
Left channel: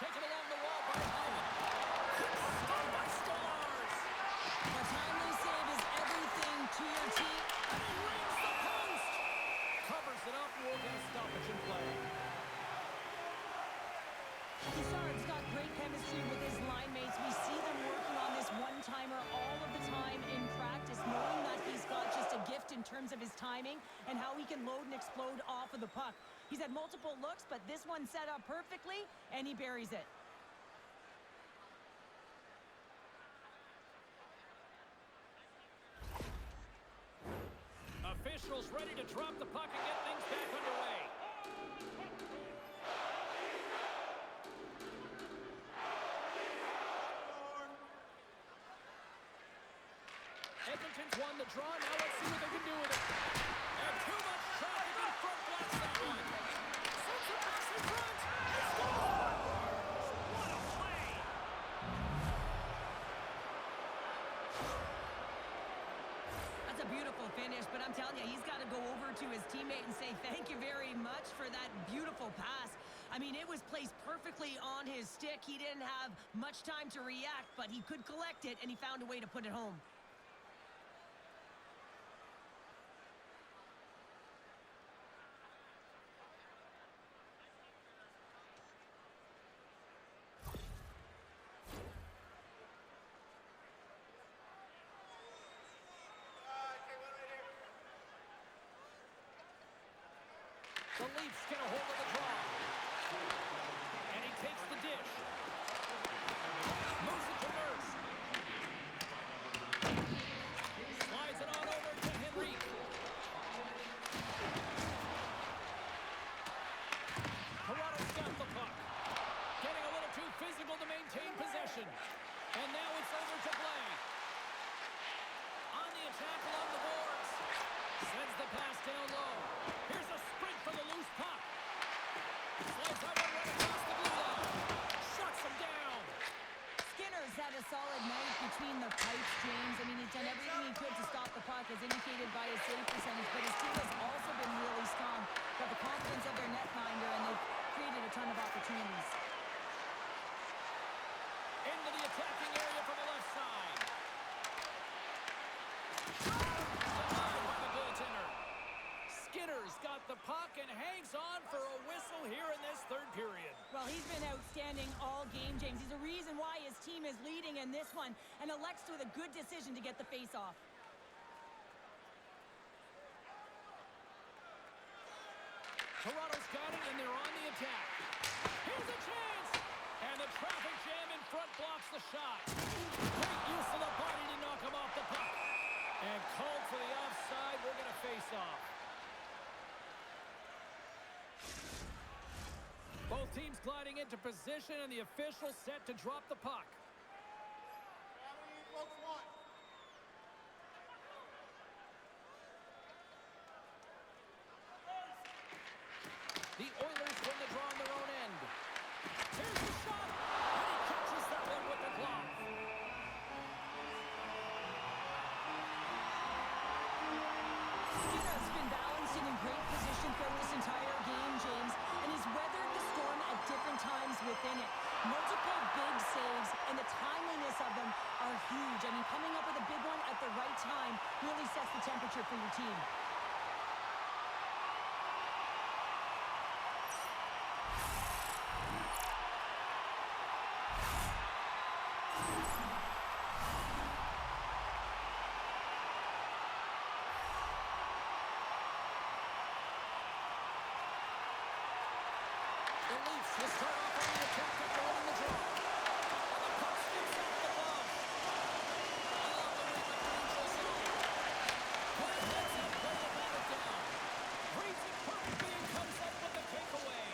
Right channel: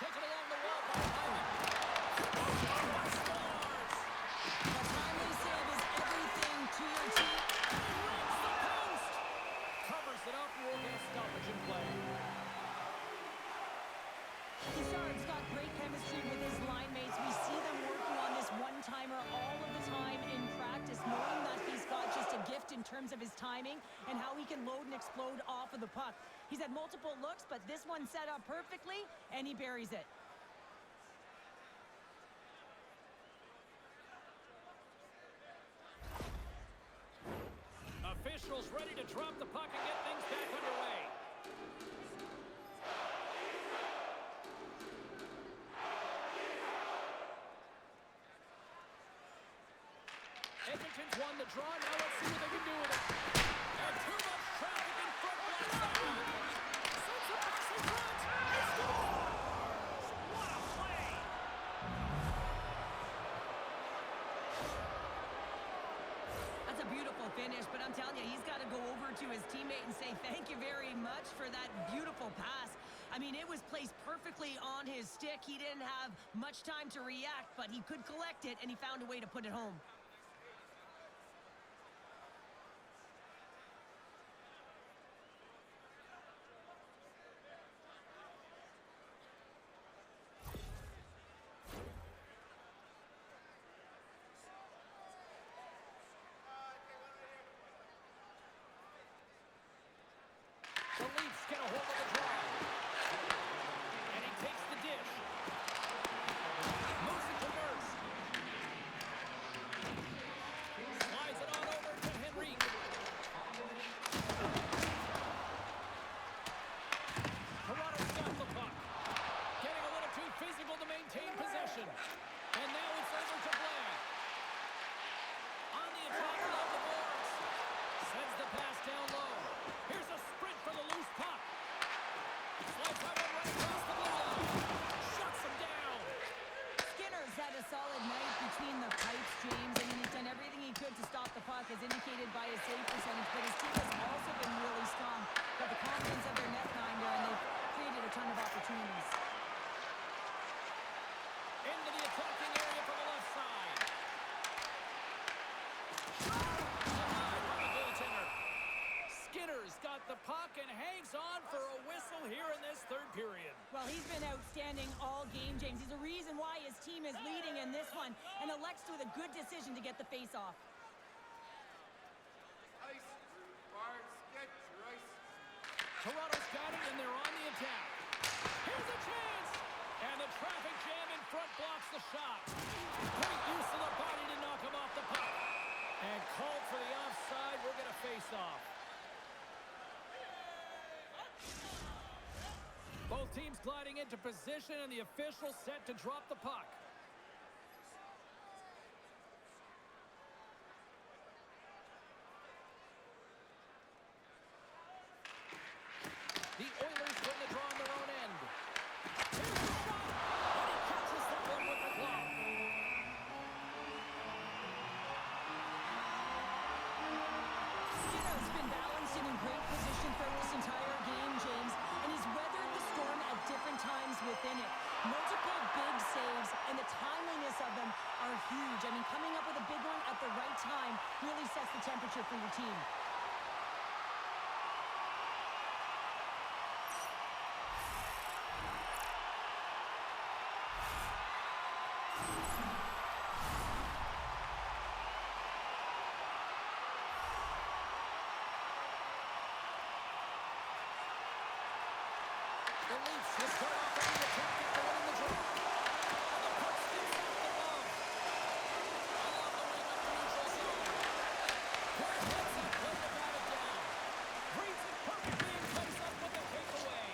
Taken along the wall by Hyman. By Stolarz. A timely save is everything to your team. And he rings the post. Covers it up. We'll get a stoppage in play. Guisard's got great chemistry with his line mates. We see them working on this one-timer all of the time in practice, knowing that he's got just a gift in terms of his timing and how he can load and explode off of the puck. He's had multiple looks, but this one set up perfectly, and he buries it. Officials ready to drop the puck and get things back underway. Edmonton's won the draw. Now let's see what they can do with it. And too much traffic in front blocks that one. Sends the pass in front. He scores! What a play! That's a beautiful finish, but I'm telling you, he's got to go over to his teammate and say thank you very much for that beautiful pass. I mean, it was placed perfectly on his stick. He didn't have much time to react, but he could collect it, and he found a way to put it home. The Leafs get a hold of the draw. And he takes the dish. Moves it to Nurse. Slides it on over to Henrique. Toronto's got the puck. Getting a little too physical to maintain possession. And now it's over to Blais. On the attack along the boards. Sends the pass down low. Here's a sprint for the loose puck. Slides that one right across the blue line. Shuts him down. Skinner's had a solid night between the pipes, James. I mean, he's done everything he could to stop the puck, as indicated by his save percentage. But his team has also been really strong. Got the confidence of their netminder, and they've created a ton of opportunities. Into the attacking area from the left side. Denied by the goaltender. Skinner's got the puck and hangs on for a whistle here in this third period. Well, he's been outstanding all game, James. He's a reason why his team is leading in this one, and elects with a good decision to get the face-off. Toronto's got it, and they're on the attack. Here's a chance! And the traffic jam in front blocks the shot. Great use of the body to knock him off the puck. And called for the offside. We're going to face off. Both teams gliding into position, and the official set to drop the puck. The Oilers win the draw on their own end. Here's the shot, and he catches that one with the glove. Skinner's been balanced and in great position throughout this entire game, James, and he's weathered the storm at different times within it. Multiple big saves, and the timeliness of them are huge. I mean, coming up with a big one at the right time really sets the temperature for your team. The Leafs will start off on the attack after winning the draw. And the puck skips off the glove. Along the wing up the neutral zone. Good heads-up play to bat it down. Reads it perfectly and comes up with the takeaway.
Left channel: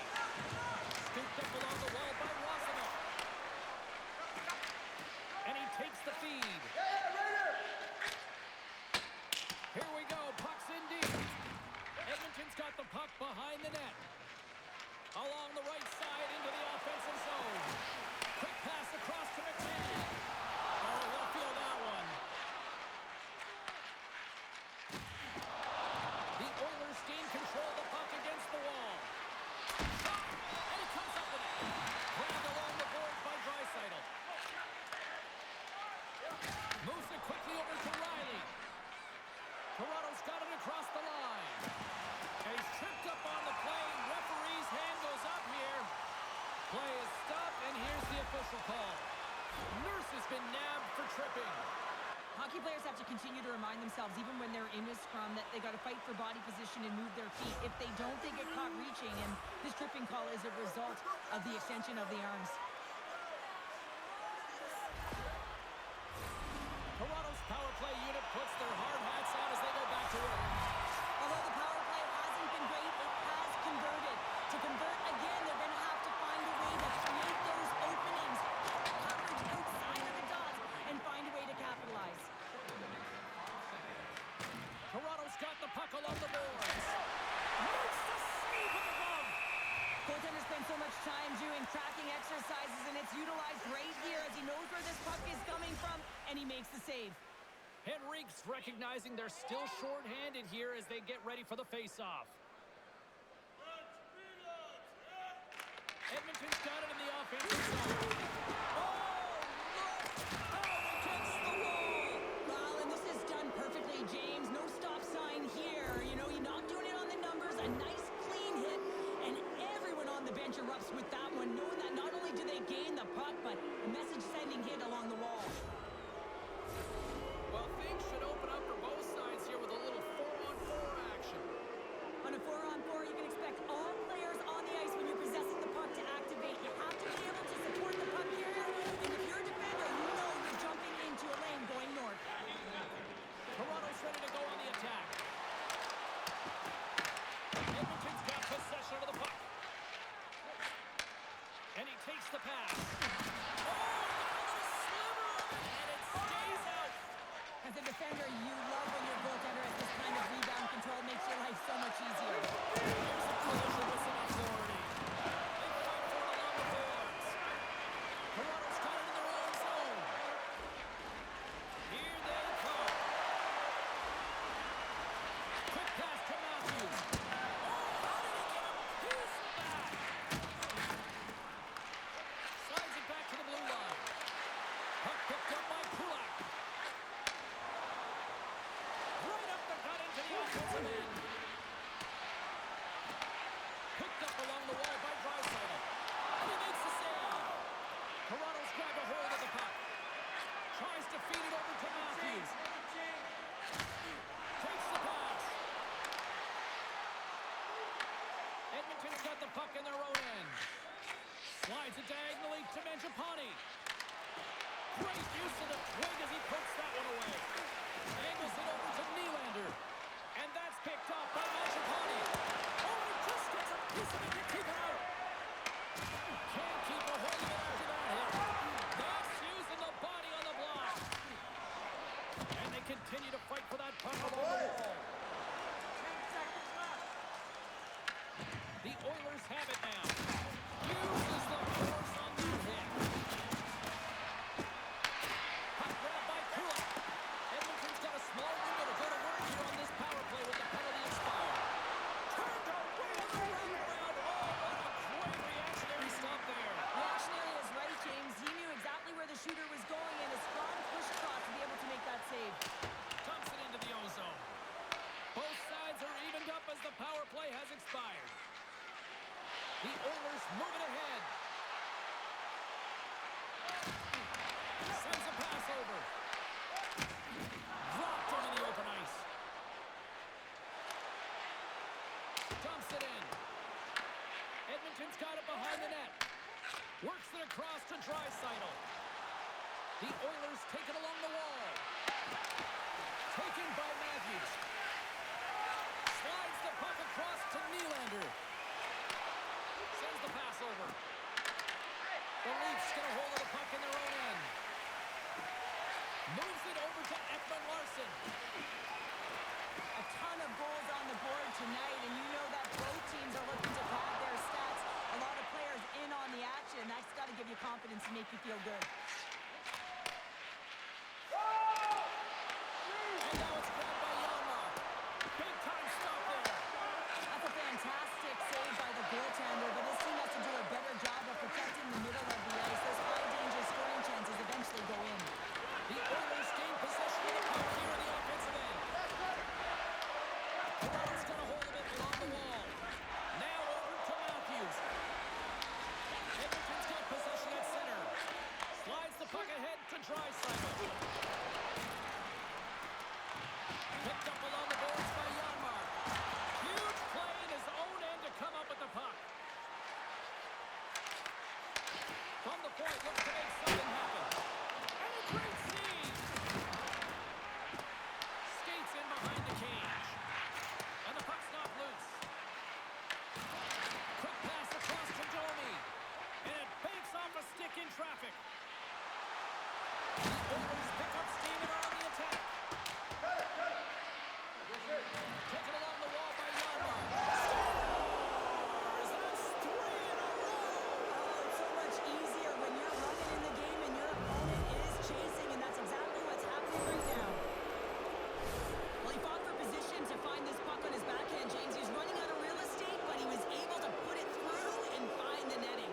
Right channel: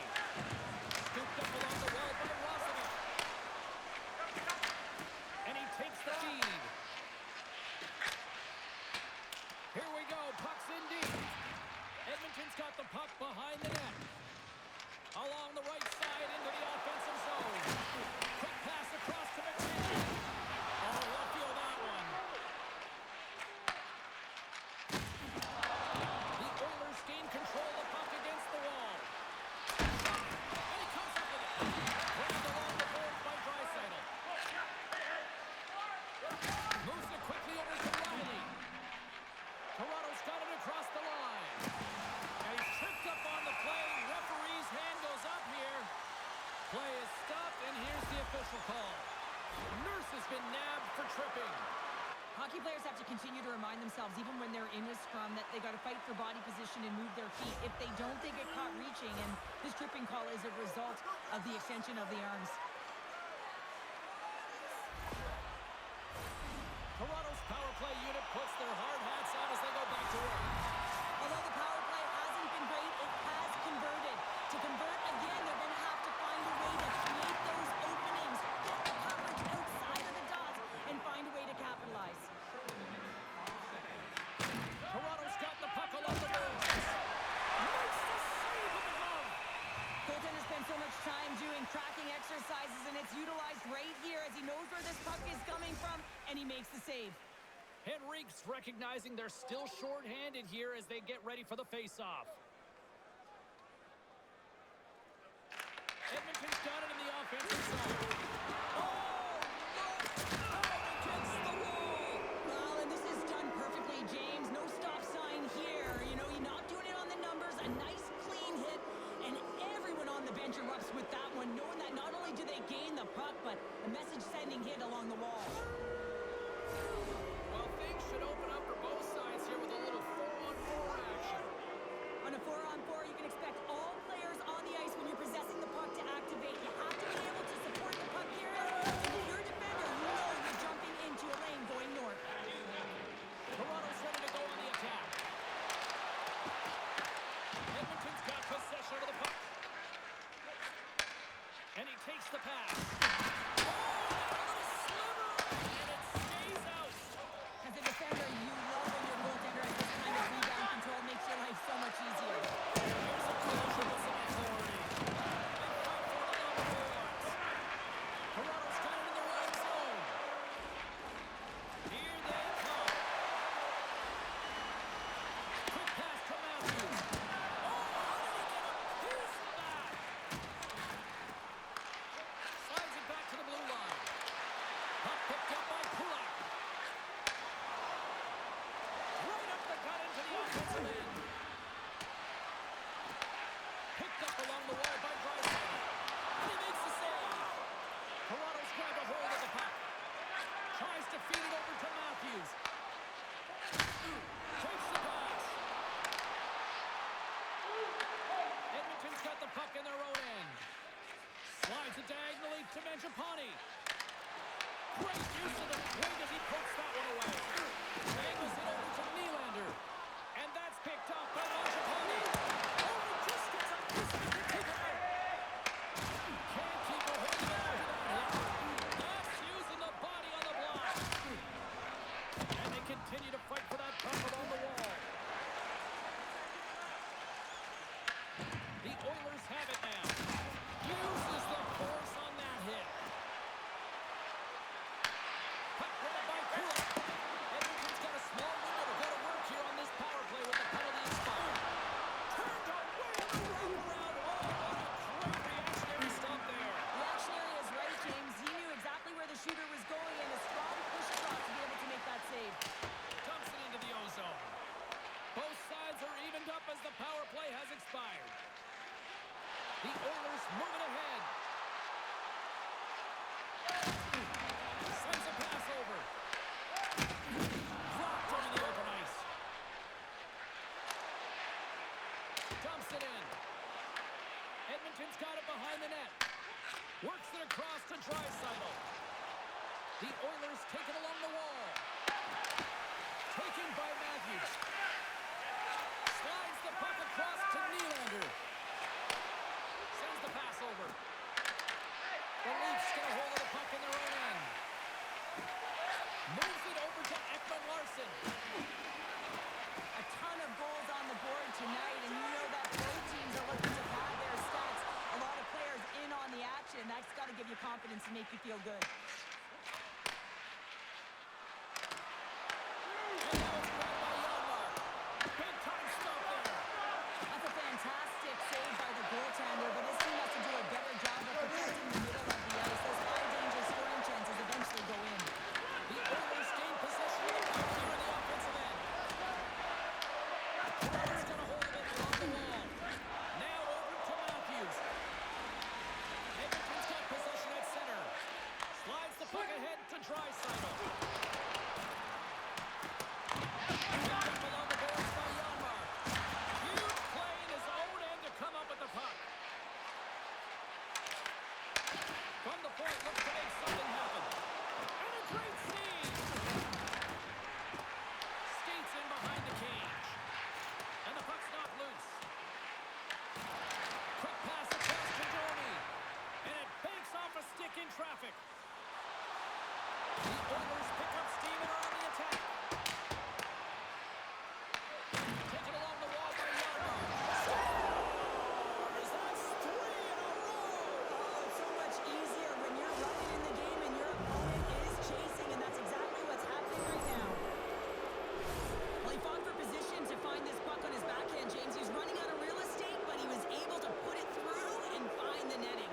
Scooped up along the wall by Rosenick. And he takes the feed. Here we go. Puck's in deep. Edmonton's got the puck behind the net. Along the right side into the offensive zone. Quick pass across to McKinnon. Oh, he'll feel that one. The Oilers gain control of the puck against the wall. And he comes up with it. Grabbed along the boards by Draisaitl. Moves it quickly over to Riley. Toronto's got it across the line. And he's tripped up on the play. Referee's hand goes up here. Play is stopped, and here's the official call. Nurse has been nabbed for tripping. Hockey players have to continue to remind themselves, even when they're in a scrum, that they got to fight for body position and move their feet. If they don't, they get caught reaching, and this tripping call is a result of the extension of the arms. Toronto's power play unit puts their hard hats on as they go back to work. Although the power play hasn't been great, it has converted. To convert again, they're going to have to find a way to create those openings, get the coverage outside of the dots, and find a way to capitalize. Toronto's got the puck along the boards. Makes the save with the glove. Goaltender spends so much time doing tracking exercises, and it's utilized right here as he knows where this puck is coming from, and he makes the save. Henrique's recognizing they're still short-handed here as they get ready for the face-off. Edmonton's got it in the offensive zone. Oh, look! Out against the wall! Well, and this is done perfectly, James. No stop sign here. You know, you're not doing it on the numbers. A nice, clean hit, and everyone on the bench erupts with that one, knowing that not only do they gain the puck, but a message-sending hit along the wall. Well, things should open up for both sides here with a little 4-on-4 action. On a 4-on-4, you can expect all onto the puck. And he takes the pass. Oh, got a little sliver of it, and it stays out. As a defender, you love when your goaltender has this kind of rebound control. Makes your life so much easier. Here's a collision with some authority. They fight for it along the boards. Toronto's got it in their own zone. Here they come. Quick pass to Matthews. Oh, how did he get a piece of that? Slides it back to the blue line. Puck picked up by Kulak. Right up the gut into the offensive end. Picked up along the wall by Draisaitl. And he makes the save. Toronto's grabbed a hold of the puck. Tries to feed it over to Matthews. Takes the pass. Edmonton's got the puck in their own end. Slides it diagonally to Mangiapane. Great use of the twig as he pokes that one away. Angles it over to Nylander. And that's picked up by Mangiapane. Oh, he just gets a piece of it to keep it out. Can't keep a hold of it after that hit. That's using the body on the block. And they continue to fight for that puck along the wall. 10 seconds left. The Oilers have it now. Uses the force on that hit. Puck grabbed by Kulak. Edmonton's got a small window to go to work here on this power play with the penalty expired. Turned away on the wraparound. Oh, what a great reactionary stop there. Reactionary is right, James. He knew exactly where the shooter was going and a strong push across to be able to make that save. Dumps it into the ozone. Both sides are evened up as the power play has expired. The Oilers moving ahead. Sends a pass over. Dropped into the open ice. Dumps it in. Edmonton's got it behind the net. Works it across to Draisaitl. The Oilers take it along the wall. Taken by Matthews. Slides the puck across to Nylander. Sends the pass over. The Leafs get a hold of the puck in their own end. Moves it over to Ekman-Larsson. A ton of goals on the board tonight, and you know that both teams are looking to pad their stats. A lot of players in on the action. That's got to give you confidence and make you feel good. And now it's grabbed by Janmark. Big time stop there. That's a fantastic save by the goaltender, but his team has to do a better job of protecting the middle of the ice. Those high-danger scoring chances eventually go in. The Oilers gain possession of the puck here in the offensive end. Toronto's got a hold of it along the wall. Now over to Matthews. Edmonton's got possession at center. Slides the puck ahead to Draisaitl. Picked up along the boards by Janmark. Huge play in his own end to come up with the puck. From the point, looks to make something happen. And a great save! Skates in behind the cage. And the puck's not loose. Quick pass across to Domi. And it banks off a stick in traffic. The Oilers pick up steam and are on the attack. Taken along the wall by Janmark. Scores! That's 3 in a row! Oh, it's so much easier when you're running in the game and your opponent is chasing, and that's exactly what's happening right now. Well, he fought for position to find this puck on his backhand, James. He was running out of real estate, but he was able to put it through and find the netting.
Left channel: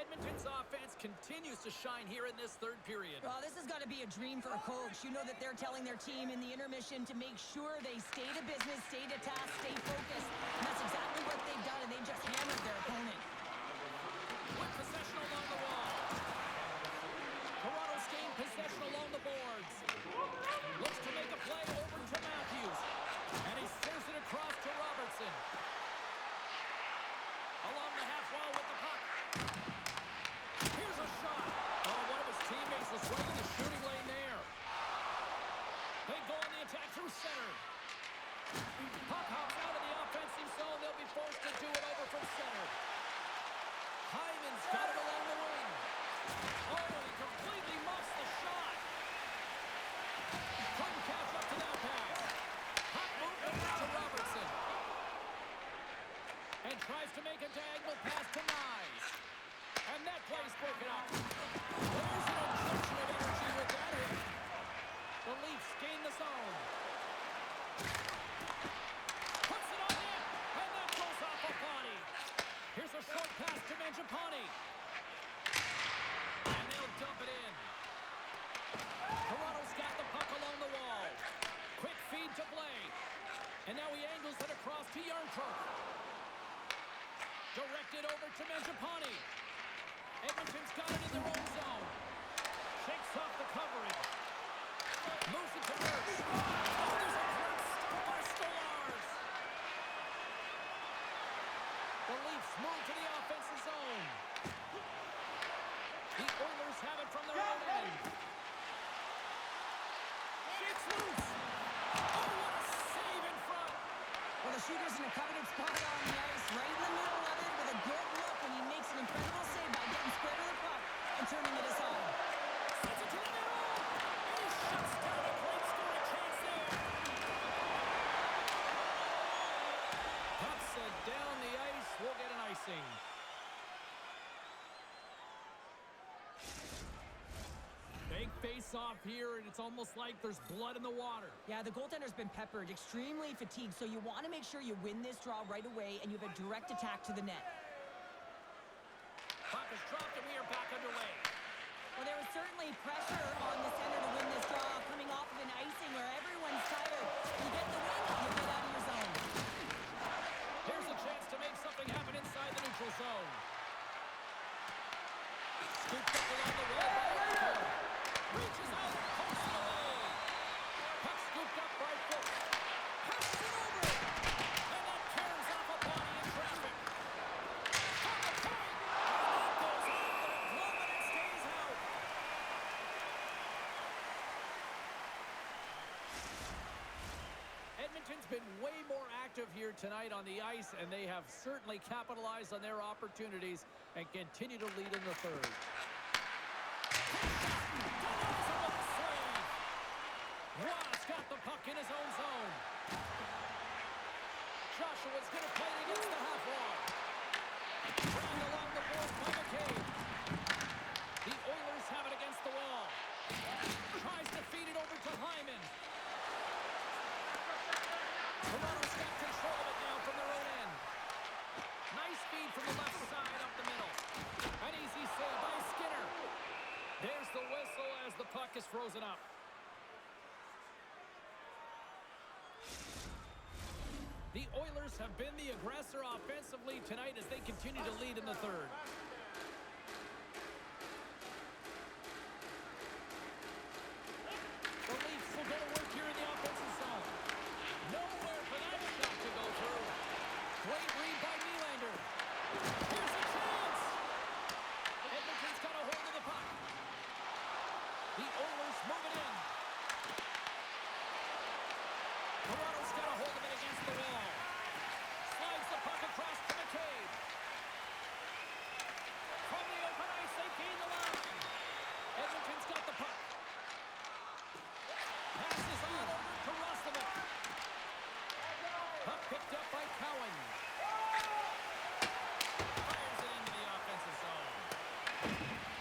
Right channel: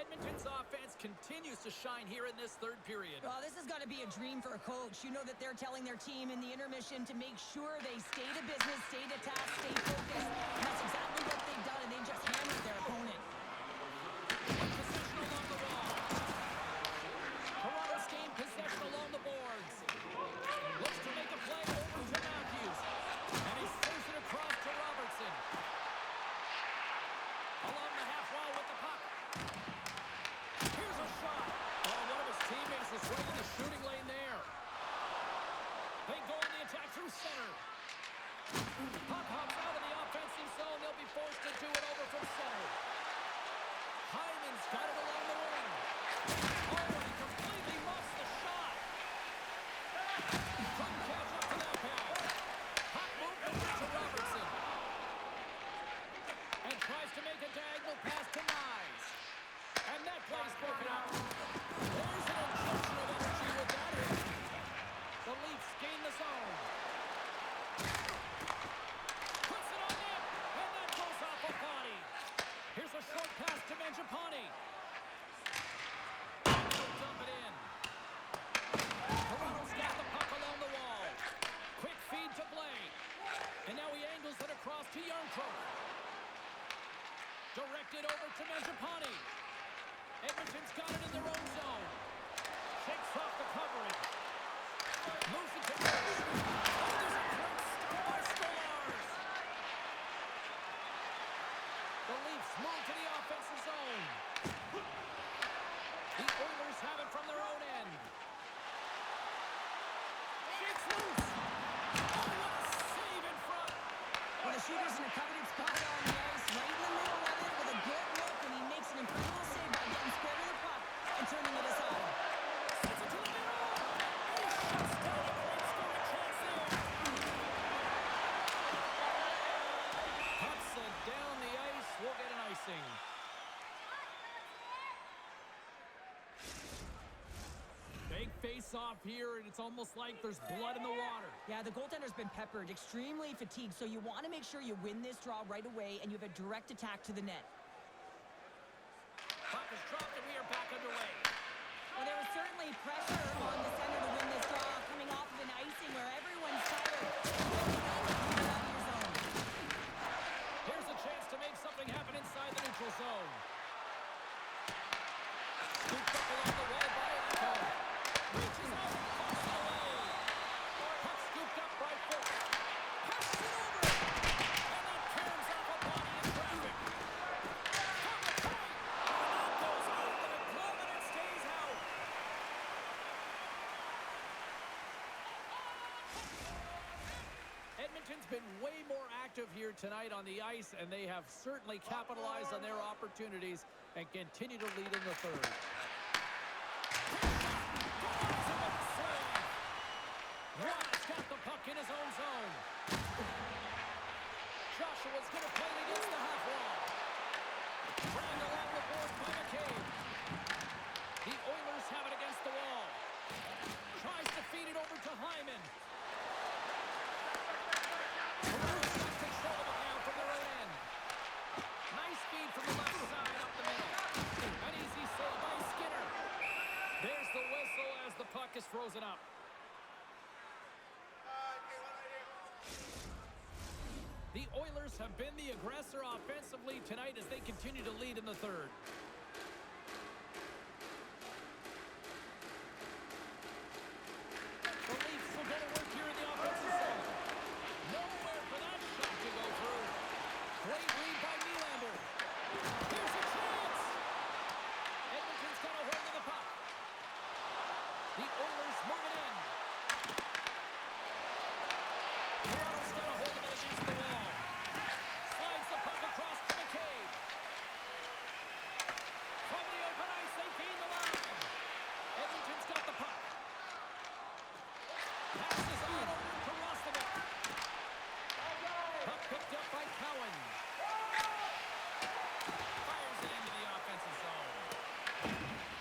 Edmonton's offense continues to shine here in this third period. Well, this has got to be a dream for a coach. You know that they're telling their team in the intermission to make sure they stay to business, stay to task, stay focused. And that's exactly what they've done, and they just hammered their opponent. With possession along the wall. Toronto's gained Puck hops out of the offensive zone. They'll be forced to do it over from center. Hyman's got it along the wing. Oh, and he completely muffs the shot. Couldn't catch up to that pass. Puck moved over to Robertson. And tries to make a diagonal pass to Nyes. And that play's broken up. There's an injection of energy with that hit. The Leafs gain the zone. Puts it on net. And that goes off a body. Here's a short pass to Mangiapane. And they'll dump it in. Toronto's got the puck along the wall. Quick feed to Blais. And now he angles it across to Yarncroke. Directed over to Mangiapane. Edmonton's got it in their own zone. Shakes off the coverage. Moves it to Merch. Oh, there's a great stop by Stolarz. The Leafs move to the offensive zone. The Oilers have it from their own end. Shakes loose. Oh, what a save in front. Well, the shooter's in a coveted spot on the ice, right in the middle of it with a good look, and he makes an incredible save by getting square to the puck and turning it aside. Sends it to the middle. And he shuts down a great scoring chance there. Puck set down the ice. We'll get an icing. Big face-off here, and it's almost like there's blood in the water. Yeah, the goaltender's been peppered, extremely fatigued, so you want to make sure you win this draw right away, and you have a direct attack to the net. Puck is dropped, and we are back underway. Well, there was certainly pressure on the center to win this draw, coming off of an icing where everyone's tired. You get the win, you get out of your zone. Here's a chance to make something happen inside the neutral zone. Scooped up along the wall by Erico. Reaches out and pokes it away. Puck scooped up by Fuchs. Passes it over. And that caroms off a body in traffic. From the point. And that goes off with a glove and it stays out. Edmonton's been way more active here tonight on the ice, and they have certainly capitalized on their opportunities and continue to lead in the third. Ross got the puck in his own zone. Joshua's going to play it against the half wall. Dragged along the board by McCabe. The Oilers have it against the wall. Tries to feed it over to Hyman. Toronto's got control of it now from their own end. Nice feed from the left side up the middle. An easy save by Skinner. There's the whistle as the puck is frozen up. The Oilers have been the aggressor offensively tonight as they continue to lead in the third. The Leafs will go to work here in the offensive zone. Nowhere for that shot to go through. Great read by Nylander. Here's a chance. Edmonton's got a hold of the puck. The Oilers move it in. Toronto's got a hold of it against the wall. Slides the puck across to McCabe. From the open ice, they gain the line. Edmonton's got the puck. Passes on over to Roslovic. Puck picked up by Cowan. Fires it into the offensive zone.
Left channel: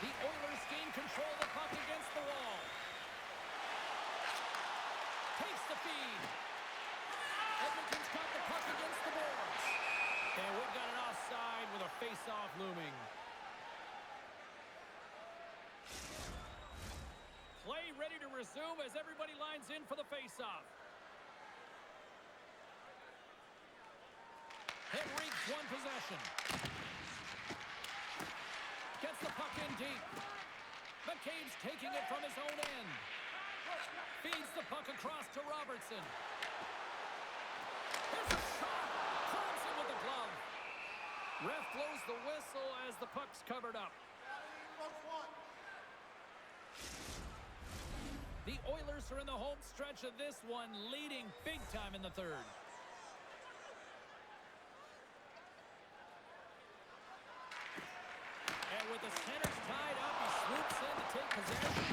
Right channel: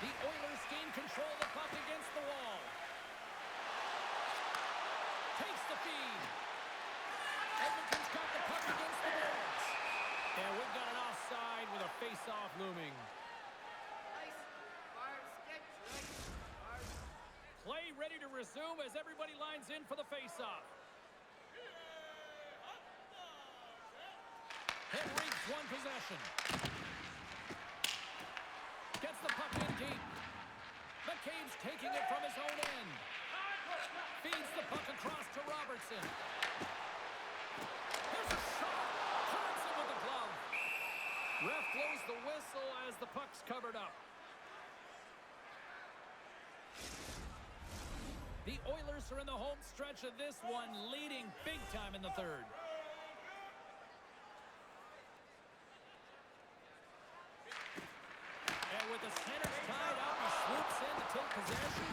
The Oilers gain control of the puck against the wall. Takes the feed. Edmonton's got the puck against the boards. And we've got an offside with a face-off looming. Play ready to resume as everybody lines in for the face-off. Henrique's won possession. Gets the puck in deep. McCabe's taking it from his own end. Feeds the puck across to Robertson. Here's a shot. Clams it with the glove. Ref blows the whistle as the puck's covered up. The Oilers are in the home stretch of this one, leading big time in the third. take possession.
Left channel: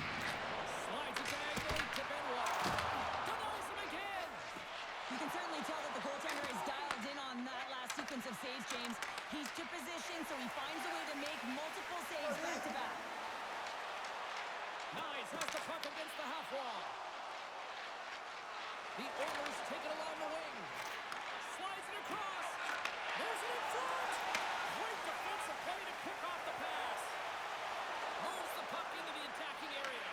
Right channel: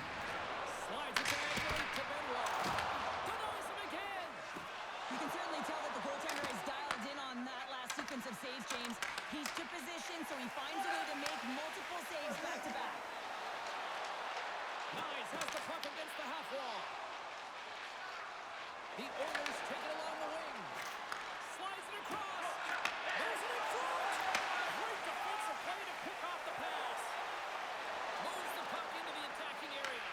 Slides it diagonally to Benoit. Denies him again. You can certainly tell that the goaltender is dialed in on that last sequence of saves, James. He's to position, so he finds a way to make multiple saves back-to-back. Nice has the puck against the half wall. The Oilers take it along the wing. Slides it across. There's it in front. Great defensive play to pick off the pass. Moves the puck into the attacking area.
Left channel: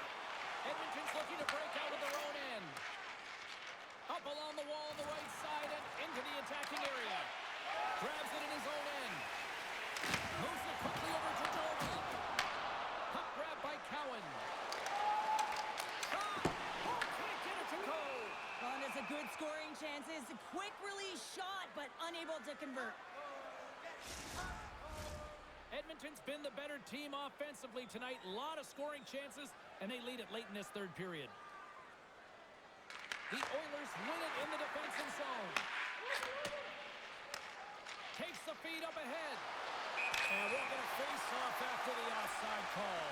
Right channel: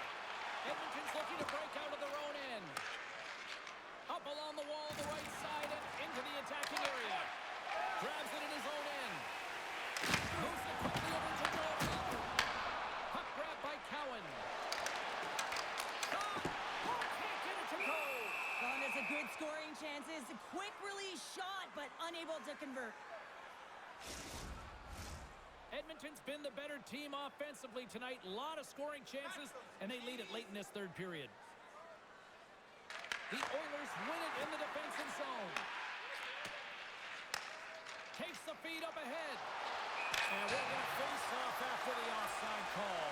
Edmonton's looking to break out of their own end. Up along the wall on the right side and into the attacking area. Grabs it in his own end. Moves it quickly over to Doby. Puck grab by Cowan. Shot! Oh, can't get it to go! Well, and it's a good scoring chances. A quick release shot, but unable to convert. Edmonton's been the better team offensively tonight. A lot of scoring chances, and they lead it late in this third period. The Oilers win it in the defensive zone. Takes the feed up ahead. And we'll get a face-off after the offside call.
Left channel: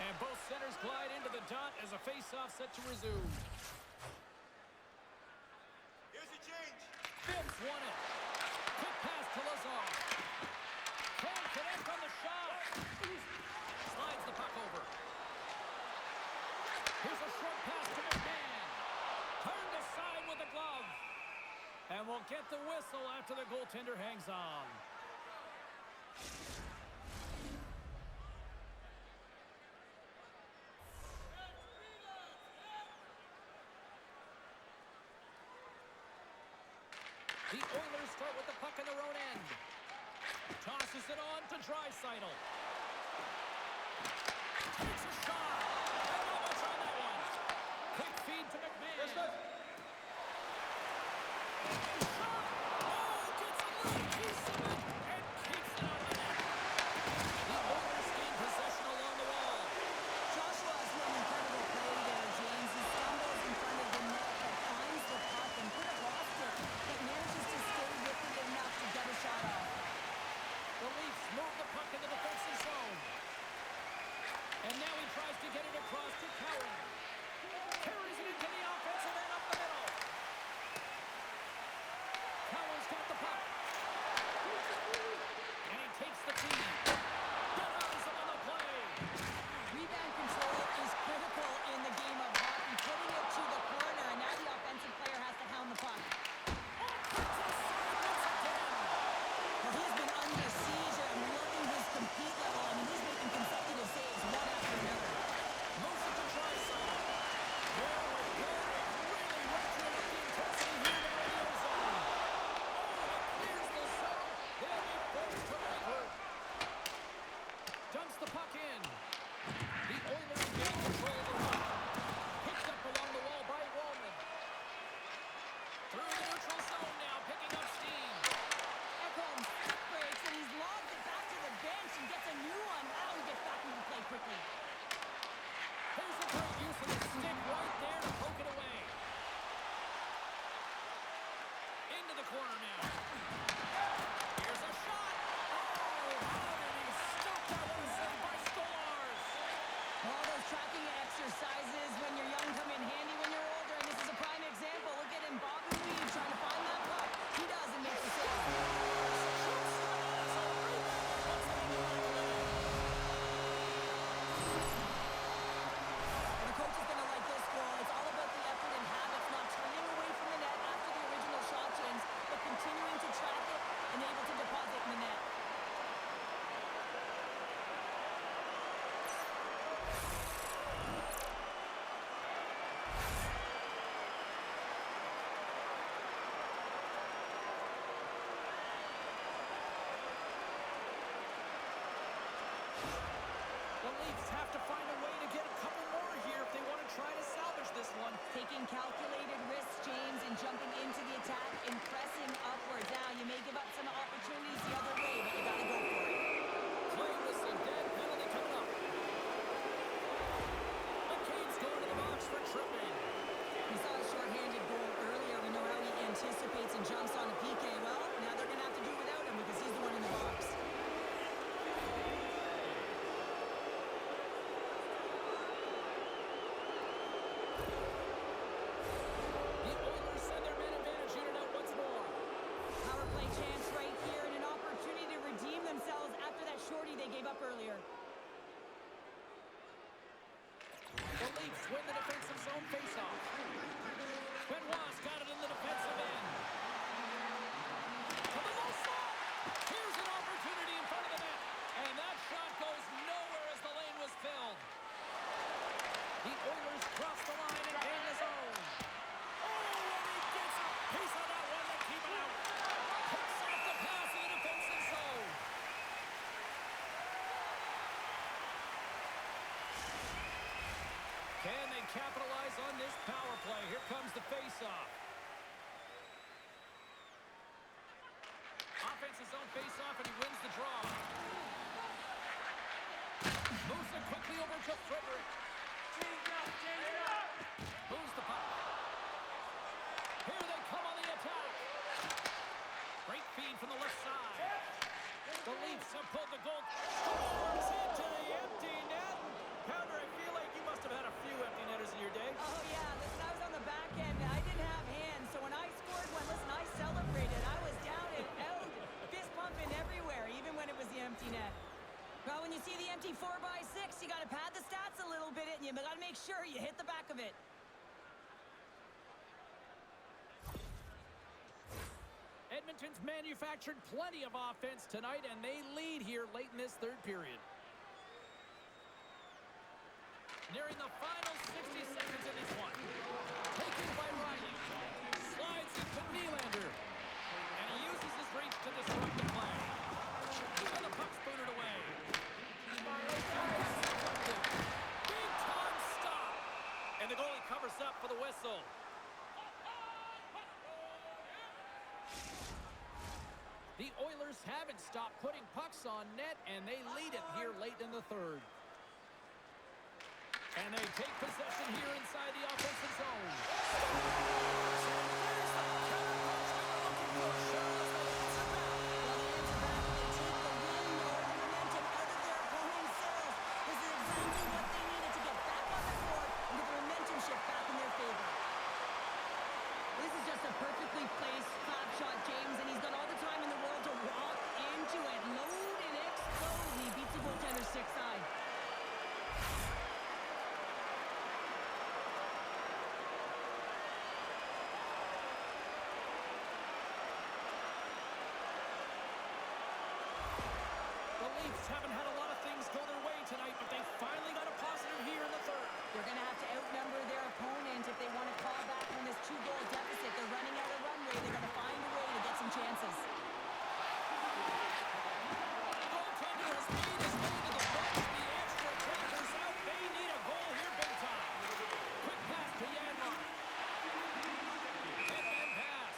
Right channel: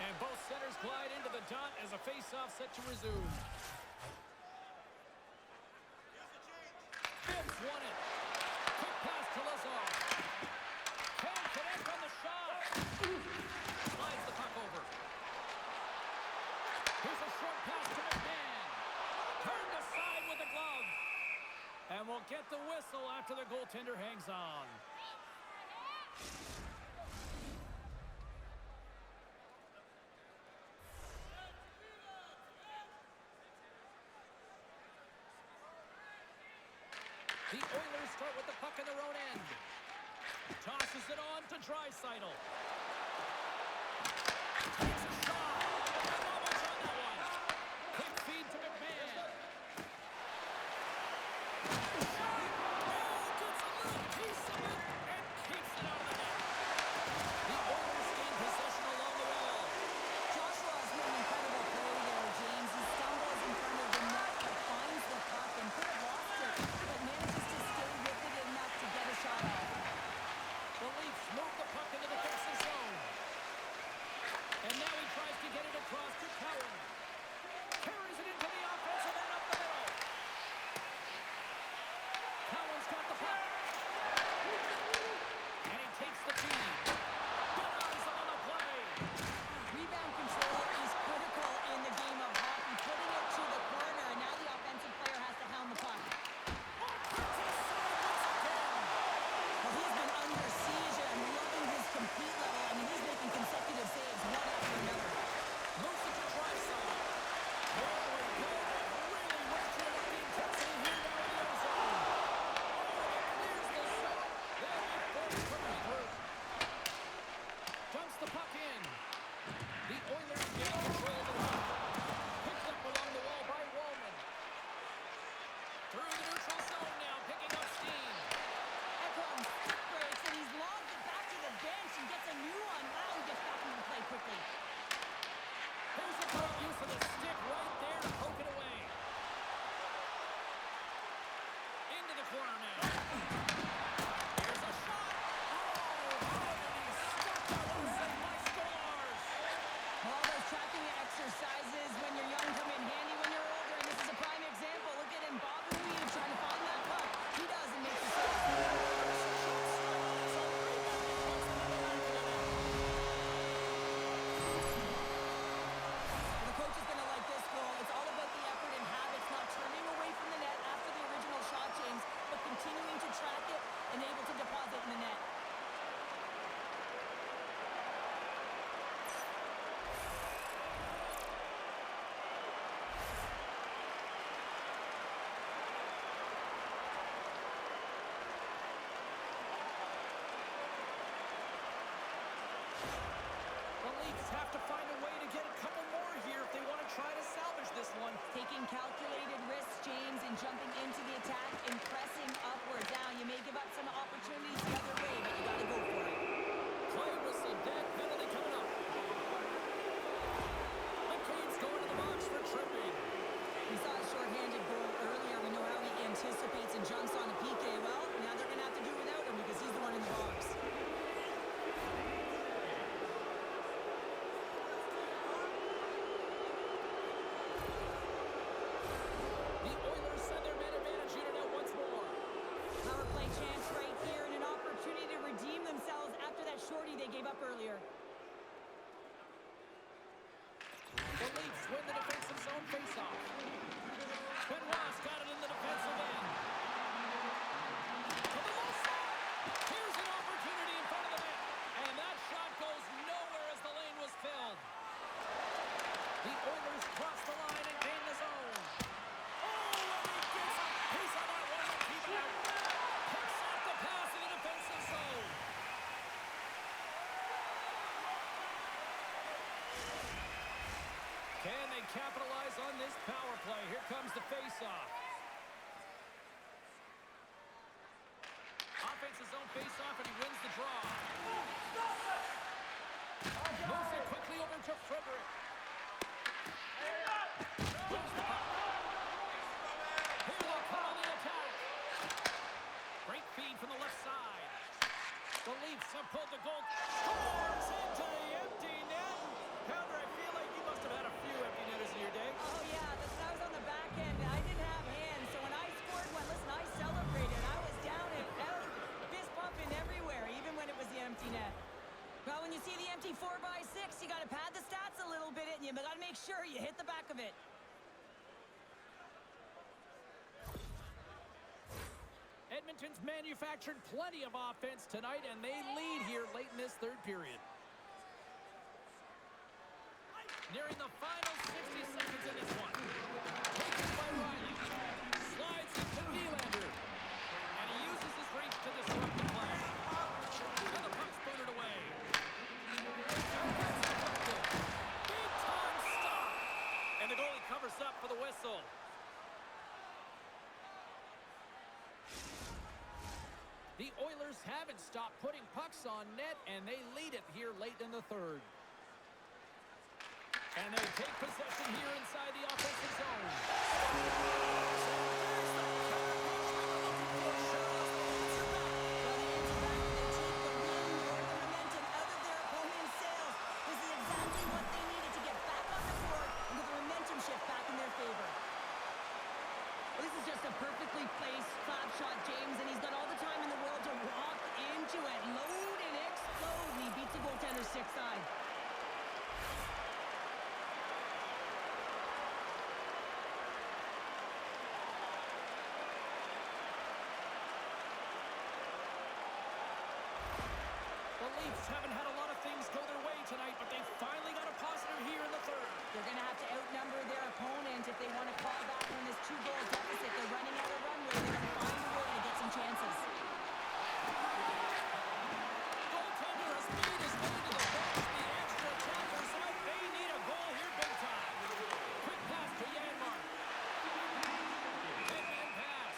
And both centers glide into the dot as a face-off set to resume. Here's a change. Bibbs won it. Quick pass to Lazar. Can't connect on the shot. Slides the puck over. Here's a short pass to McMahon. Turned aside with the glove. And we'll get the whistle after the goaltender hangs on. The Oilers start with the puck in their own end. Tosses it on to Draisaitl. Takes a shot. And not much on that one. Quick feed to McMahon. Shot. Oh, gets a little piece of it and keeps it out of the net. The Oilers gain possession along the wall. Joshua has made an incredible play there, James. He stumbles in front of the net, but finds the puck and could have lost it, but manages to stay with it enough to get a shot off. The Leafs move the puck in the defensive zone. And now he tries to get it across to Cowan. Carries it into the offensive end up the middle. Cowan's got the puck. And he takes the feed. Denies him on the play. Rebound control is critical in the game of hockey. Putting it to the corner, and now the offensive player has to hound the puck. Puts it aside once again. Well, he's been under siege, and I'm loving his compete level. I mean, he's making consecutive saves one after another. Moves it to Draisaitl. There we go. Really ratcheting up the intensity here now in the ozone. Oh, it clears the zone. They'll be forced to regroup. Dumps the puck in. The Oilers gain control of the puck. Picked up along the wall by Wallman. Through the neutral zone now, picking up steam. Ekholm stick breaks, and he's lobbed it back to the bench and gets a new one. Wow, he gets back into the play quickly. Here's a great use of the stick right there to poke it away. Into the corner now. Here's a shot. Oh, how did he stop that one? Saved by Stolarz. All those tracking exercises when you're young come in handy when you're older, and this is a prime example. Look at him, Bob and Weave trying to find that puck. He does and makes the save. Shoots straight on his own rebound and puts it in the back of the net. Well, the coach is going to like this goal. It's all about the effort and habits, not turning away from the net after the original shot, James, but continuing to track it and able to deposit in the net. The Leafs have to find a way to get a couple more here if they want to try to salvage this one. Taking calculated risks, James, and jumping into the attack and pressing upwards. Now, you may give up some opportunities the other way, but you got to go for it. Play whistle, dead penalty coming up. McCain's going to the box for tripping. We saw a shorthanded goal earlier. We know how he anticipates and jumps on a PK. Well, now they're going to have to do without him because he's the one in the box. shorty they gave up earlier. The Leafs win the defensive zone faceoff. Benoit's got it in the defensive end. To the low slot. Here's an opportunity in front of the net. And that shot goes nowhere as the lane was filled. The Oilers cross the line and gain the zone. Oh, and he gets a piece of that one to keep it out. Picks off the pass in the defensive zone. Can they capitalize on this power play? Here comes the face-off. Offensive zone face-off, and he wins the draw. Moves it quickly over to Frederick. Moves the puck. Here they come on the attack. Great feed from the left side. The Leafs have pulled the goal. Scores into the empty net. Pounder, I feel like you must have had a few empty netters in your day. Oh, yeah. Listen, I was on the back end. I didn't have hands, so when I scored one, listen, I celebrated. I was down and out, fist pumping everywhere, even when it was the empty net. Well, when you see the empty 4x6, you got to pad the stats a little bit, and you got to make sure you hit the back of it. Edmonton's manufactured plenty of offense tonight, and they lead here late in this third period. Nearing the final 60 seconds in this one. Taken by Riley. Slides into Nylander. And he uses his reach to disrupt the play. And the puck's booted away. Big time stop. And the goalie covers up for the whistle. The Oilers haven't stopped putting pucks on net, and they lead it here late in the third. And they take possession here inside the offensive zone. And there's the counter punch we were looking for, Cheryl, as they answer back. Well, they answer back and they take the wind or the momentum out of their opponent's sails. This is exactly what they needed to get back on the court and get the momentum shift back in their favor. This is just a perfectly placed slap shot, James, and he's got all the time in the world to walk into it, load and explode, and he beats the goaltender's stick side. The Leafs haven't had a lot of things go their way tonight, but they finally got a positive here in the third. They're going to have to outnumber their opponent if they want to claw back from this 2-goal deficit. They're running out of runway. They're going to find a way to get some chances. Goaltender has made his way to the bench. The extra attackers out. They need a goal here big time. Quick pass to Janmark. Headman pass.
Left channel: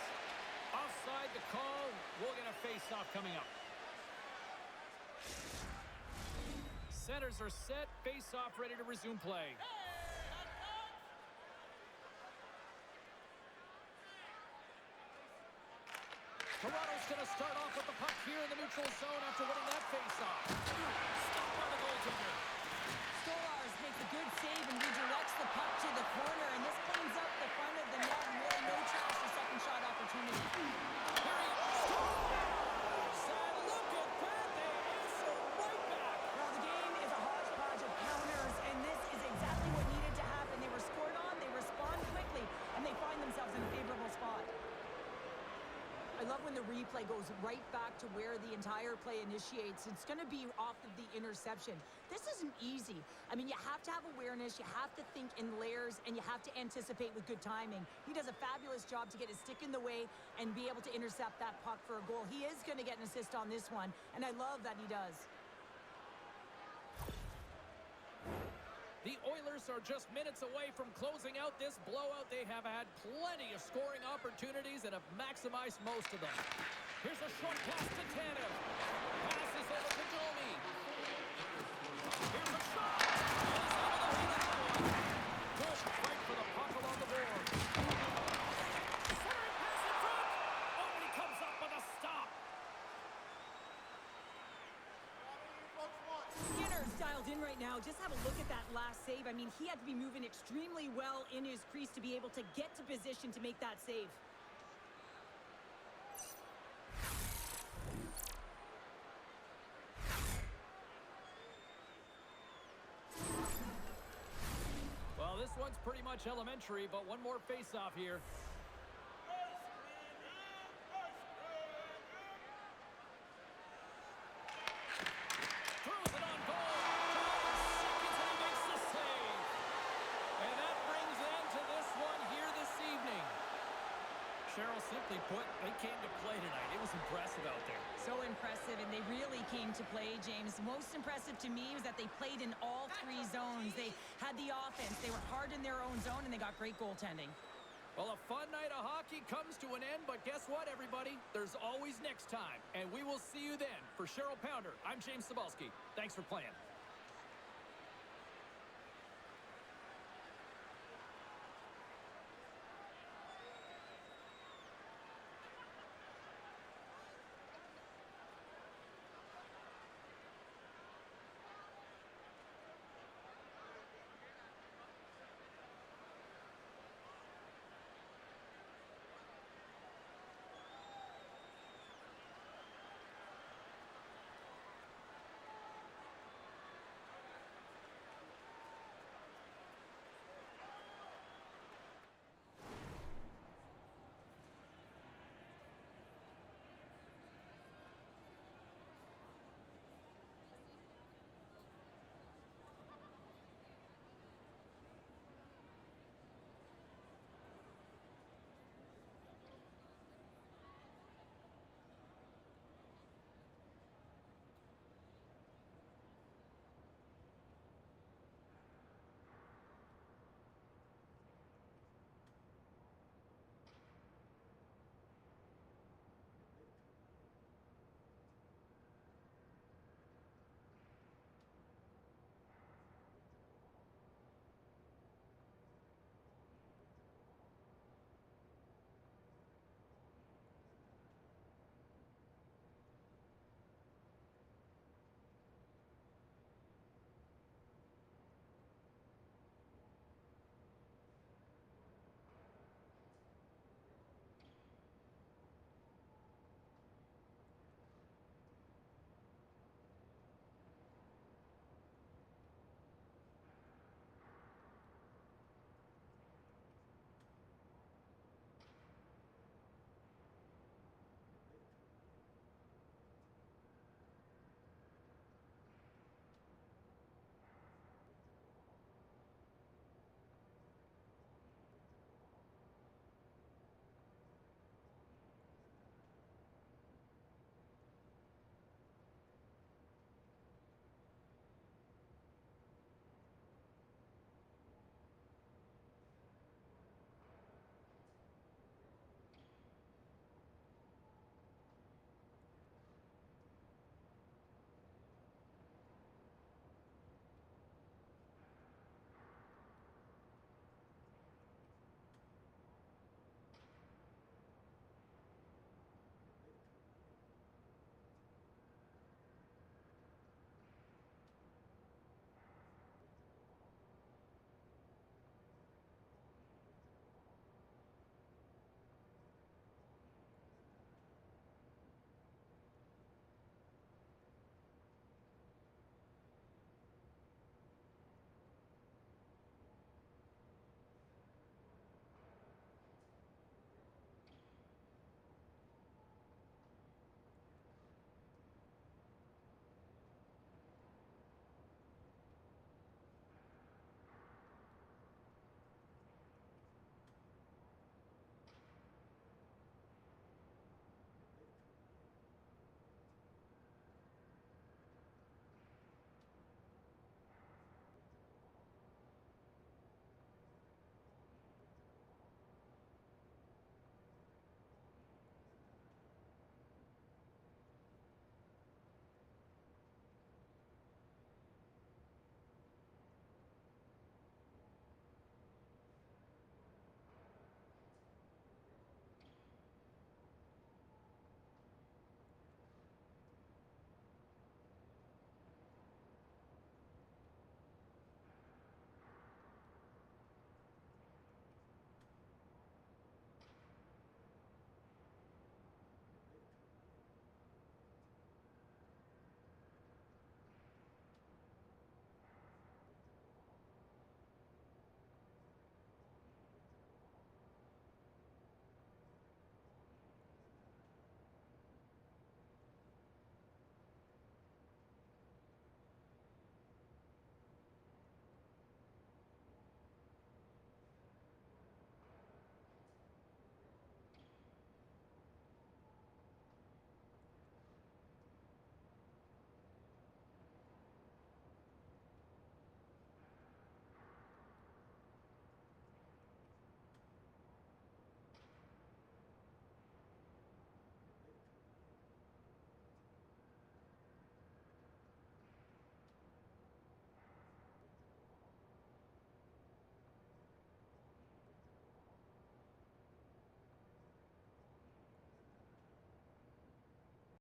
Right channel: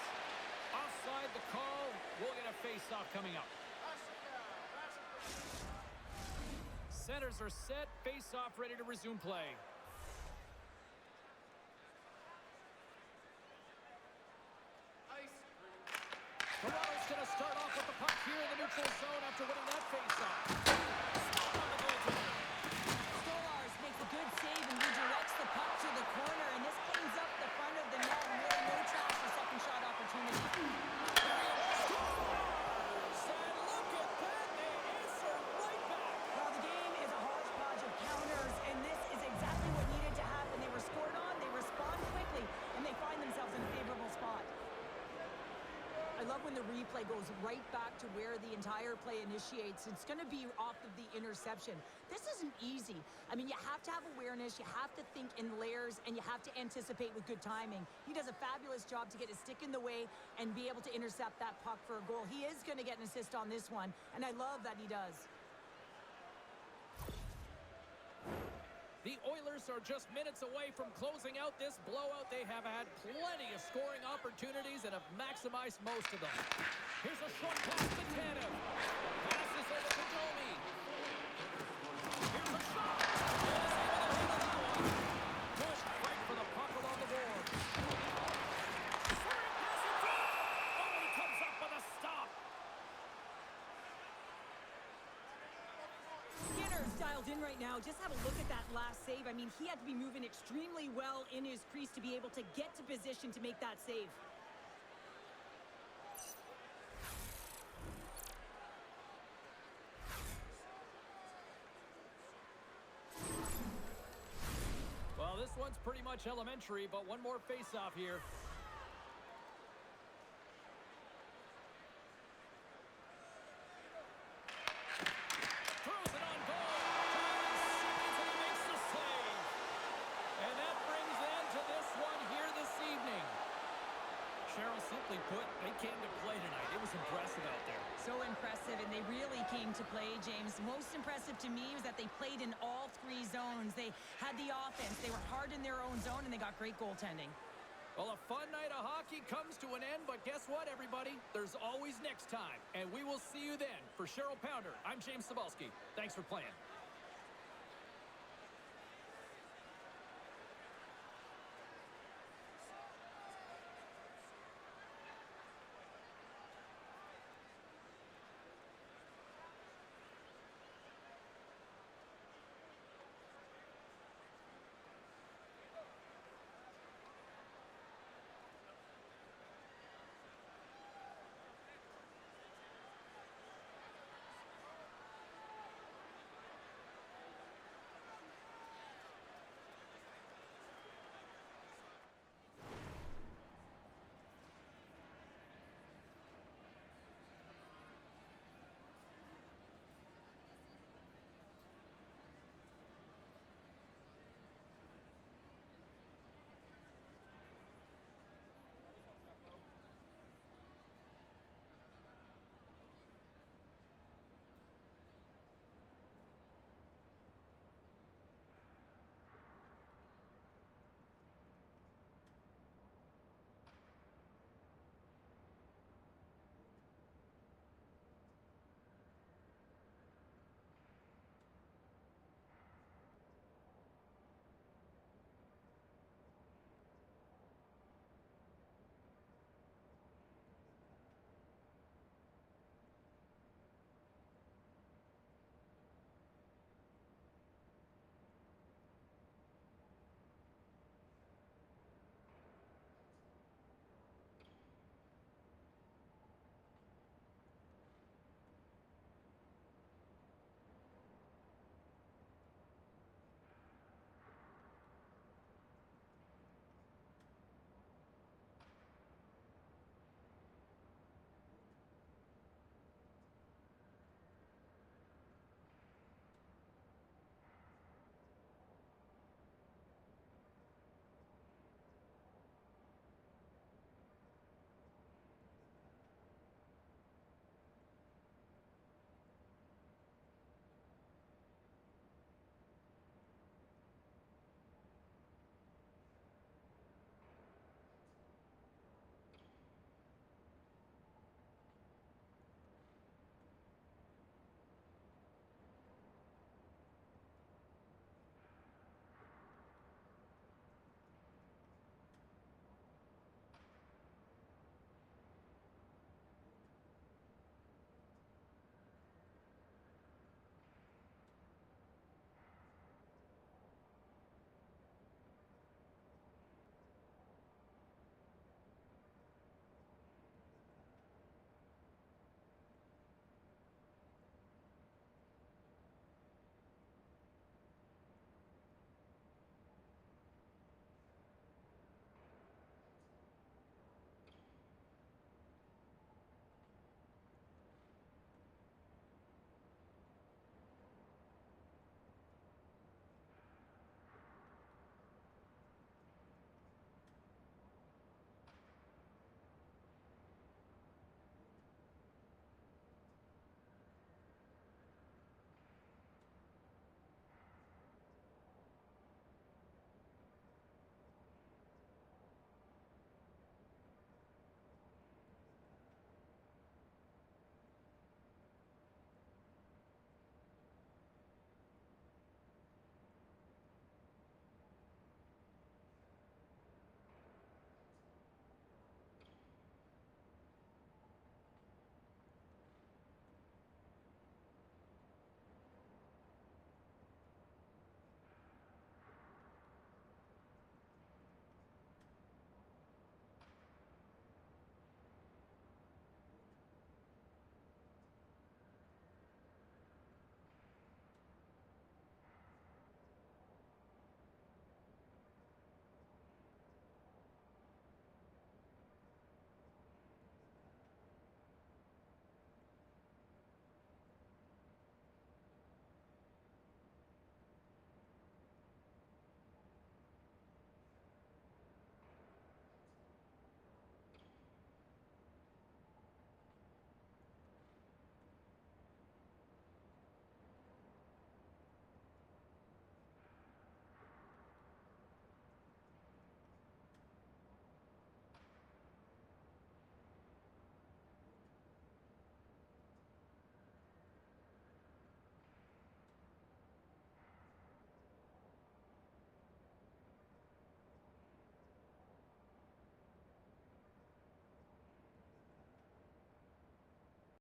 Offside the call. We'll get a face-off coming up. Centers are set. Face-off ready to resume play. Toronto's going to start off with the puck here in the neutral zone after winning that face-off. Stop on the goaltender. Stolarz makes a good save and redirects the puck to the corner, and this cleans up the front of the net and really no trash for second shot opportunity. Here he is. Scores! And look at that. They answer right back. Well, the game is a hodgepodge of counters, and this is exactly what needed to happen. They were scored on, they respond quickly, and they find themselves in a favorable spot. I love when the replay goes right back to where the entire play initiates. It's going to be off of the interception. This isn't easy. I mean, you have to have awareness, you have to think in layers, and you have to anticipate with good timing. He does a fabulous job to get his stick in the way and be able to intercept that puck for a goal. He is going to get an assist on this one, and I love that he does. The Oilers are just minutes away from closing out this blowout. They have had plenty of scoring opportunities and have maximized most of them. Here's a short pass to Tanev. Passes over to Domi. Here's a shot. And is able to handle that one. Good fight for the puck along the board. Centering pass in front. Oh, he comes up with a stop. Skinner's dialed in right now. Just have a look at that last save. I mean, he had to be moving extremely well in his crease to be able to get to position to make that save. one's pretty much elementary, but one more face-off here. Throws it on goal. 5 seconds and he makes the save. And that brings an end to this one here this evening. Cheryl, simply put, they came to play tonight. It was impressive out there. So impressive, and they really came to play, James. Most impressive to me was that they played in all 3 zones. They had the offense. They were hard in their own zone, and they got great goaltending. Well, a fun night of hockey comes to an end, but guess what, everybody? There's always next time, and we will see you then. For Cheryl Pounder, I'm James Cebulski. Thanks for playing.